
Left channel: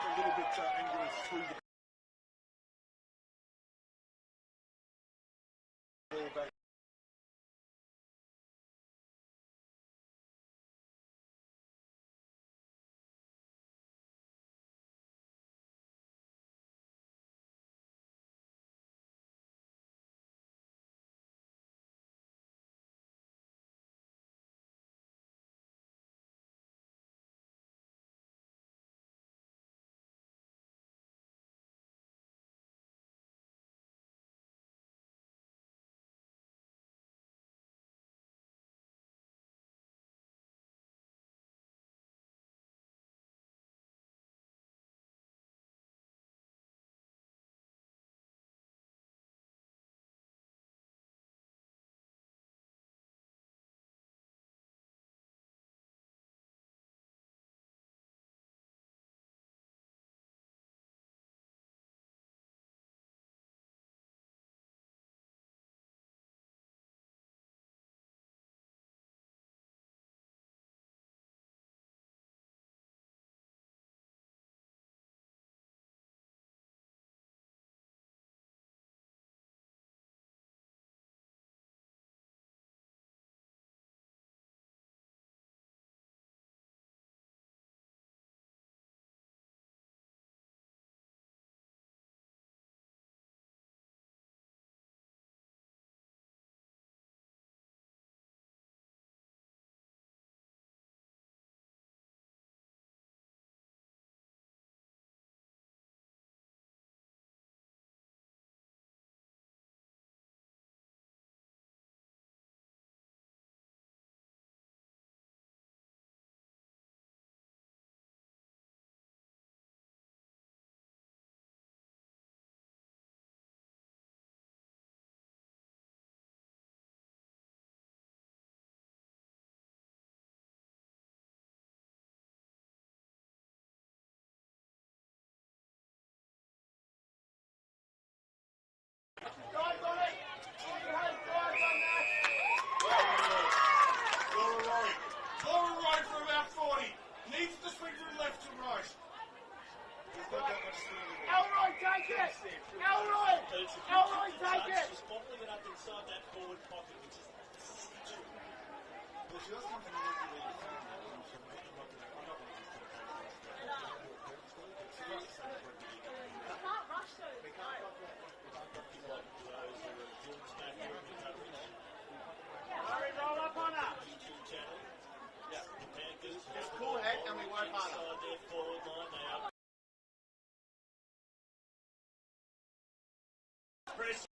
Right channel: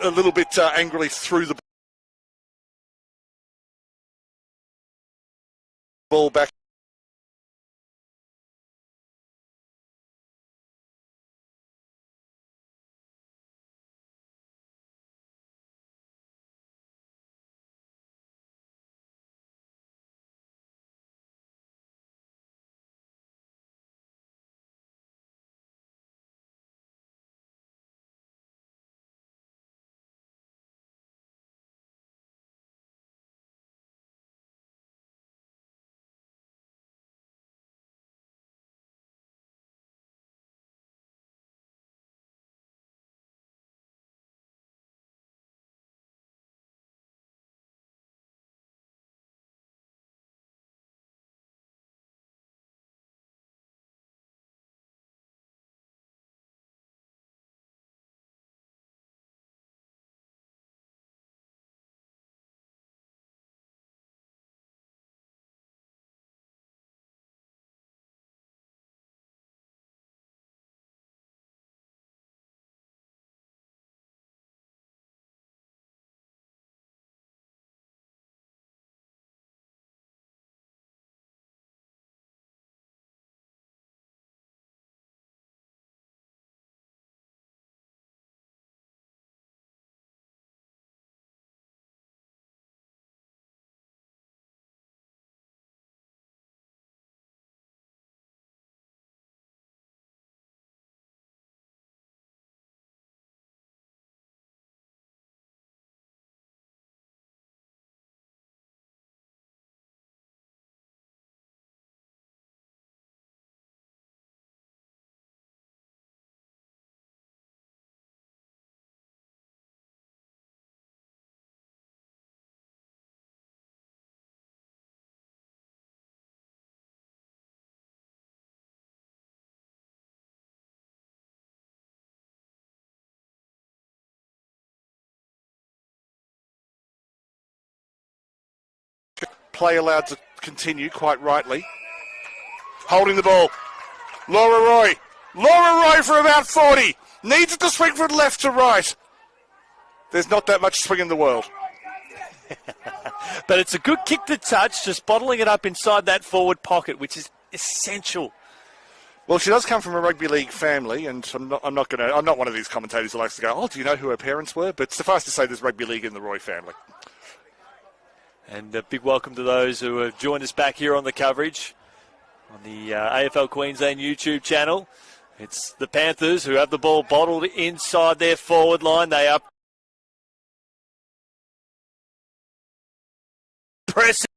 a little bit angrily threw the ball back. Play allowed to continue, quite rightly. Holding the ball. Laura Roy. Laura Roy for about 40. Needs it to swing from left to right. There's not that much swing in the world. But it's a good kick to touch, just bottling it up inside that forward pocket, which is essential. Well, she does come from a rugby league family, and I'm not one of these commentators who likes to go, oh, do you know who her parents were? But suffice to say, there's rugby league in the Roy family. And a big welcome to those who have joined us back here on the coverage on the AFL Queensland YouTube channel. It's the Panthers who have the ball bottled inside their forward line. They are pressing.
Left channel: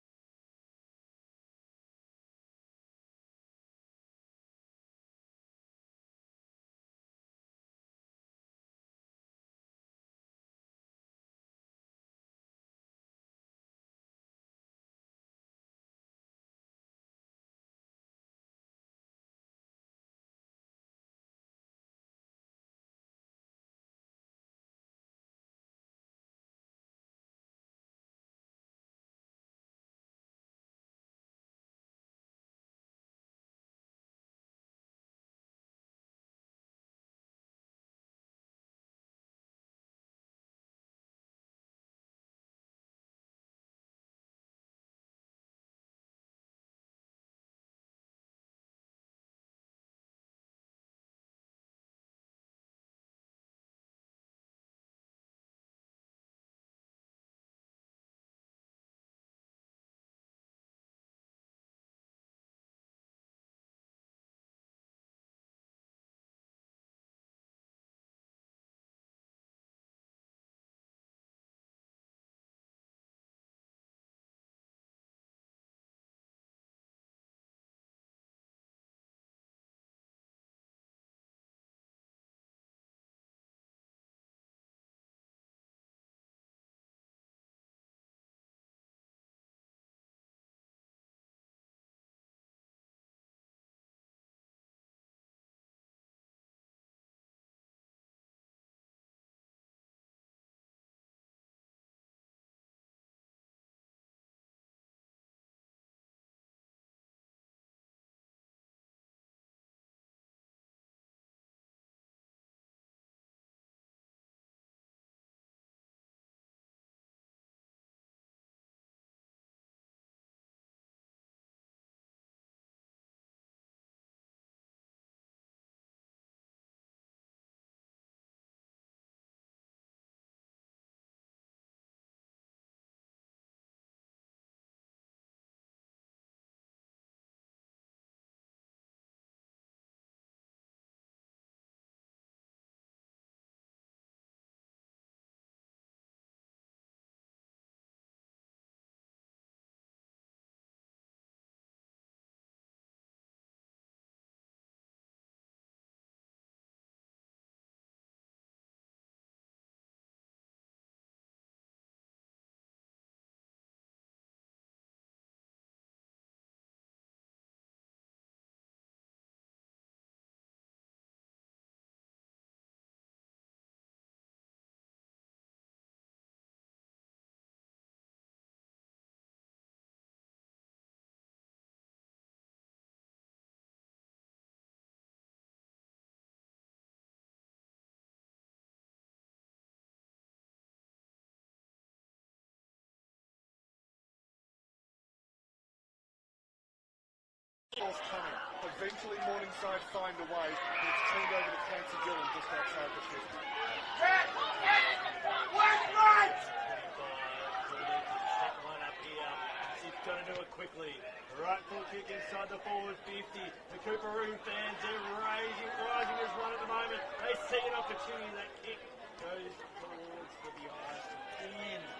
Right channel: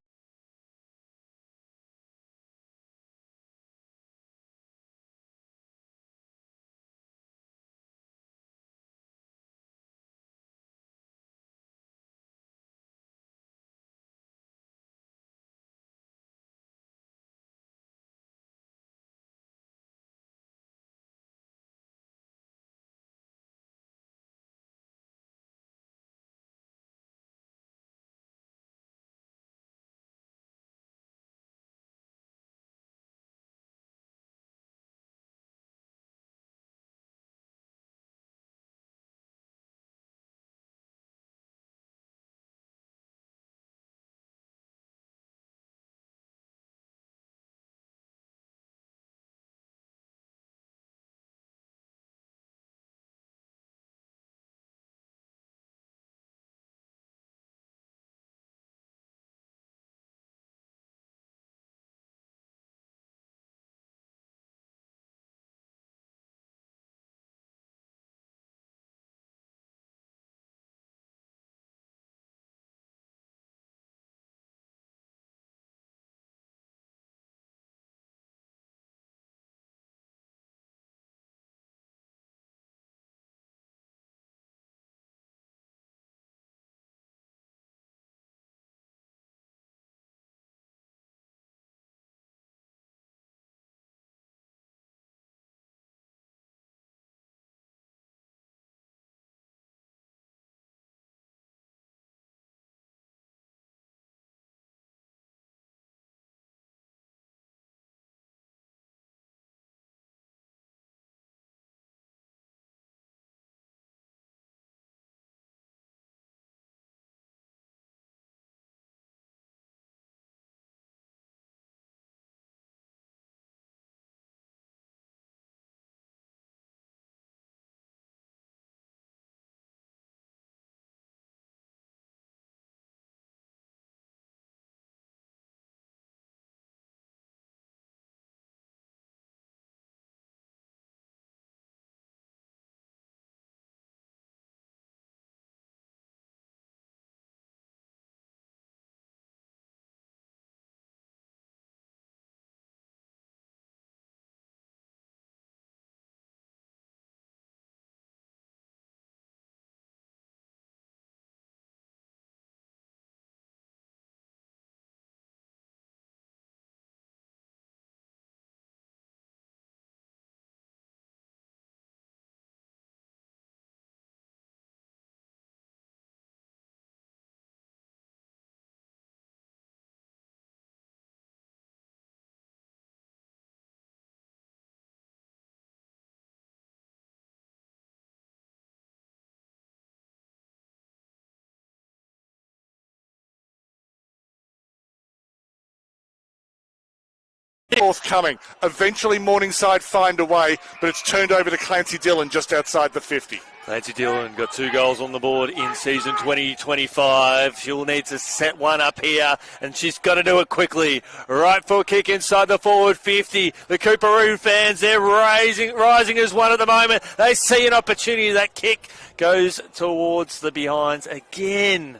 forthcoming. Eventually Morningside find a way, but it's turned over to Clancy Dillon just outside the 50. Clancy Dillon got 2 goals on the board in season 2025. She'll need to set one up here, and she's got to do it quickly. Right foot kick inside the forward 50. The Coorparoo fans, they're rising as one at the moment. They see an opportunity. That kick goes towards the behinds again.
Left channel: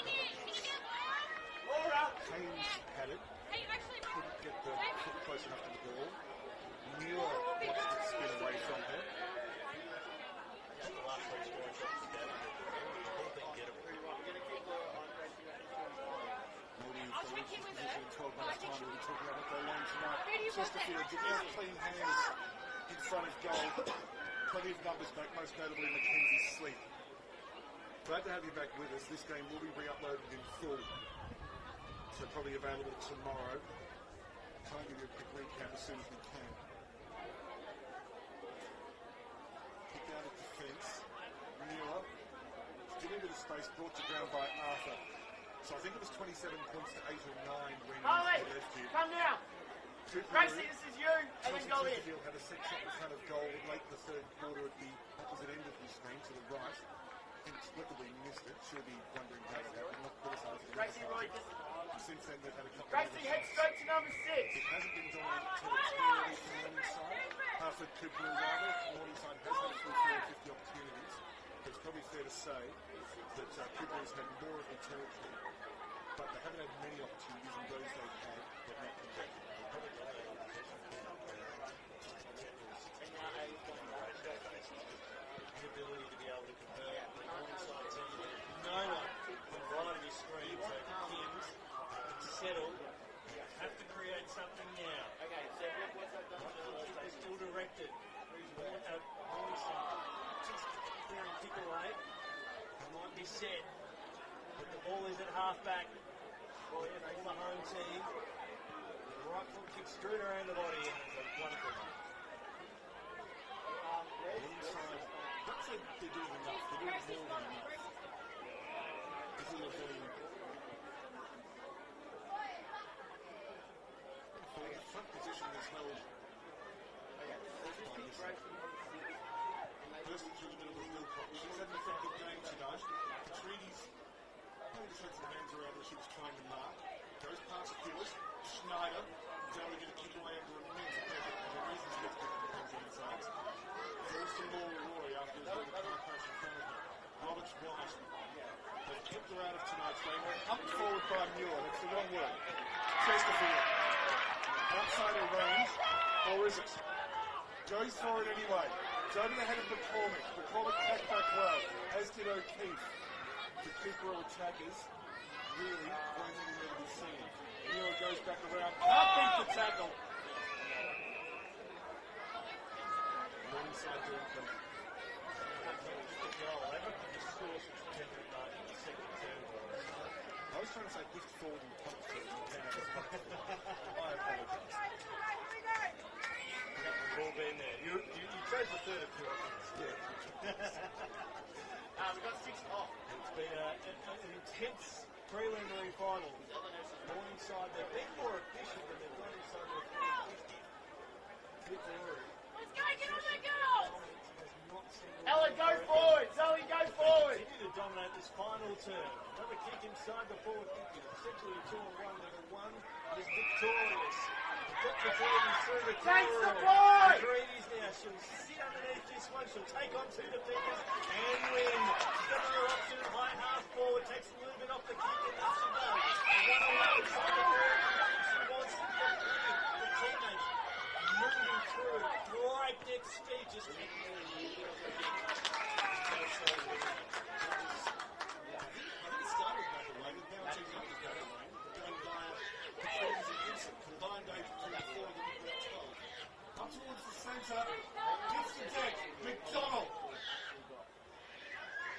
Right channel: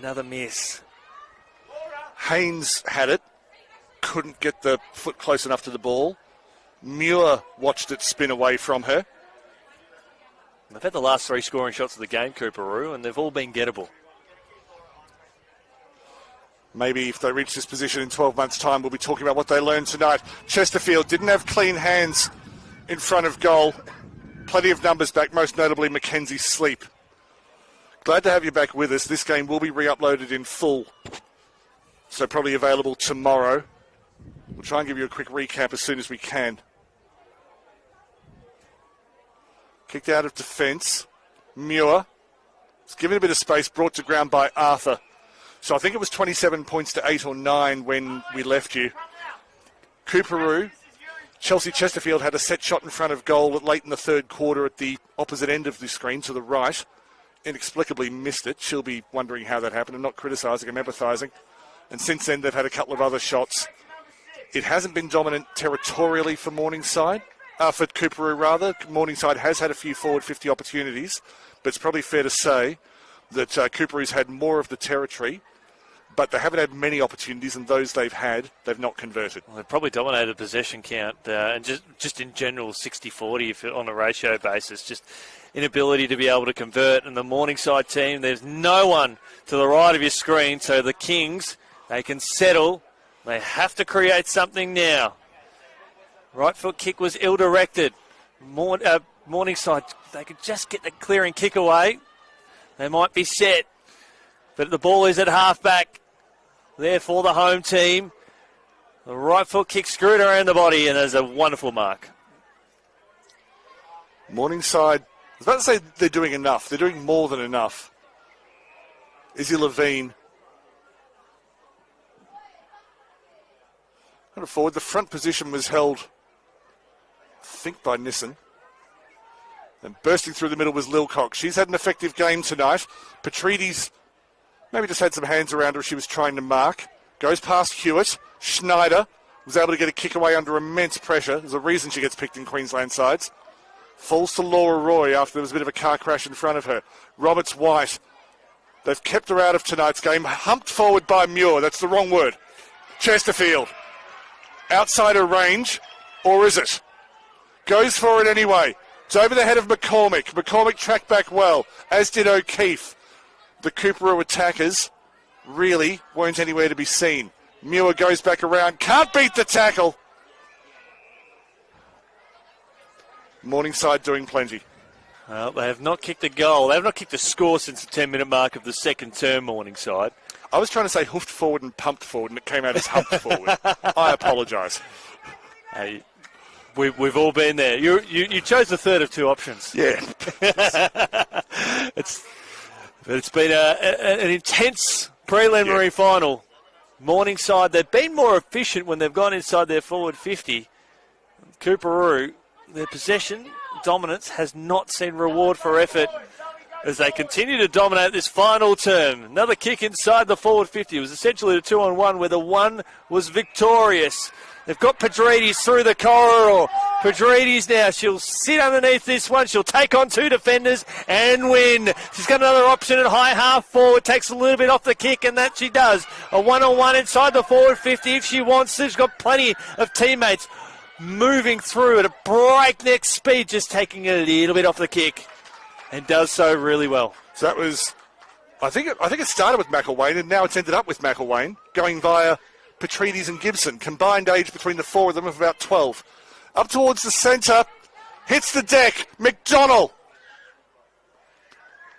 Another miss. Haynes had it. Couldn't get the foot close enough to the ball. Muir watched it spin away from her. They've had the last 3 scoring shots of the game, Coorparoo, and they've all been gettable. Maybe if they reach this position in 12 months' time, we'll be talking about what they learned tonight. Chesterfield didn't have clean hands in front of goal. Plenty of numbers back, most notably Mackenzie Sleep. Glad to have you back with us. This game will be re-uploaded in full, so probably available tomorrow. We'll try and give you a quick recap as soon as we can. Kicked out of defence. Muir. It's given a bit of space, brought to ground by Arthur. So I think it was 27 points to 8 or 9 when we left you. Coorparoo. Chelsea Chesterfield had a set shot in front of goal late in the third quarter at the opposite end of the screen to the right. Inexplicably missed it. She'll be wondering how that happened. I'm not criticising, I'm empathising. And since then they've had a couple of other shots. It hasn't been dominant territorially for Morningside. For Coorparoo, rather. Morningside has had a few forward 50 opportunities, but it's probably fair to say that Coorparoo's had more of the territory, but they haven't had many opportunities, and those they've had, they've not converted. Well, they've probably dominated possession count, and just in general 60-40 on a ratio basis, just inability to be able to convert. And the Morningside team, there's no one to the right of your screen, so the Kings, they can settle. They have to create something now. Right foot kick was ill-directed. Morningside, they could just get the clearing kick away. They might be set. But the ball is at half-back. There for the home team. The right foot kick screwed around the body, and there's a wonderful mark. Morningside, I was about to say they're doing enough. They're doing more than enough. Izzy Levine. Forward. The front position was held, I think, by Nissen. And bursting through the middle was Lilcock. She's had an effective game tonight. Petrides maybe just had some hands around her as she was trying to mark. Goes past Hewitt. Schneider was able to get a kick away under immense pressure. There's a reason she gets picked in Queensland sides. Falls to Laura Roy after there was a bit of a car crash in front of her. Roberts White. They've kept her out of tonight's game. Humped forward by Muir. That's the wrong word. Chesterfield. Outside her range, or is it? Goes for it anyway. It's over the head of McCormick. McCormick tracked back well, as did O'Keefe. The Coorparoo attackers really weren't anywhere to be seen. Muir goes back around, can't beat the tackle. Morningside doing plenty. Well, they have not kicked a goal. They have not kicked a score since the 10-minute mark of the second term, Morningside. I was trying to say hoofed forward and pumped forward, and it came out as humped forward. I apologise. Hey, we've all been there. You chose the third of 2 options. Yeah. It's been an intense preliminary final. Morningside, they've been more efficient when they've gone inside their forward 50. Coorparoo, their possession dominance has not seen reward for effort as they continue to dominate this final term. Another kick inside the forward 50. It was essentially a 2-on-1 where the one was victorious. They've got Petrides through the corridor. Petrides now, she'll sit underneath this one. She'll take on 2 defenders and win. She's got another option at high half forward. Takes a little bit off the kick, and that she does. A 1-on-1 inside the forward 50 if she wants to. She's got plenty of teammates moving through at a breakneck speed, just taking a little bit off the kick. And does so really well. So that was, I think it started with McElwain, and now it's ended up with McElwain, going via Petrides and Gibson. Combined age between the 4 of them of about 12. Up towards the centre, hits the deck, McDonnell.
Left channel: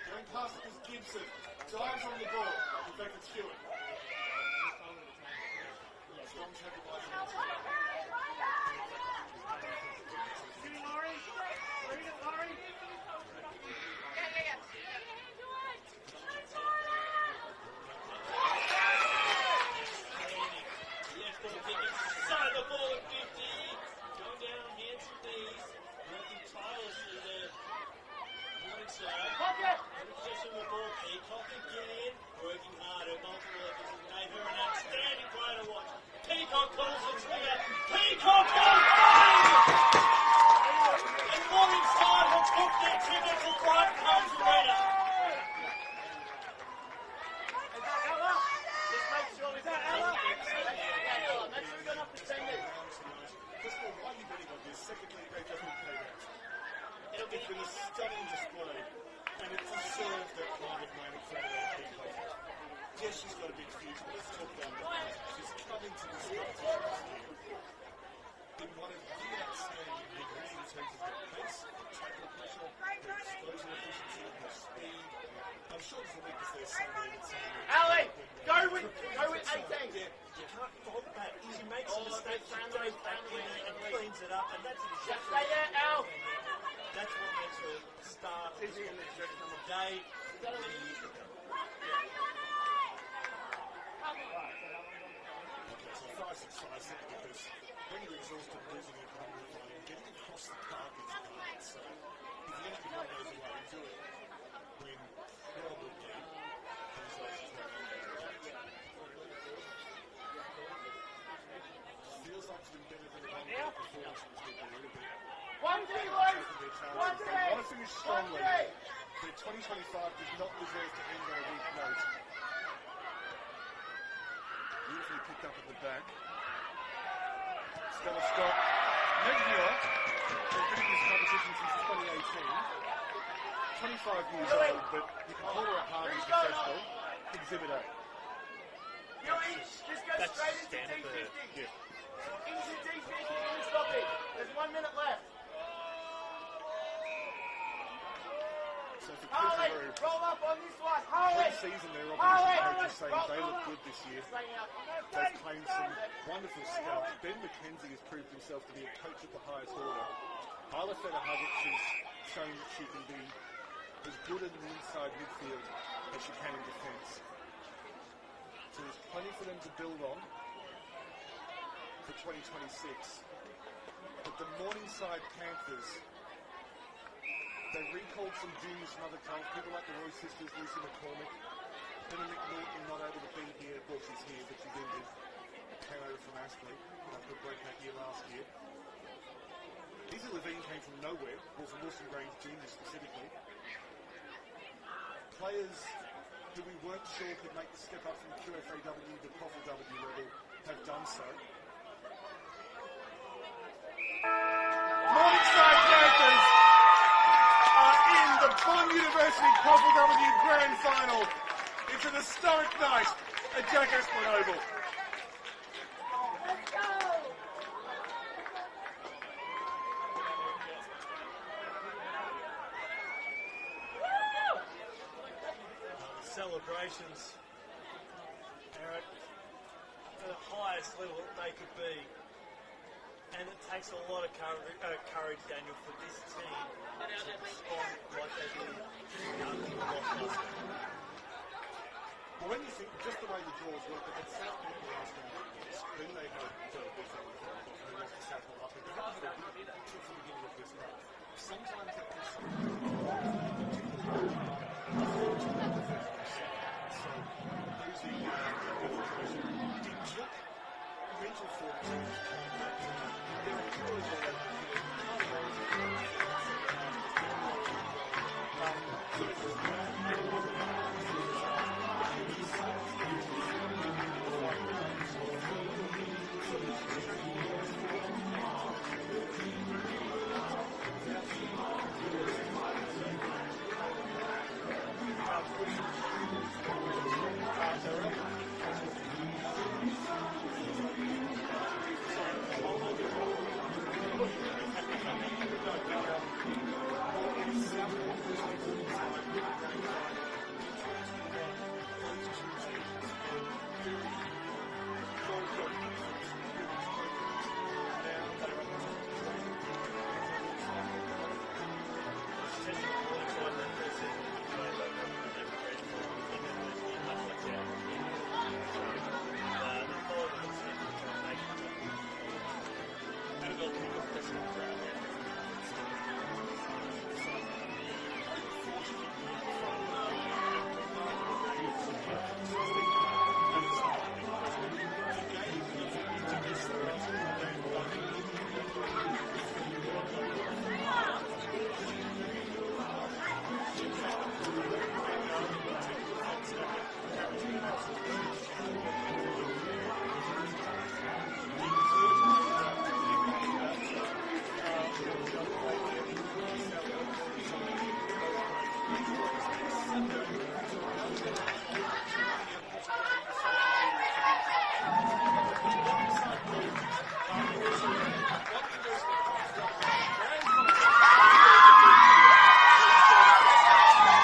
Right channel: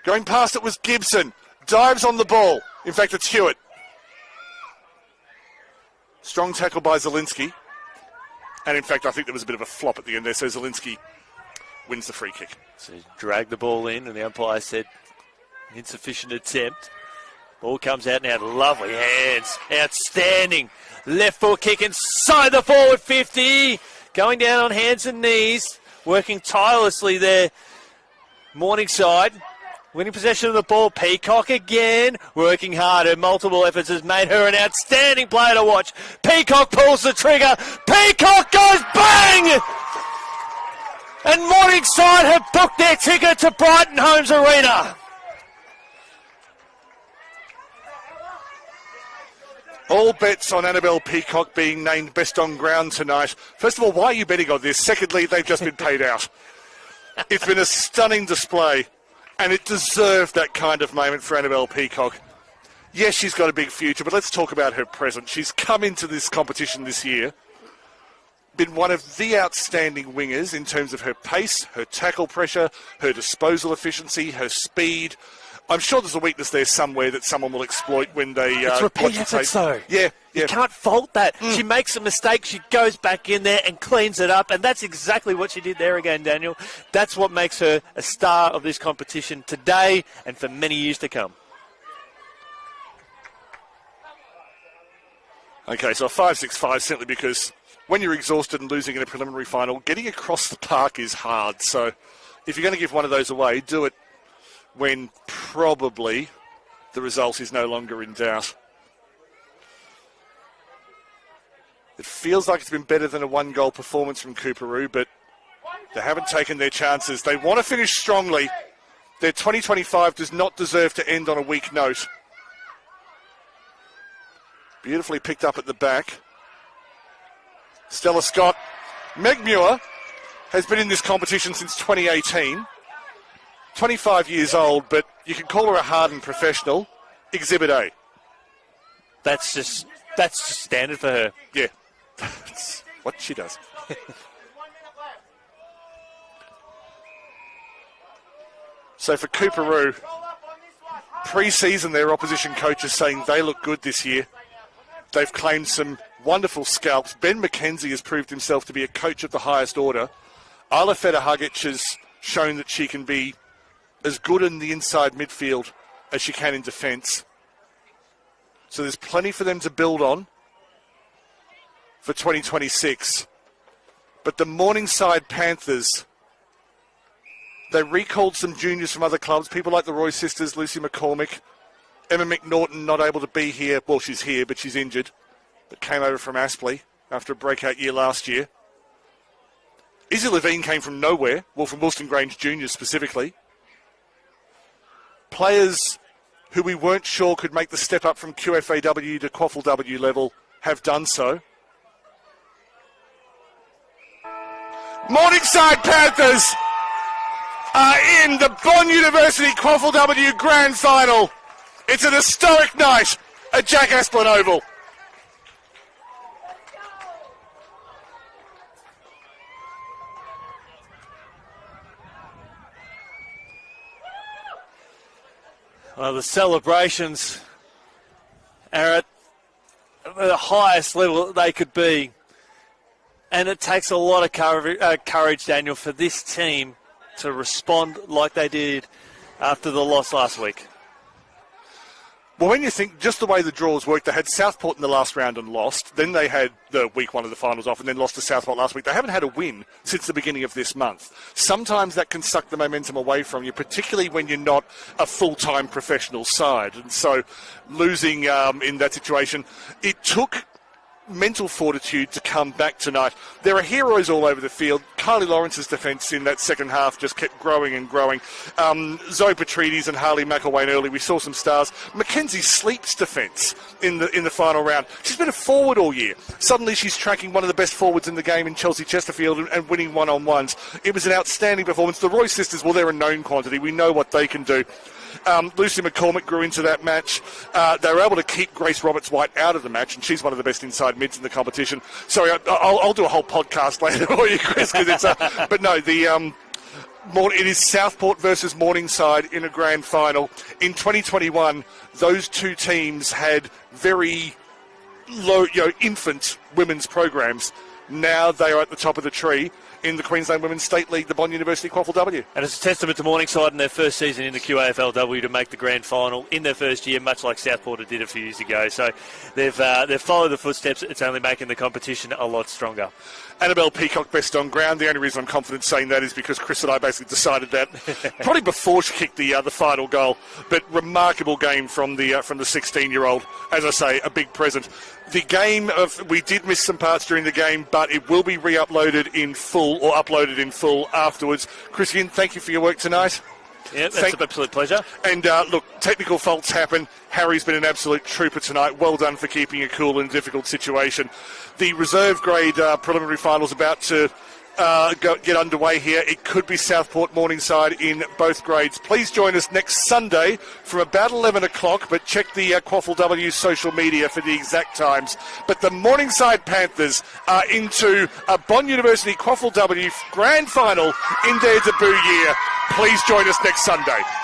Going past it was Gibson, dives on the ball. In fact, it's Hewitt. Strong tackle by Zielinski. And in fact, I think there was a bit of a flop at the end there, so Zielinski wins the free kick. So he dragged the ball in, and the umpire said insufficient attempt. Ball comes out now. Lovely hands. Outstanding. Left foot kick inside the forward 50. Going down on hands and knees. Working tirelessly there. Morningside. Winning possession of the ball. Peacock again. Working hard. Her multiple efforts has made her an outstanding player to watch. Peacock pulls the trigger. Peacock goes bang! And Morningside have booked their ticket to Brighton Homes Arena. All bets on Annabelle Peacock being named best on ground tonight. First of all, why are you betting on this? Secondly, they've just been paid out. It's been a stunning display, and it deserved that kind of moment for Annabelle Peacock. Yes, she's got a big future, but let's talk about her present. She's come into this competition this year, been one of the outstanding wingers in terms of her pace, her tackle pressure, her disposal efficiency, her speed. I'm sure there's a weakness there somewhere that someone will exploit when they it's repeat efforts, though. Yeah. You can't fault that. She makes a mistake, she goes back in there and cleans it up, and that's exactly what she did there again, Daniel. That's what makes her a star of this competition today and for many years to come. Okay, so a 5-6-5 simply because when you're exhausted and losing in a preliminary final, getting across the park is hard. So if you're going to give one of those away, do it when probably the result is no longer in doubt. It feels like it's been better than a one-goal performance from Coorparoo, but they haven't taken their chances. They want to finish strongly. Their 2025 does not deserve to end on a weak note. Beautifully picked up at the back. Stella Scott. Meg Muir has been in this competition since 2018. 25 years old, but you can call her a hardened professional. Exhibit A. That's just standard for her. Yeah, that's what she does. So for Coorparoo, pre-season their opposition coach is saying they look good this year. They've claimed some wonderful scalps. Ben McKenzie has proved himself to be a coach of the highest order. Isla Feder-Hugic has shown that she can be as good in the inside midfield as she can in defence. So there's plenty for them to build on for 2026. But the Morningside Panthers, they recalled some juniors from other clubs, people like the Roy sisters, Lucy McCormick, Emma McNaughton not able to be here. Well, she's here, but she's injured. But came over from Aspley after a breakout year last year. Izzy Levine came from nowhere, well, from Wilston Grange Juniors specifically. Players who we weren't sure could make the step up from QAFLW to QAFLW level have done so. Morningside Panthers are in the Bond University QAFLW Grand Final. It's an historic night at Jack Asplin Oval. Well, the celebrations are at the highest level that they could be. And it takes a lot of courage, Daniel, for this team to respond like they did after the loss last week. Well, when you think just the way the draws worked, they had Southport in the last round and lost. Then they had the week one of the finals off and then lost to Southport last week. They haven't had a win since the beginning of this month. Sometimes that can suck the momentum away from you, particularly when you're not a full-time professional side. And so losing in that situation, it took mental fortitude to come back tonight. There are heroes all over the field. Kylie Lawrence's defence in that second half just kept growing and growing. Zoe Petrides and Harley McElwain early, we saw some stars. Mackenzie Sleep's defence in the final round. She's been a forward all year. Suddenly she's tracking one of the best forwards in the game in Chelsea Chesterfield and winning one-on-ones. It was an outstanding performance. The Roy sisters, well, they're a known quantity. We know what they can do. Lucy McCormick grew into that match. They were able to keep Grace Roberts-White out of the match, and she's one of the best inside mids in the competition. Sorry, I'll do a whole podcast later for you, Chris, because it's but no, it is Southport versus Morningside in a grand final. In 2021, those two teams had very low, infant women's programs. Now they are at the top of the tree. in the Queensland Women's State League, the Bond University QAFLW. And it's a testament to Morningside in their first season in the QAFLW to make the grand final in their first year, much like Southport did a few years ago. So they've followed the footsteps. It's only making the competition a lot stronger. Annabelle Peacock best on ground. The only reason I'm confident saying that is because Chris and I basically decided that probably before she kicked the final goal. But remarkable game from the 16-year-old. As I say, a big present. The game we did miss some parts during the game, but it will be re-uploaded in full or uploaded in full afterwards. Chris, again, thank you for your work tonight. Yeah, that's an absolute pleasure. And look, technical faults happen. Harry's been an absolute trooper tonight. Well done for keeping it cool in a difficult situation. The reserve grade preliminary finals about to get underway here. It could be Southport Morningside in both grades. Please join us next Sunday from about 11 o'clock, but check the QAFLW social media for the exact times. But the Morningside Panthers are into a Bond University QAFLW grand final in their debut year. Please join us next Sunday.